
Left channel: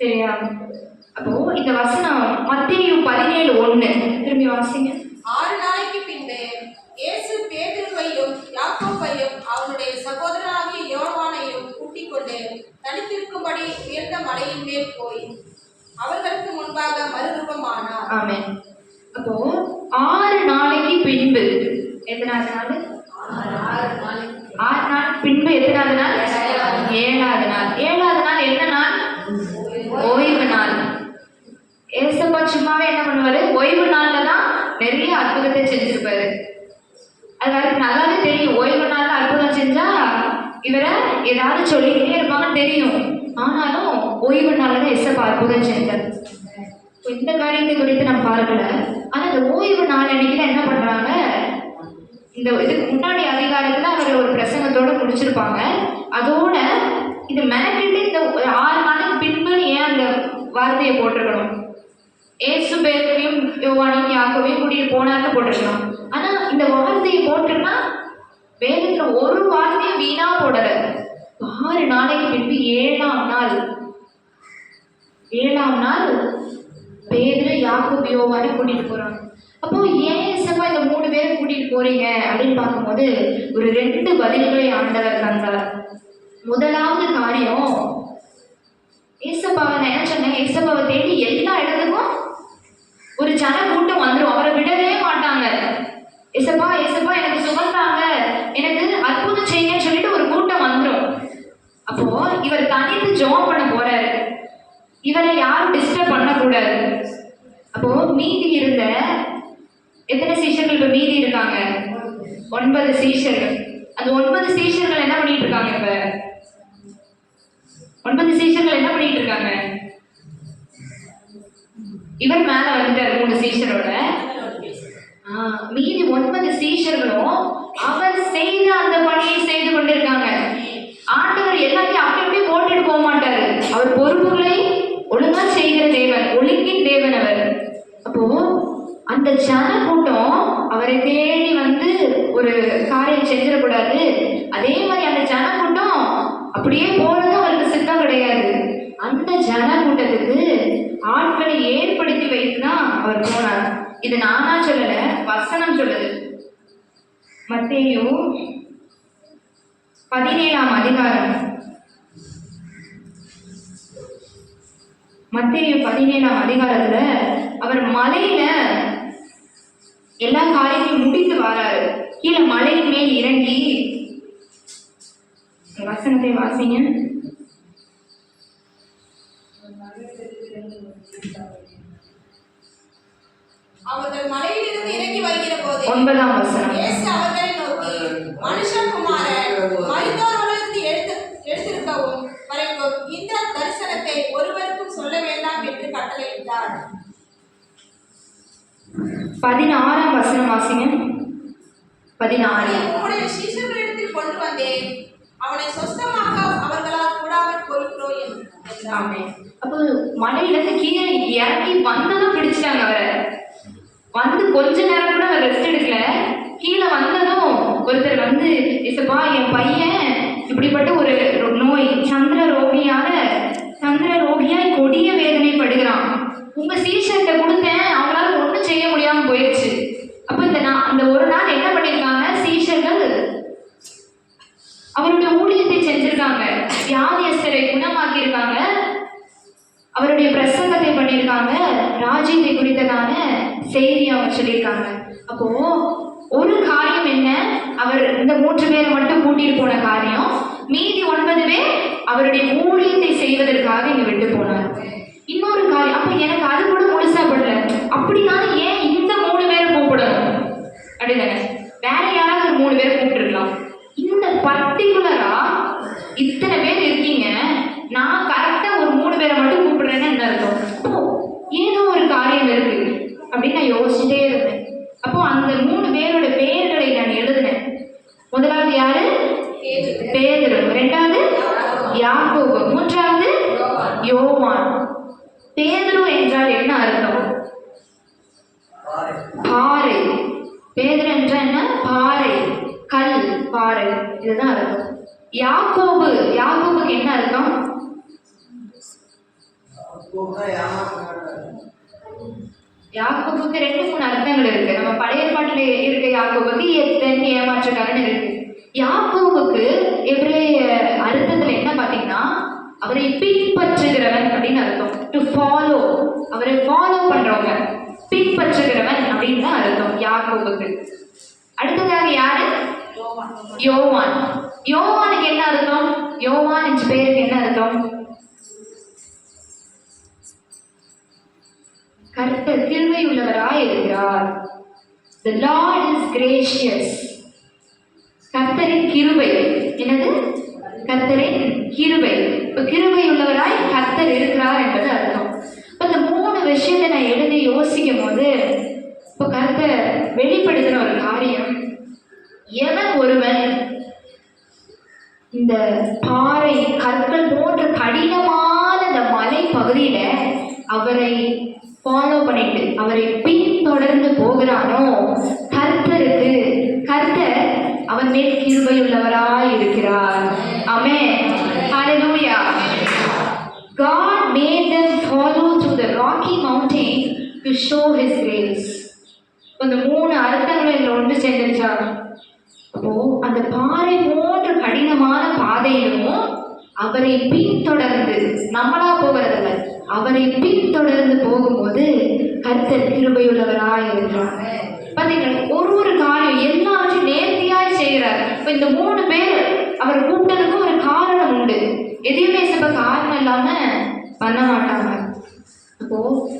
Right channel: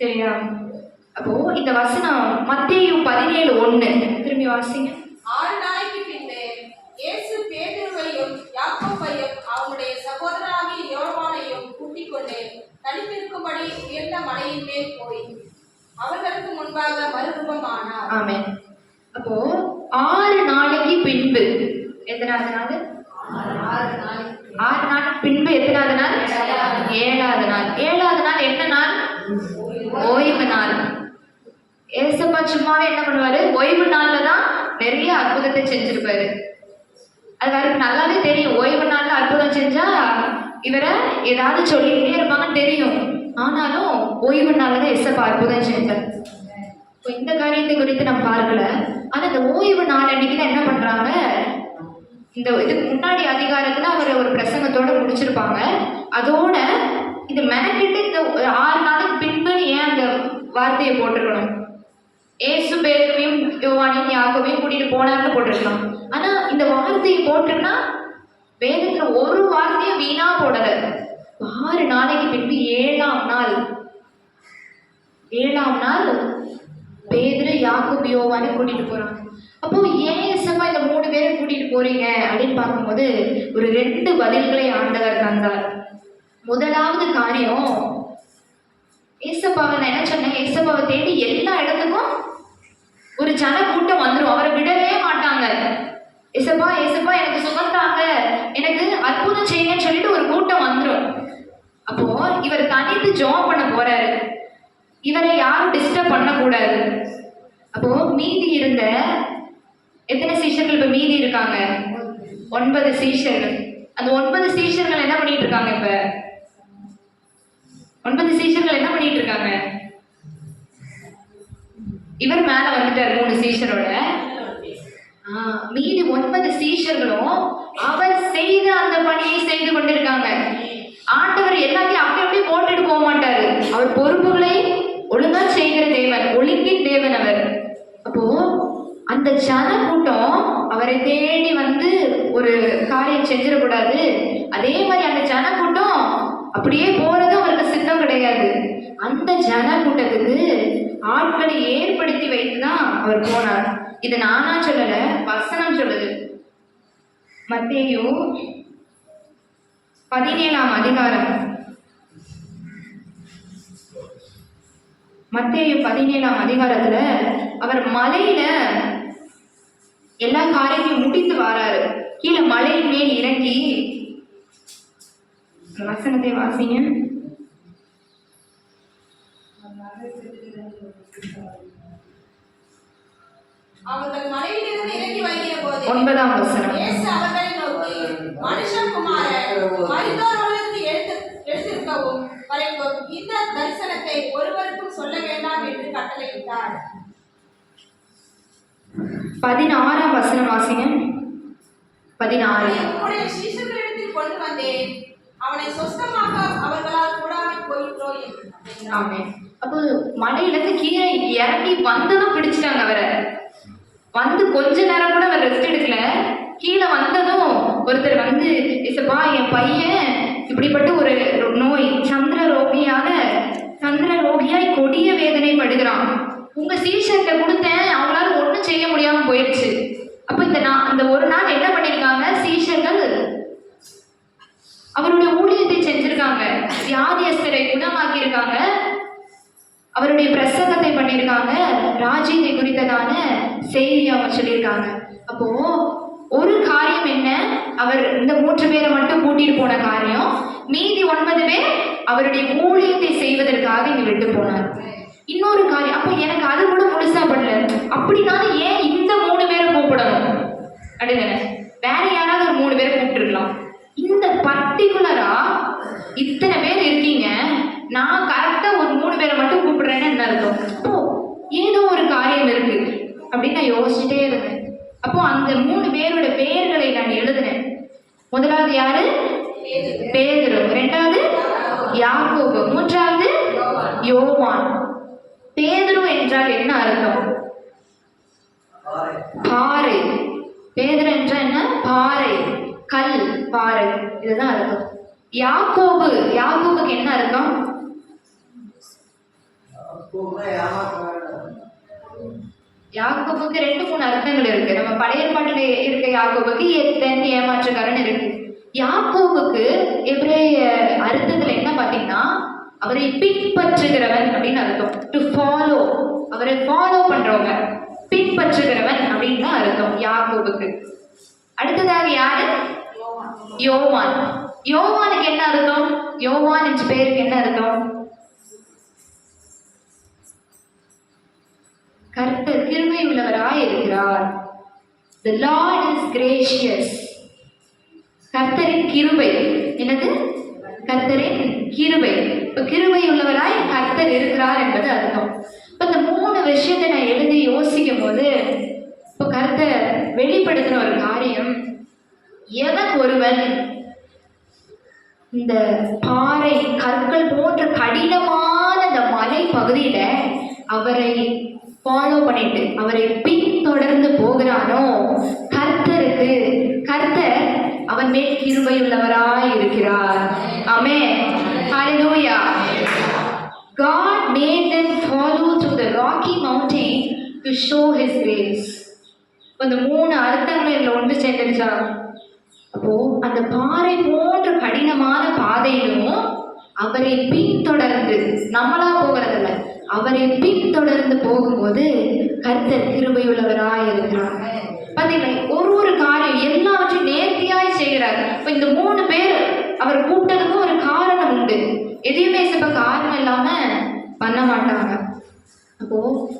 சரியா? அப்போ இந்த வசனம் மத்தேயு 17:1 திரும்பி வாசிங்க. 6 நாளைக்கு பின்பு இயேசு பேதுருவையும் யாக்கோபையும் அவனுடைய சகோதரனாகிய யோவானையும் கூட்டிக் கொண்டு தனித்திருக்கும்படி உயர்ந்த மலையின் மேல் போய் அவர்களுக்கு முன்பாக மறுரூபமானார். ஆமென். அப்போ 6 நாளைக்கு பின்பு எத்தனாவது நாள்? 6 நாள் பின்பு எத்தனாவது நாள்? 7வது நாள். 7வது நாள் என்ன நாள்? ஓய்வு நாள். ஏசப்பா சும்மாவே என்ன பண்ணுவாரு? ஓய்வு நாள்ல தான் நிறைய அற்புதத்தை செஞ்சிருப்பாரு. அது வரைக்கும் நல்லாவே தெரியும், ஓய்வு நாள்ல அற்புதம் செஞ்சா இவரை ஏதாவது சொல்லிக்கிட்டே இருப்பாங்கன்னு தெரியும். ஆனாலும் ஓய்வு நாள்ல தான் ஏசப்பா அற்புதம் செஞ்சார். இந்த காரியத்தை குறித்து நம்ம பார்க்கல. ஆனா இந்த ஓய்வு நாள் அன்னைக்கு தான் என்ன பண்றாங்க? இந்த இதுக்கு முன்னாடி அதிகாரத்துல அவர் ஒரு பிரசங்கத்தோட முடிச்சிருப்பாங்க. அதோட இது மெனக்கிட்டு இந்த 6 நாளுக்கு பின்பு ஏன் அந்த வார்த்தையை போட்டிருக்கணும்? ஏசு பேரையும் யோவானையும் யாக்கோவையும் கூட்டிட்டு போனான்னு போட்டிருக்கலாம். ஆனா இந்த வார்த்தையை போட்டுன்னா வேதத்துல ஒரு வார்த்தையும் வீணா போடல. 6 நாளைக்கு பின்பு 7ஆம் நாள் பேதுரு யாக்கோபு யோவானை கூட்டிட்டு போறாங்க. அப்போ ஏன் இசப்பா இந்த 3 பேரை கூட்டிட்டு போறீங்க அப்படின்னு பார்க்கும்போது ஒரு 2 பதில்களை ஆண்டவர் தந்தார். முதலாவது காரியம், ஏசப்பாவை நான் என்ன சொன்னேன், ஏசப்பாவை தேடி எல்லா இடத்துக்கும் ஒரு ஜன கூட்டம் வந்துடும். அவரை விடவே மாட்டாங்க. ஏசப்பா ஏசப்பா எனக்கு சுகந்தாங்க, எனக்கு அற்புதம் செய்யுங்கன்னு சொல்லிட்டு ஒரு கூட்டம் வந்துடும். அப்போ இவர் தனித்து ஜெபம் பண்ண போறாரு. இவரை யாரும் டிஸ்டர்ப் பண்ணக்கூடாது. அப்போ மீதி இருந்த எத்தனை சீஷர்கள் இப்ப மீதி இருக்காங்க? 9 சீஷர்கள். அந்த 9 சீஷர்கள் என்ன பண்ணிட்டு இருக்காங்க? இப்ப 9 சீஷர்கள் என்ன பண்ணிட்டு இருக்காங்க? இவர் மேல வந்துட்டார் 3 சீஷரோட. மீதி 9 சீஷர்களும் அவர் செய்த அந்த பணியை செய்து கொண்டிருக்காங்க. ஆண்டவர் எல்லாத்தையும் அப்படியே போட்டுட்டு போக மாட்டாரு. அவர் பொறுப்புகளை ஒழுங்கா செய்கிற தேவன், ஒழுங்கின் தேவன் அவர். அப்போ அந்த ஜன கூட்டம் அவரை தேடி வந்து ஒரு காரியம் செஞ்சிடக்கூடாது. அதே மாதிரி அந்த ஜன கூட்டம் அப்படியே போறது அவருக்கு சித்தம் கிடையாது. அந்த ஜன கூட்டத்துக்கு ஆட்களை ஏற்படுத்தி வைத்துதான் அவர் போனார். இது நானா சொல்லல, வசனம் சொல்லுது. மத்தேயு 17ஆம் அதிகாரம், மத்தேயு 17ஆம் அதிகாரத்துல அவர் மலையில எல்லா காரியத்தையும் முடித்து வராரு. கீழே மலையின் மேல் இறங்கி, வசனத்தை வாசிங்க. அவர்கள் மலையிலிருந்து இறங்கி வருகிற போது 9ஆம் வசனம், இயேசு அவர்களை நோக்கி, மனுஷகுமாரன் மரித்தோரிலிருந்து எழுந்திருக்கவும் வரைக்கும் இந்த தரிசனத்தை ஒருவருக்கும் சொல்ல வேண்டாம் என்று கட்டளையிட்டார். 16ஆம் வசனம் வாசிங்க. 16. உம்முடைய சீஷர்களிடத்தில் கொண்டு வந்தேன், அவனை சொஸ்தமாக்க அவர்களால் கூடாமல் போயிற்றோ என்றார். அப்போ மலையிலிருந்து கீழே இறங்கி வந்ததும் பிடிச்சிட்டாங்க அவரை. வந்து கொஞ்ச நேரம் கூட அவர் ரெஸ்ட் எடுக்கல. கீழே வந்ததும் ஒருத்தர் வந்து, இசப்பா என் பையன் இப்படிப்பட்ட ஒரு நோய், சந்திரரோகியாய் கொடிய வேதனை படுகிறான். உங்க சீஷர்கிட்ட கொடுத்தேன், அவங்களால ஒன்றும் செய்ய முடியாம போயிடுச்சு. அப்போ அந்த ஒரு நாள் என்ன பண்ணிருக்காங்க? சீஷர்கள் அவருடைய ஊழியத்தை செஞ்சிருக்காங்க. வியாதியஸ்தரை குணமாக்கி இருக்காங்க. அவருடைய பிரசங்கத்தை பண்ணியிருக்காங்க. ராஜ்யத்தை குறித்ததான செய்தி அவங்க சொல்லியிருக்காங்க. அப்போ ஒரு காரியம் என்ன, அவர் இந்த 3 பேரை மட்டும் கூட்டிட்டு போன காரியம். மீதி 9 பேர் அவருடைய ஊழியத்தை செய்வதற்காக இங்க விட்டு போனார். இன்னொரு காரியம், அப்ப எனக்கு அது கூட முழுசா படல. அப்படின்னாலும் ஏன் இந்த 3 பேரை கூப்பிடணும் அப்படின்னு வேற யாராவது ஒரு 3 பேரை கூப்பிட்டுருக்கலாம். இந்த பர்டிகுலரா இத்தனை பேர் இருக்கீங்க, நான் கரெக்டா ஒரு 3 பேரை மட்டும் கூப்பிடுறேன்னு என்ன அர்த்தம்? அப்போ ஏதோ ஒரு காரியம் இருக்கு அப்படின்னு நான் யோசிச்சுட்டே இருந்தேன். அப்போ அந்த 3 பேரோட பெயர்களை நான் எழுதினேன். முதலாவது யாரு? பேதுரு. 2வது யாக்கோபு. 3வது யோவான். பேதுரு என்றால் என்ன அர்த்தம்? பாறை. பேதுரு என்றால் என்ன? பாறை, கல், பாறை, இதுதான் அர்த்தம். யாக்கோபுக்கு என்ன அர்த்தம்? யாக்கோபுக்கு 2-3 அர்த்தங்கள் இருக்கு. நம்ம பழைய ஏற்பாட்டில் இருக்க யாக்கோபுக்கு ஏமாற்றுக்காரன் இருக்கு. யாக்கோபுக்கு எபிரேய அர்த்தத்துல என்ன பாத்தீங்கன்னா, அவரை பின்பற்றுகிறவன் அப்படின்னு அர்த்தம். டு ஃபாலோ, அவரை ஃபாலோ பண்றவங்க, பின்பற்றுகிறவன் அப்படின்னு தான் அர்த்தம் யாக்கோபுக்கு. அடுத்ததாக யாரு? யோவான். யோவானுக்கு என்ன அர்த்தம்? யோவான் என்ற பெயருக்கு என்ன அர்த்தம்? கர்த்தர் கிருபை உள்ளவராய் இருக்கிறார். The Lord is gracious. கர்த்தரின் கிருபை. என்னது? கர்த்தரின் கிருபை. இப்ப கிருபை உள்ளவராய் கர்த்தர் இருக்கிறார் என்பது அர்த்தம். இப்ப இந்த 3 விஷயத்தை நான் எழுதி யோசிக்கும் போது, இப்ப கர்த்தர் வெளிப்படுத்துற ஒரு காரியம், எவன் ஒருவன் இந்த பாறை கற்கள் போன்ற கடினமான இந்த மலை பகுதியில அவரை ஃபாலோ பண்ணிட்டு அவரை பின்தொடர்ந்து போகிறானோ கர்த்தர் அவன் மேல் கிருபையுள்ளவராய் இருக்கிறார். ஆமென். ஹalleluya. God made them follow to the rocky mountain to show his grace. அந்த 3 அர்த்தங்கள் ஒன்று சேர்ந்துச்சா? அப்போ அந்த பாறை போன்ற கடினமான பாதையிலும் அவரை பின்தொடர்ந்து, நம்மளா போகிறதில்ல, அவரை பின்தொடர்ந்து போகும்போது கர்த்தர் கிருபையுள்ளவராய் இருக்கிறார். பார்த்தீங்களா, ஒரு காரியம் எல்லாவற்றையும் நேர்த்தியாய் செய்கிறார். இப்போ இந்த 3 பேர் அவர் கூப்பிட்டதுக்கும் ஒரு காரணம் உண்டு. எதையுமே காரணம் இல்லாம பண்ண மாட்டாங்க. அப்போ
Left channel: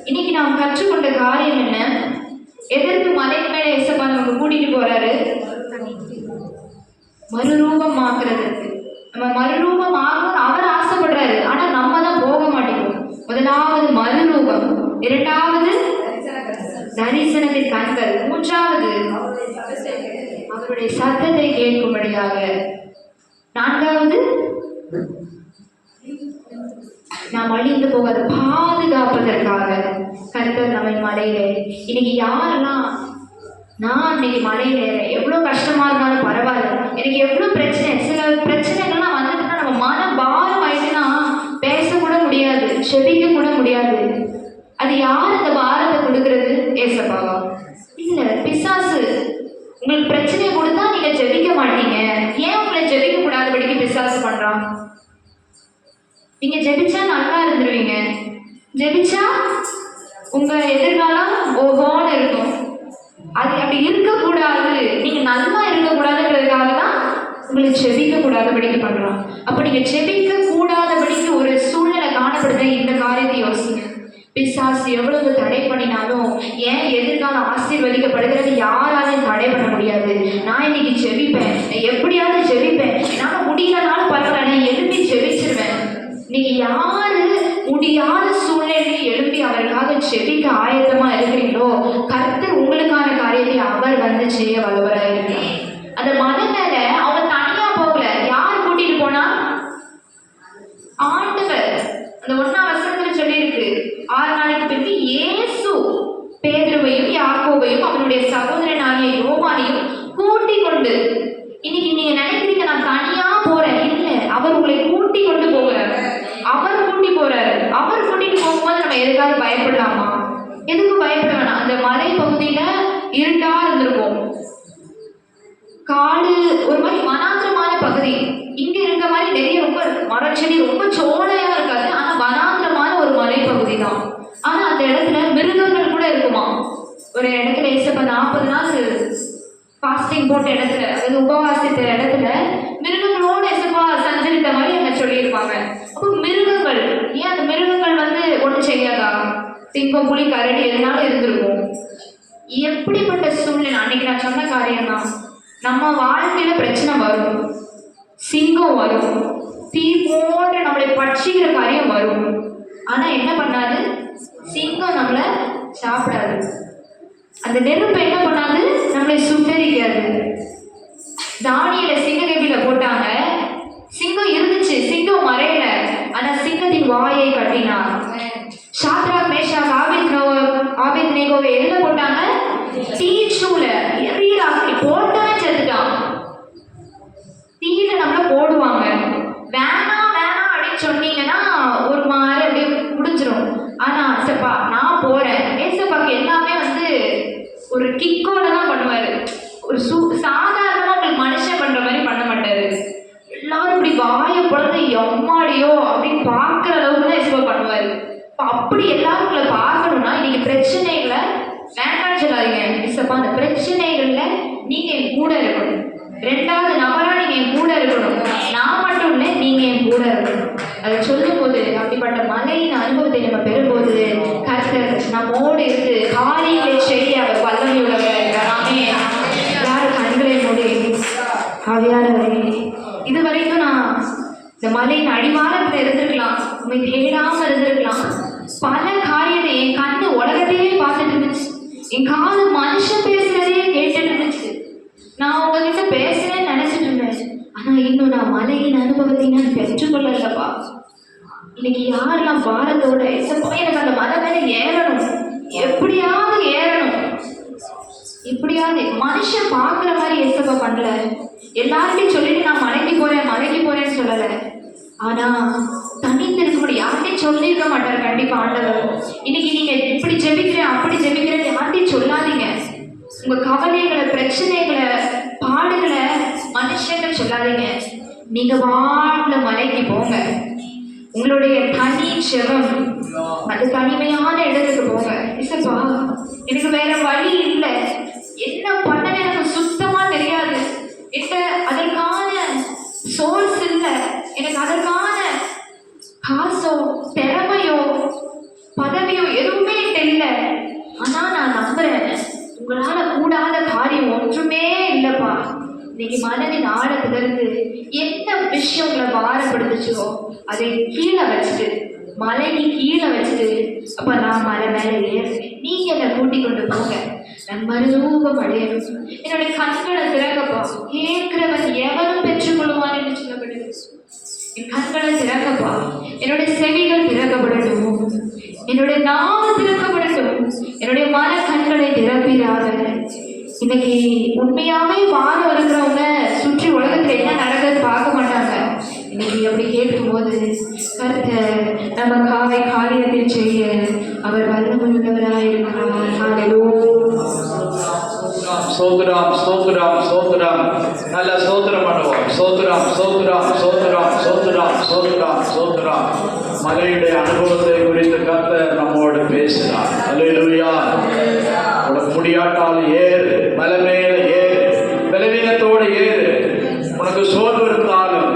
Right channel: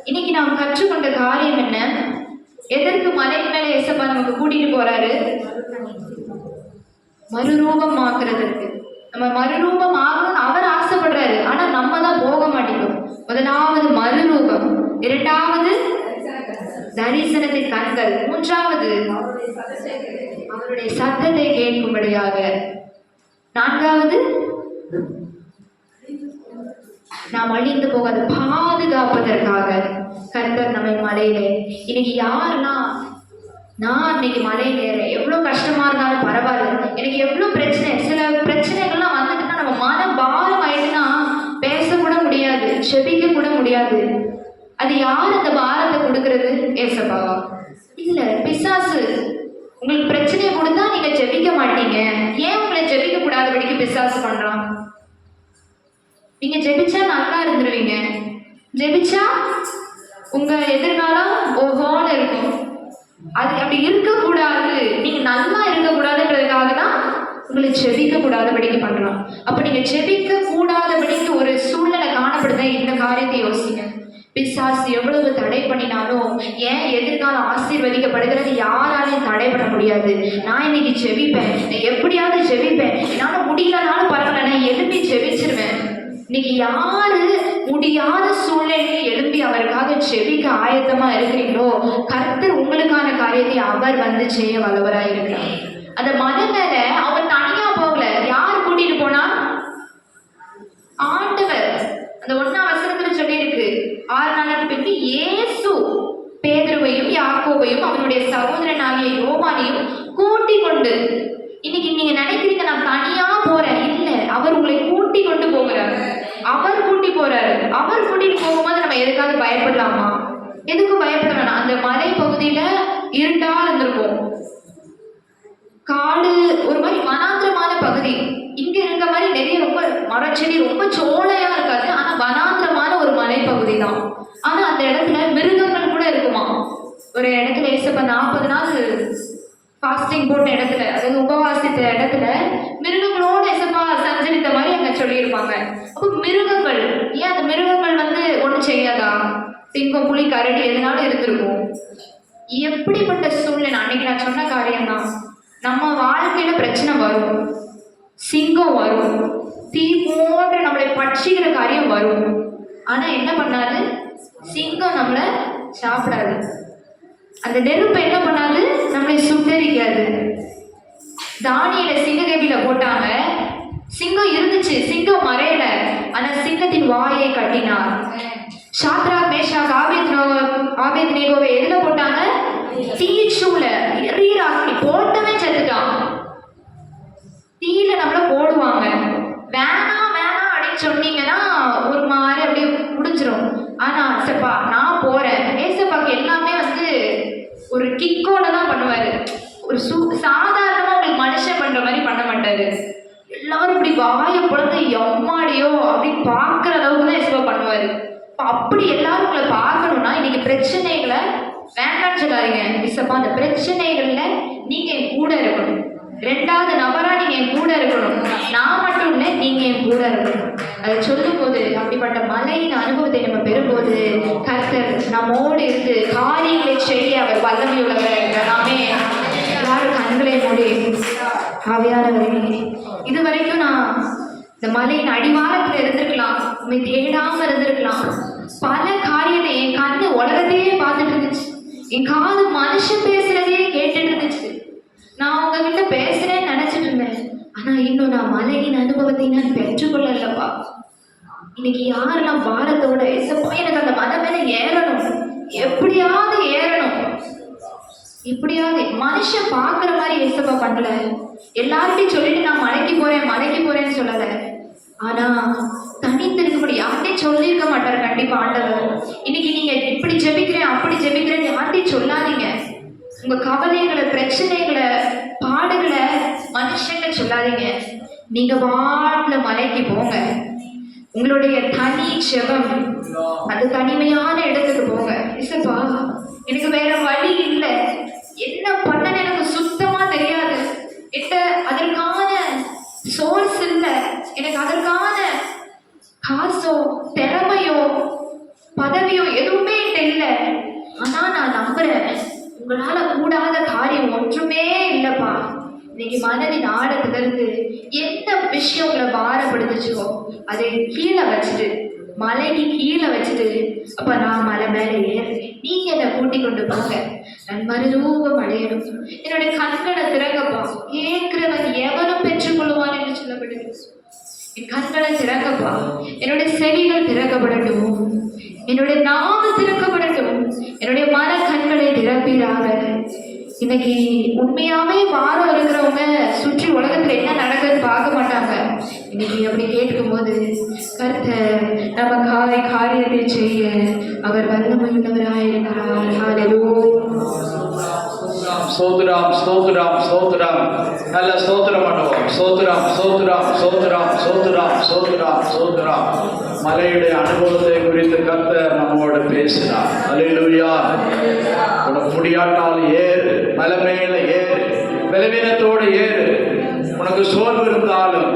இன்னைக்கு நாம் கற்றுக்கொண்ட காரியம் என்ன? எதற்கு மலை மேலே ஏசப்பா நமக்கு கூட்டிட்டு போறாரு? மறுரூபம் ஆக்குறதுக்கு. நம்ம மறுரூபம் ஆகணும்னு அவர் ஆசைப்படுறாரு. ஆனா நம்ம தான் போக மாட்டேங்கிறோம். முதலாவது மறுரூபம், இரண்டாவது தரிசனத்தின் கண்கள், மூன்றாவது அவருடைய சத்தத்தை கேட்கும்படியாக, நான்காவது நாம் அழிந்து போகாத பாதுகாப்பதற்காக கர்த்தர் நம்மை மலையிலே. இன்னைக்கு யாரெல்லாம் நான் இன்னைக்கு மலையில எவ்வளோ கஷ்டமா இருந்தாலும் பரவாயில்ல, எனக்கு எவ்வளோ பிரச்சனை, சில பிரச்சனைகள்லாம் வந்துட்டுனா நம்ம மனம் பாரம் ஆயிடுச்சுன்னா பேசக்கூட முடியாது, செபிக்க கூட முடியாது. அது யார் அந்த பாரத்தை கொடுக்கறது? ஏசப்பாவா? இல்லை, பிசாசு. உங்களுக்கு பிரச்சனையை கொடுத்தா நீங்க ஜெபிக்க மாட்டீங்க. ஏன் உங்களை ஜெபிக்க கூடாதபடிக்கு பிசாசு பண்றான்? நீங்க ஜெபிச்சா நல்லா இருந்துருவீங்க. ஜெபிச்சா உங்க எதிர்காலம் ஓஹோன்னு இருக்கும். அது அப்படி இருக்கக்கூடாது, நீங்க நல்லா இருக்கக்கூடாதுன்றதுக்காக தான் உங்களை ஜெபிக்க கூடாதபடிக்கு பண்றான். அப்ப நீங்க ஜெபிக்க கூடாதபடிக்கு ஒரு சூழ்நிலை காணப்படுது. இந்த காரியத்தை யோசிங்க. பிசாசு எவ்வளவு தடை பண்ணினாலும் ஏன் எதிர்காலம் ஆசீர்வதிக்கப்படுகிறது யாராலையும் தடை பண்ண முடியாது. நான் இன்னைக்கு ஜெபிப்பேன், எப்படியாவது ஜெபிப்பேன், என்னால முடியலனாலும் பரவாயில்ல, நான் எழுப்பி ஜெபிச்சிருவேன். இன்னைக்கு யாரு முடியாத சூழ்நிலையை எழுப்பி அவருக்காக ஜெபிக்க ஆயத்தமா இருக்கிறீங்களோ கர்த்தர் உங்களுக்கான காரியத்தை அவர் வந்து செய்ய வல்லவராக இருக்கிறார். அந்த மலை மேல அவங்க தனியா போகல. யார் கூட்டிட்டு போனா? ஆண்டவர். அந்த 1ஆம் வசனத்துல சொல்லி இருக்கு, 6 நாளைக்கு பிறகு இயேசு பேதுருவையும் யாக்கோபையும் அவனுடைய சகோதரனாகிய யோவானையும் கூட்டி கொண்டு. இன்னைக்கு நீங்க நினைக்கிறீங்க நான் தனியா போறேன், இல்லை, அவர் உங்களை கூட்டி கொண்டு போகிறார். அவர் கூட்டி போறாரு. அவர் கூட்டிட்டு போகும்போது நம்ம எதுக்காக பயப்படலாமா? எதுக்கும் பயப்பட வேணாம். அந்த மலை பகுதியில இருட்டா இருந்திருக்கும், காடு, ஒரு மாதிரி வனாந்திரமான பகுதி. இங்க இருக்க மாதிரி நிறைய ரொம்ப மரச்செடி, ரொம்ப சோலையா இருக்காது. ஆனா வனாந்திரமான ஒரு மலை பகுதி தான். ஆனா அந்த இடத்துல மிருகங்கள் கூட இருக்குமா. ஒரு இடத்துல ஏசப்பா 40 நாள் ஃபாஸ்டிங் போட்ட இடத்துல, அதாவது உபவாசித்த இடத்துல மிருகங்களோட ஏசப்பா சஞ்சரித்த மாதிரி அங்க சொல்லியிருப்பாங்க. அப்போ மிருகங்கள், ஏன் அந்த மிருகங்கள் வந்து ஒன்றும் செய்யாதா? சிங்கம், புலி, கரடி எதனாலும் இருந்திருக்கும். எப்படிப்பட்ட சூழ்நிலை? அன்னைக்கு நான் சொன்ன காரியம் தான். நம்ம வாழ்க்கையில பிரச்சனை வரும், சிங்கம் வரும், தீ போன்ற நம்மளை பட்சிக்கிற காரியம் வரும். ஆனா என்ன பண்ணாது? சிங்கம் நம்மளை சாப்பிடாது. அந்த நெருப்பு என்ன பண்ணாது? நம்மளை சுட்டரிக்காது. தானியல சிங்கக்கேபில போட்டாங்க, சிங்கம் இருந்துச்சு, சிங்கம் மறையல. ஆனா சிங்கத்தின் வாயை கட்டினார். சாத்ராக், மேஷாக், ஆபேத்நேகோவை எதுல போட்டாங்க? தீச்சூல. எரியலாக்கி போட்டவே செத்துட்டான். தீயில நம்மள போடுவாங்க. வேணாம் வேணாம் அப்படின்னு சொன்னீங்கன்னா ஒரு மாதிரி அப்படியே முடிஞ்சிடும். ஆனா ஏசப்பா நான் போறேன், ஏசப்பாக்கு எல்லாமே வந்து ஒரு கிக்கோட தான் பண்ணுவாரு. ஒரு சாதாரணமா உங்களுக்கு மனுஷன் பண்ற மாதிரி பண்ண மாட்டாரு. எல்லாரும் இப்படி வாயை பொழுது எம்மாடியோ அப்படின்னு பார்க்குற அளவுக்கு தான் ஏசப்பா பண்ணுவாரு. அப்படி எல்லாரும் உங்களை பார்க்கணும்னா இன்னைக்கு பிரச்சனைகளை வேண்டாம்னு சொல்லாதீங்க. ஏசப்பா அந்த பிரச்சனைகள்ல நீங்க என் கூட இருக்கணும். 2வது நபரா நீங்க என் கூட இருக்கணும். நான் மட்டும் இல்லை, நீங்க என் கூட இருக்கணும். அதை சொல்லும் போது அப்படிப்பட்ட மலையின் அனுபவத்தை நம்ம பெறும்போது கர்த்தர் நம்மோடு இருந்து காரியங்களை செய்ய அவர் வல்லமையுள்ளவர். நாமே யாரும் கண்களை மூடி ஆவியானவரே, இது வரைக்கும் நான் இந்த மலையின் அடிவாரத்தில் இருந்திருக்கலாம், உண்மை தேடாம இருந்திருக்கலாம். பல காரியத்தை என் கண்ணு உலகத்தையே பார்த்துட்டு இருந்துச்சு, என் காது மனுஷன் பேசுறதையே கேட்டுட்டு இருந்துச்சு. நான் உங்ககிட்ட மலையின் அனுபவத்தை நான் பெற்றுக்கொள்ளலப்பா. இன்னைக்கு யாரெல்லாம் பாரத்தோட ஏசப்பா எனக்கு அந்த மலை மேல ஏறணும், எப்படியாவது ஏறணும், இப்படியாவது மனுஷன் பார்க்குற மாதிரி ஏசப்பா பண்ணல. எல்லார்ட்டையும் சொல்லிட்டு நான் மலைக்கு போறேன்னு சொல்லலை. ஆனா தனித்து இருக்கக்கூடிய யார்ட்டையும் சொல்லியிருக்க மாட்டாரு கண்டிப்பா ஆண்டவர். இன்னைக்கு நீங்க இப்படி ஜெபிக்கிறேன் அப்படி ஜெபிக்கிறேன் யார்ட்டையும் சொல்லாதீங்க. உங்க கவலைகளை, பிரச்சனைகளை, பாடுகளை மனுஷங்க சொல்லாதீங்க. நீங்க வாட்ல மலைக்கு போங்க. உங்களுடைய தனி ஜெபம், அது தனிமையான இடத்துக்கு போங்க. இசப்பா எனக்கு வேற வழி இல்லை, என்ன பண்ணனே எனக்கு சுத்தமா தெரியாது, என்கிட்ட அதற்கான சோர்ஸ் இல்லை, எனக்கு அதற்கான காசோ திறமையோ பதவியோ எதுவுமே தெரியல. ஆனா நான் நம்புறேன் உங்களால கூடாத காரியம் ஒன்றுமே இல்லப்பா. இன்னைக்கு மனதின் ஆழத்திலிருந்து எந்த விஷயம் உங்களை பாரப்படுத்துச்சோ அதை கீழே வச்சுட்டு, மலைக்கு கீழே வச்சுட்டு, அப்ப நான் மலை மேலே ஏறுறேன், நீங்க என்னை கூட்டி கொண்டு போங்க, நான் மறுரூபம் அடையணும், என்னுடைய கண்களை திறக்கப்பா. கேட்கிறவன் எவனும் பெற்றுக்கொள்வான் என்று சொல்லப்படுது. என் கண்களை திறக்கப்பா, என்னுடைய செவிகள் திறக்கப்படட்டும், என்னுடைய நாம திறக்கப்படட்டும், என்னுடைய மன கண்களை திறப்பீராக. இன்னைக்கு உண்மையாவே வாரம் இருக்கிறவங்க சுற்றி உலகத்துல என்ன நடக்குதுன்னு பார்க்க மாட்டாங்க. இன்னைக்கு அப்படி கேட்கும் போது கர்த்தர் நமக்காக காரியத்தை செய்ய அவர் வல்லமையுள்ளவராயிருக்கிறார். ஸ்தோத்திரம் ஸ்தோத்திரம் ஸ்தோத்திரம். நல்ல ஸ்தோத்திரம் பண்ணுவோம். ஸ்தோத்திரம் ஸ்தோத்திரம் ஸ்தோத்திரம் ஸ்தோத்திரம் ஸ்தோத்திரம் ஸ்தோத்திரம். மலையுடைய அனுபவத்தை குறித்து கர்த்தர் நம்மோடு பேசினார். அல்லேலூயா. உனக்கு முடியாட்டால் ஏறு, மலை மேல ஏறு, பலவீனத்தோடு ஏறு. உனக்கு சோர்வு இருந்தாலும்,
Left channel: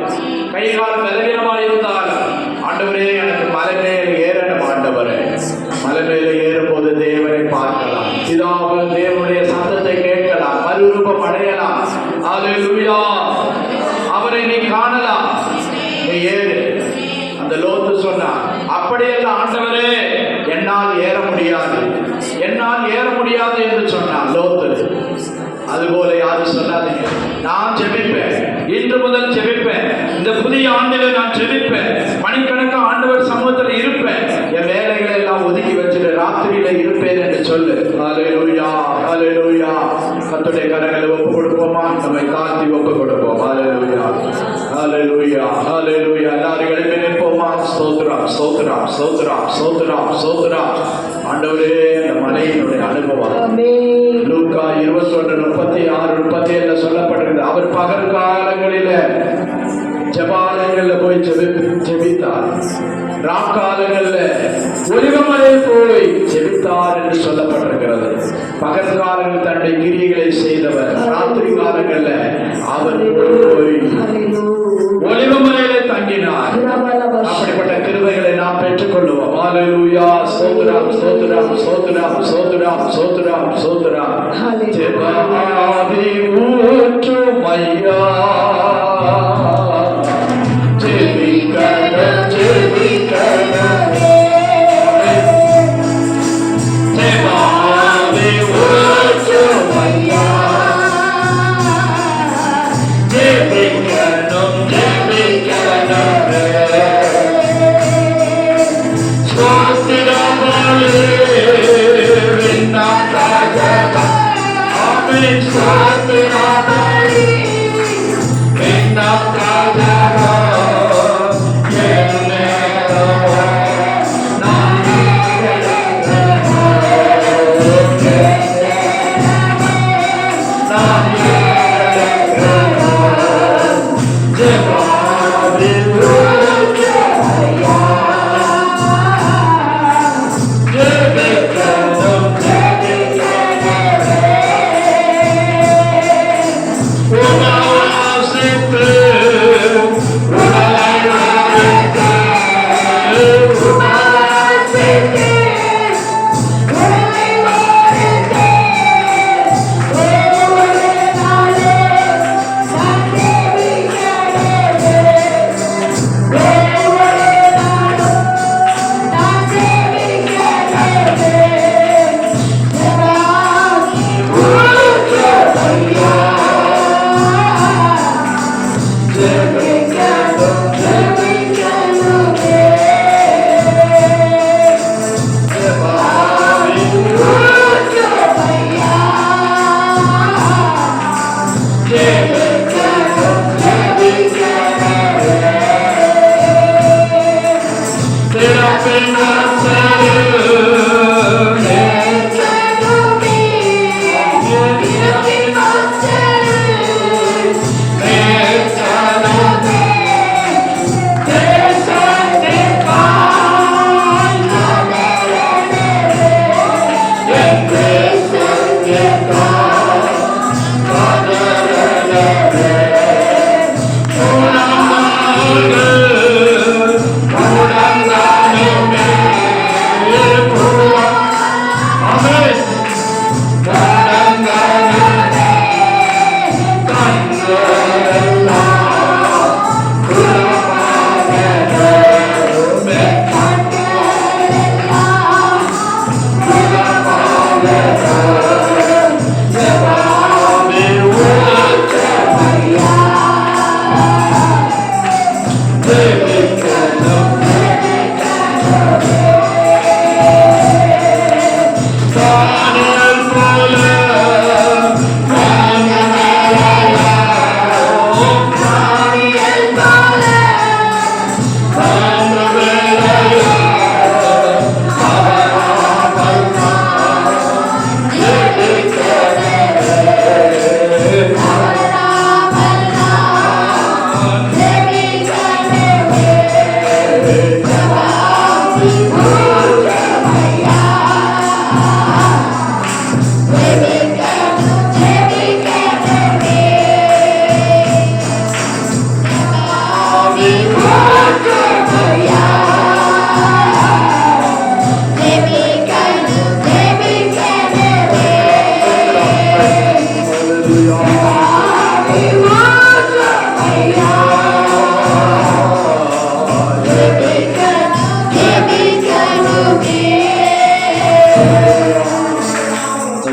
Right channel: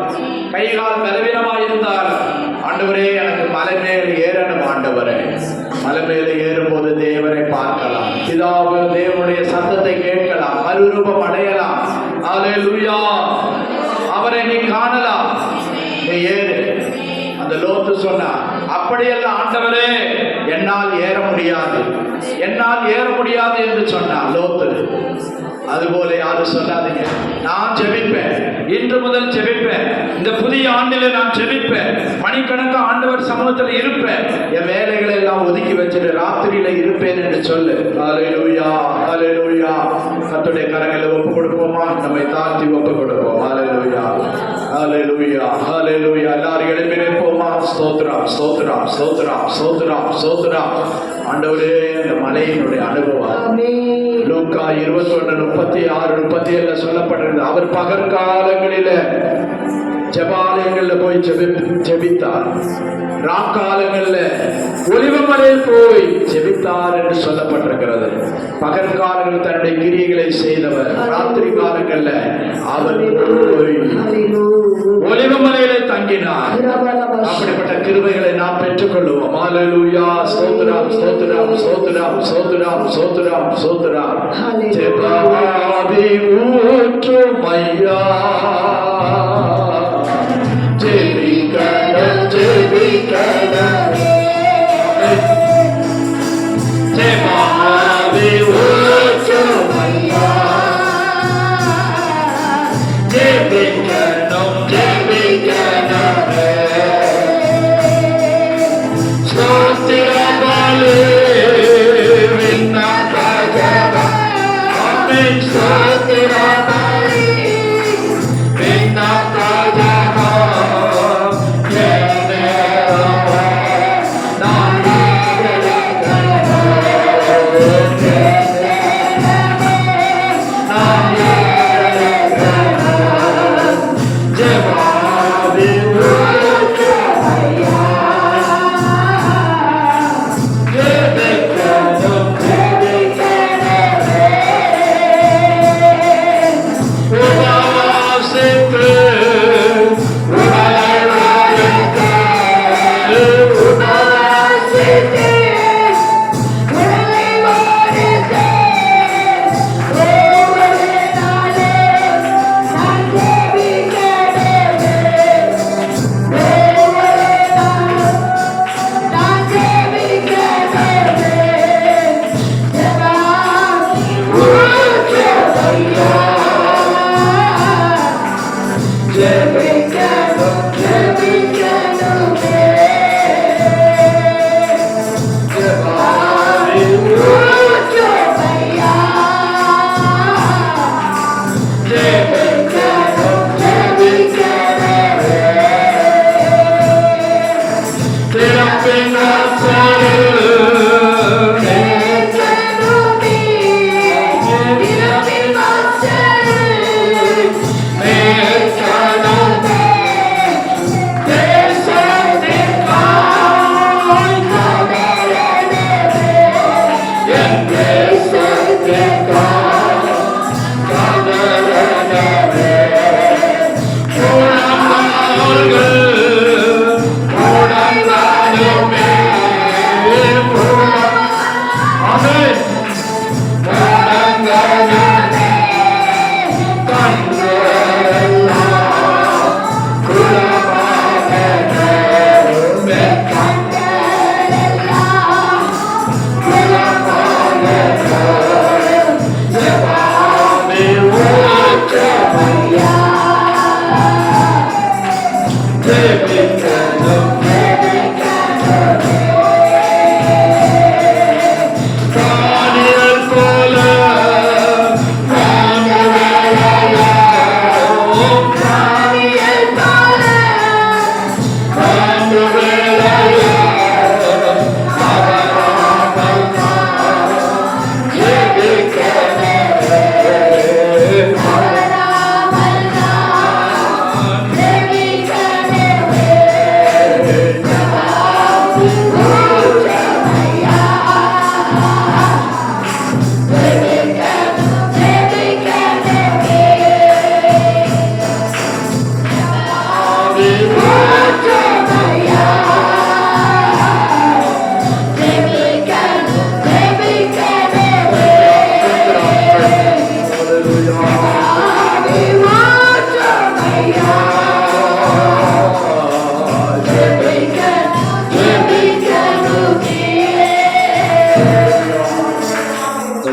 கை கால் பலவீனமாக இருந்தாலும், ஆண்டவரே எனக்கு மலை மேல் ஏறணும், ஆண்டவரே மலை மேல ஏறும்போது தேவனை பார்க்கலாம், பிதாவு தேவனுடைய சத்தத்தை கேட்கலாம், மறுரூபம் அடையலாம். அல்லேலூயா. அவரை நீ காணலாம். நீ ஏறு. அந்த லோத்து சொன்னான், அப்படியெல்லாம் ஆண்டவரே என்னால் ஏற முடியாது, என்னால் ஏற முடியாது என்று சொன்னான் லோத்து. அதுபோல யாரும் சொல்லாதீங்க. நான் ஜெபிப்பேன், இன்று முதல் ஜெபிப்பேன், இந்த புதிய ஆண்டிலே நான் ஜெபிப்பேன், மணிக்கணக்காக ஆண்டவர் சமூகத்தில் இருப்பேன், என் வேலைகளை எல்லாம் ஒதுக்கி வச்சுட்டு ராத்திரியில இருப்பேன் என்று சொல்லு. அல்லேலூயா அல்லேலூயா. கர்த்தருடைய கரங்களை ஒப்பு கொடுப்போமா? நம்மை தாழ்த்தி ஒப்பு கொடுப்போம். அல்லேலூயா அல்லேலூயா அல்லேலூயா. எல்லாரும் எழுப்பி நிற்போமா? ஸ்தோத்திரம் ஸ்தோத்திரம் ஸ்தோத்திரம் ஸ்தோத்திரம் ஸ்தோத்திரம். ஆண்டவரே இந்த மலையினுடைய அனுபவம் லூக்கா 21:36-37 சொல்லப்பட்டிருந்தது. அவர் பகற்காலங்களில ஜெபாலயங்கள்ல போய் ஜெபித்தார், ராக்காலங்கள்ல ஒலிவமலையில் போய் ஜெபித்தார் என்று சொல்லப்பட்டிருக்கிறது. பகற்காலங்கள் தன்னுடைய கிரியைகளை செய்தவர், ராத்திரி காலங்கள்ல அவர் போய் ஒலிவமலையில தங்கினார். அப்படிப்பட்ட கிருபைகளை நாம் பெற்றுக்கொள்வோம். அல்லேலூயா. ஸ்தோத்திரம் ஸ்தோத்திரம் ஸ்தோத்திரம் ஸ்தோத்திரம் ஸ்தோத்திரம் ஸ்தோத்திரம். ஜெபமாதி ஊற்றும் ஐயா, ஜெபிக்கணும் ஜெபிக்கணும், ஜெபமாதி ஊற்றும் ஐயா, ஜெபிக்கணும் ஜெபிக்கணும். ஸ்தோத்திரங்களே விண்ணாதாக, ஆமென். ஸ்தோத்திரங்களே விண்ணாதாக, ஜெபமாவே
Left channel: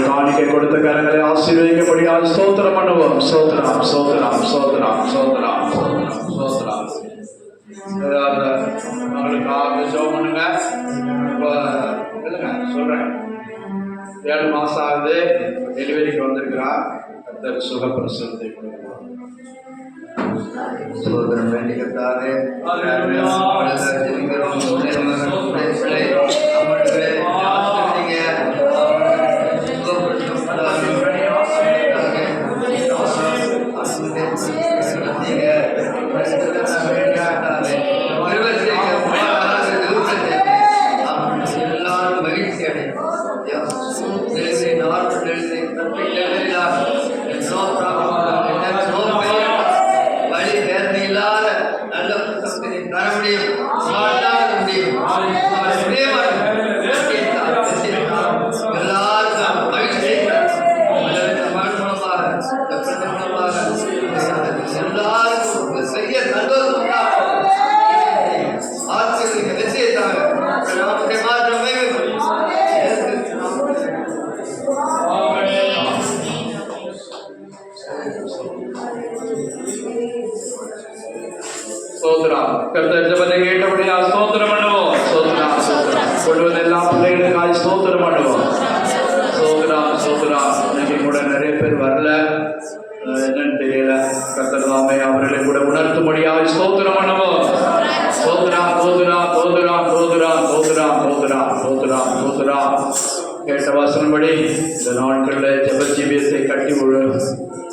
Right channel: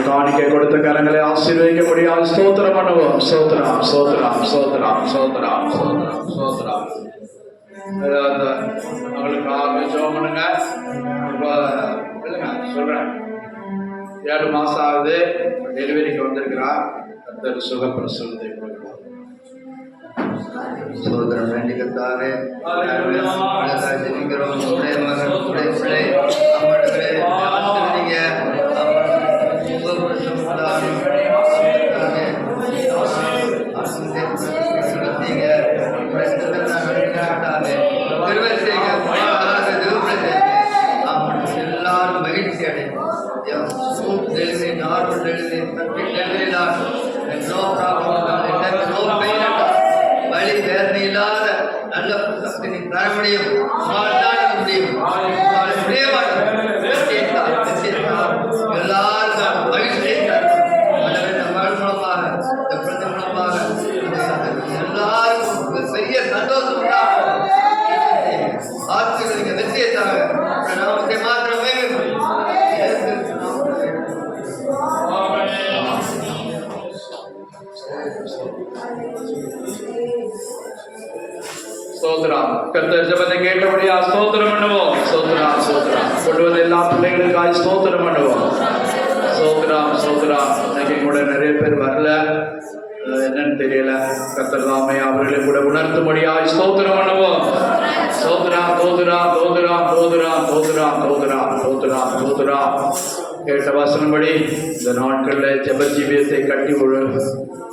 காணிக்கை கொடுத்த கரங்களை ஆசீர்வதிக்கப்படியால் ஸ்தோத்திரம் பண்ணுவோம். ஸ்தோத்திரம் ஸ்தோத்திரம் ஸ்தோத்திரம் ஸ்தோத்திரம் ஸ்தோத்திரம் ஸ்தோத்திரம். அவளுக்கு ஜெபம் பண்ணுங்க. இப்போ இல்லைங்க சொல்றேன், 7 மாசம் ஆகுது, டெலிவரிக்கு வந்திருக்கிறா. கர்த்தர் சுகப்பிரசவத்தை கொடுக்கிறார். சோதரன் வேண்டிக்கத்தாவே ஜெபிக்கிறோம். எல்லாரும் மகிழ்ச்சி அடையும். வழி வேதனை இல்லாத நல்ல சக்தி தர முடியும், முடியும். எல்லாரும் மகிழ்ச்சி மூலமாக எல்லாரும் பெரிய சந்தோஷம் உண்டாகும். ஆட்சிகள் வெற்றியை தாங்க நாமத்தை மாற்றமே. ஸ்தோத்திரம். கர்த்தர் ஜெபத்தை கேட்டபடியா ஸ்தோத்திரம் பண்ணுவோம். ஸ்தோத்திரம். சொல்வது எல்லா பிள்ளைகளுக்காக ஸ்தோத்திரம் பண்ணுவோம். ஸ்தோத்திரம் ஸ்தோத்திரம். இன்னைக்கு கூட நிறைய பேர் வரல, என்னன்னு தெரியல. கர்த்தர் தாமே அவர்களை கூட உணர்த்தும்படியாக ஸ்தோத்திரம் பண்ணுவோம். ஸ்தோத்திரம் ஸ்தோத்திரம் ஸ்தோத்திரம் ஸ்தோத்திரம் ஸ்தோத்திரம் ஸ்தோத்திரம் ஸ்தோத்திரம் ஸ்தோத்திரம். கேட்ட வாசன்படி இந்த நாட்களில் ஜெப ஜீவியத்தை கட்டி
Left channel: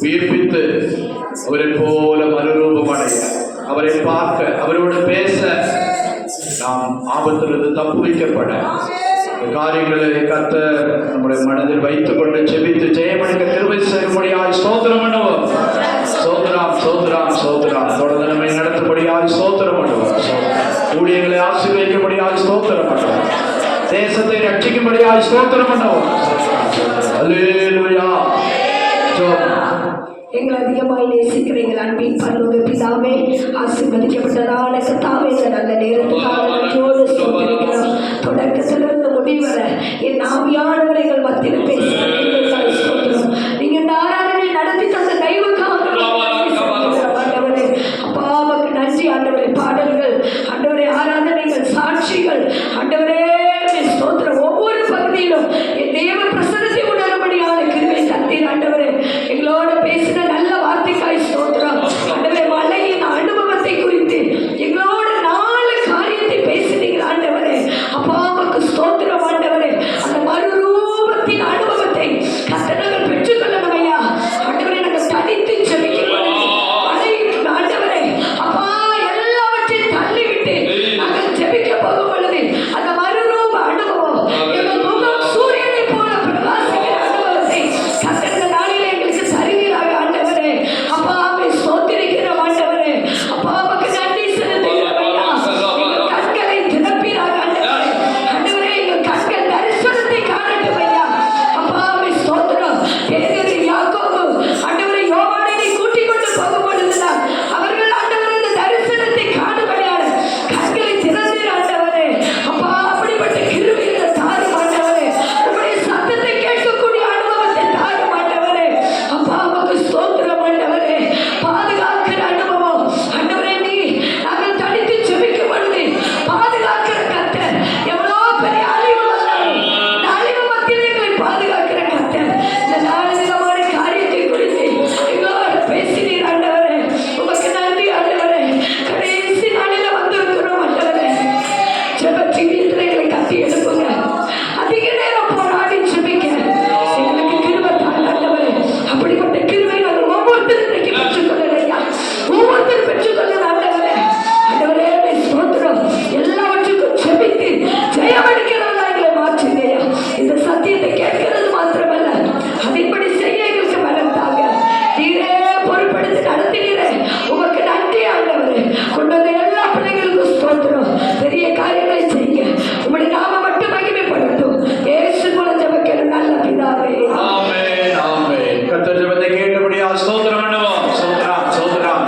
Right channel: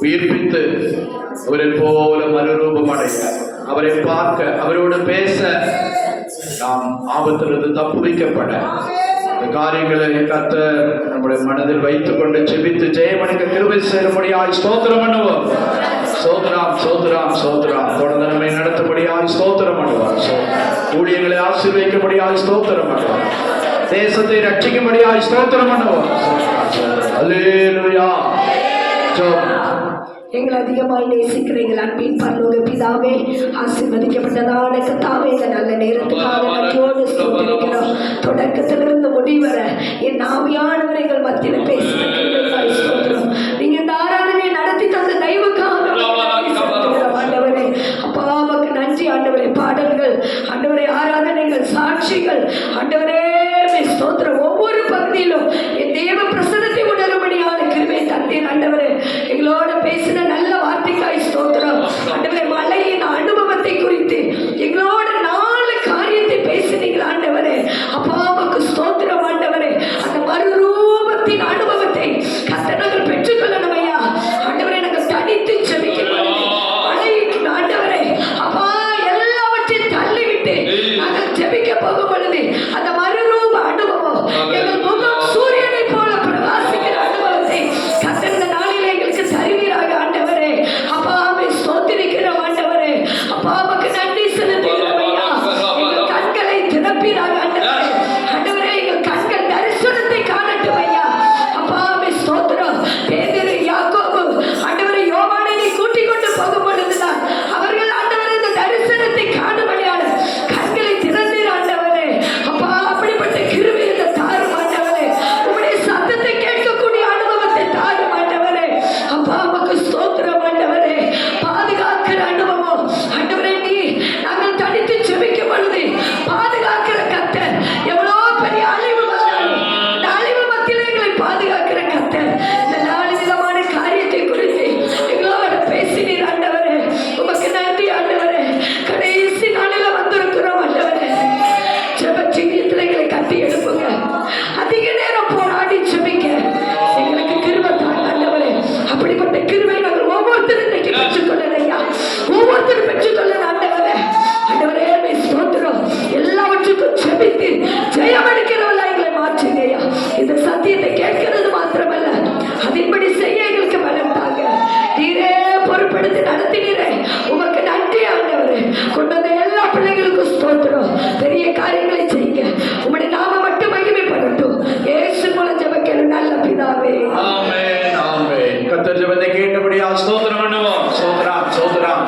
உயிர்ப்பித்து அவரை போல மறுரூபமடைய, அவரை பார்க்க, அவரோடு பேச, நாம் ஆபத்திலிருந்து தப்புவிக்கப்பட காரியங்களை கர்த்தர் நம்முடைய மனதில் வைத்துக் கொண்டு செபித்து ஜெயமணிக்க கிருபை செய்யும்படியாக ஸ்தோத்திரம் பண்ணுவோம். ஸ்தோத்திரம் ஸ்தோத்திரம் ஸ்தோத்திரம். தொடர்ந்து நம்மை நடத்தும்படியாக ஸ்தோத்திரம் பண்ணுவோம். ஊழியர்களை ஆசீர்வதிக்கும்படியாக ஸ்தோத்திரம் பண்ணுவோம். தேசத்தை ரட்சிக்கும்படியாக ஸ்தோத்திரம் பண்ணுவோம். அல்லேலூயா. எங்களை அதிகமாய் நேசிக்கிற எங்கள் அன்பின் பரலோக பிதாவே, ஆசீர்வதிக்கப்பட்டதான கர்த்தாவே, இந்த நல்ல நேரத்துக்காக நன்றியோடு ஸ்தோத்திரிக்கிறோம். தொடக்கத்திலிருந்து முடிவரை என் ஆவியானவரை எங்கள் மத்தியில் பேசுகிறீர்கள். ஸ்தோத்திரம். நீங்க இந்த ஆராதனை நடத்தி தந்த தெய்வக்காக ஆண்டவரே, அப்பா உமக்கு நன்றி ஆண்டவரே. பாடல்கள் ஆண்டவரே, ஆராதனைகள், சாட்சிகள் ஆண்டவரே ஸ்தோத்திரம். ஒவ்வொரு பகுதியிலும் என் தேவ பிரசன்னத்தை உணரும்படியான கிருபை தந்தீர் ஆண்டவரே. எங்களோட பேசின நல்ல வார்த்தைக்காய் ஸ்தோத்திரம் ஆண்டவரே. மலையின் அனுபவத்தை குறித்து எங்களோட 4 காரியத்தை பேசினீர்கள் ஆண்டவரே. அப்பா உமக்கு ஸ்தோத்திரம் ஆண்டவரே. அந்த மறுரூபத்தின்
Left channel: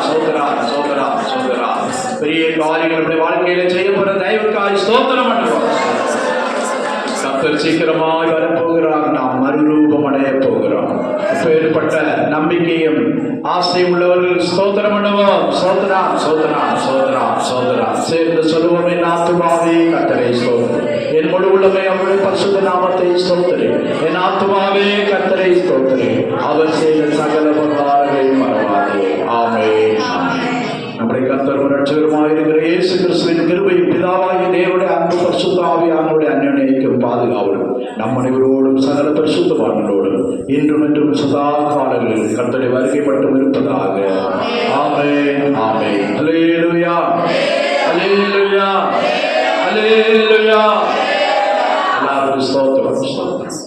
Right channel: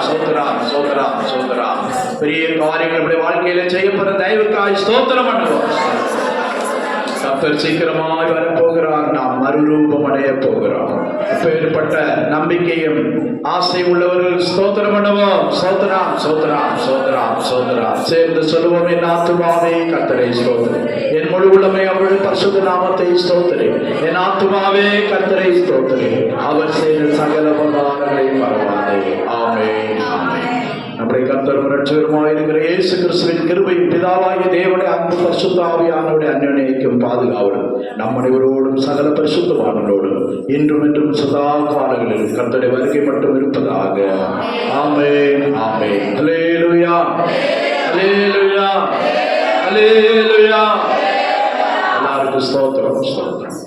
சோதரா சோதரா சோதரா. பெரிய காரியங்கள் நம்முடைய வாழ்க்கையில செய்யப்படுற தயவுக்காய் ஸ்தோத்திரம் பண்ணுவோம். கர்த்தர் சீக்கிரமாய் வரப்போகிறார். நாம் மறுரூபம் அடைய போகிறோம். இப்பேற்பட்ட நம்பிக்கையும் ஆசை உள்ளவர்கள் ஸ்தோத்திரம் பண்ணுவோம். சோதரா சோதரா சோதரா சோதரா. சேர்ந்து சொல்லுவோம், என் ஆத்துமாவே கர்த்தரை ஸ்தோத்திரி, என் முழு உள்ளமே அவருடைய பரிசுத்த நாமத்தை ஸ்தோத்திரி. என் ஆத்துமாவே கர்த்தரை ஸ்தோத்திரி, அவர் செய்த சகல உபகாரங்களை மறவாதே. ஆமென். நம்முடைய கர்த்தரும் இரட்சகருமாக இருக்கிற இயேசு கிறிஸ்துவின் கிருபையும் பிதாவாகிய தேவனுடைய அன்பு பரிசுத்த ஆவியானவருடைய அன்யோன்யத்தையும் பாதுகாவலும் நம் அனைவரோடும் சகல பரிசுத்தவான்களோடும் இன்றும் என்றும் சதா காலங்களில் கர்த்தருடைய வருகை மட்டும் இருப்பதாக. ஆமென் ஆமென். அல்லேலூயா அல்லேலூயா அல்லேலூயா. எல்லாருக்கும் ஸ்தோத்திரம் ஸ்தோத்திரம்.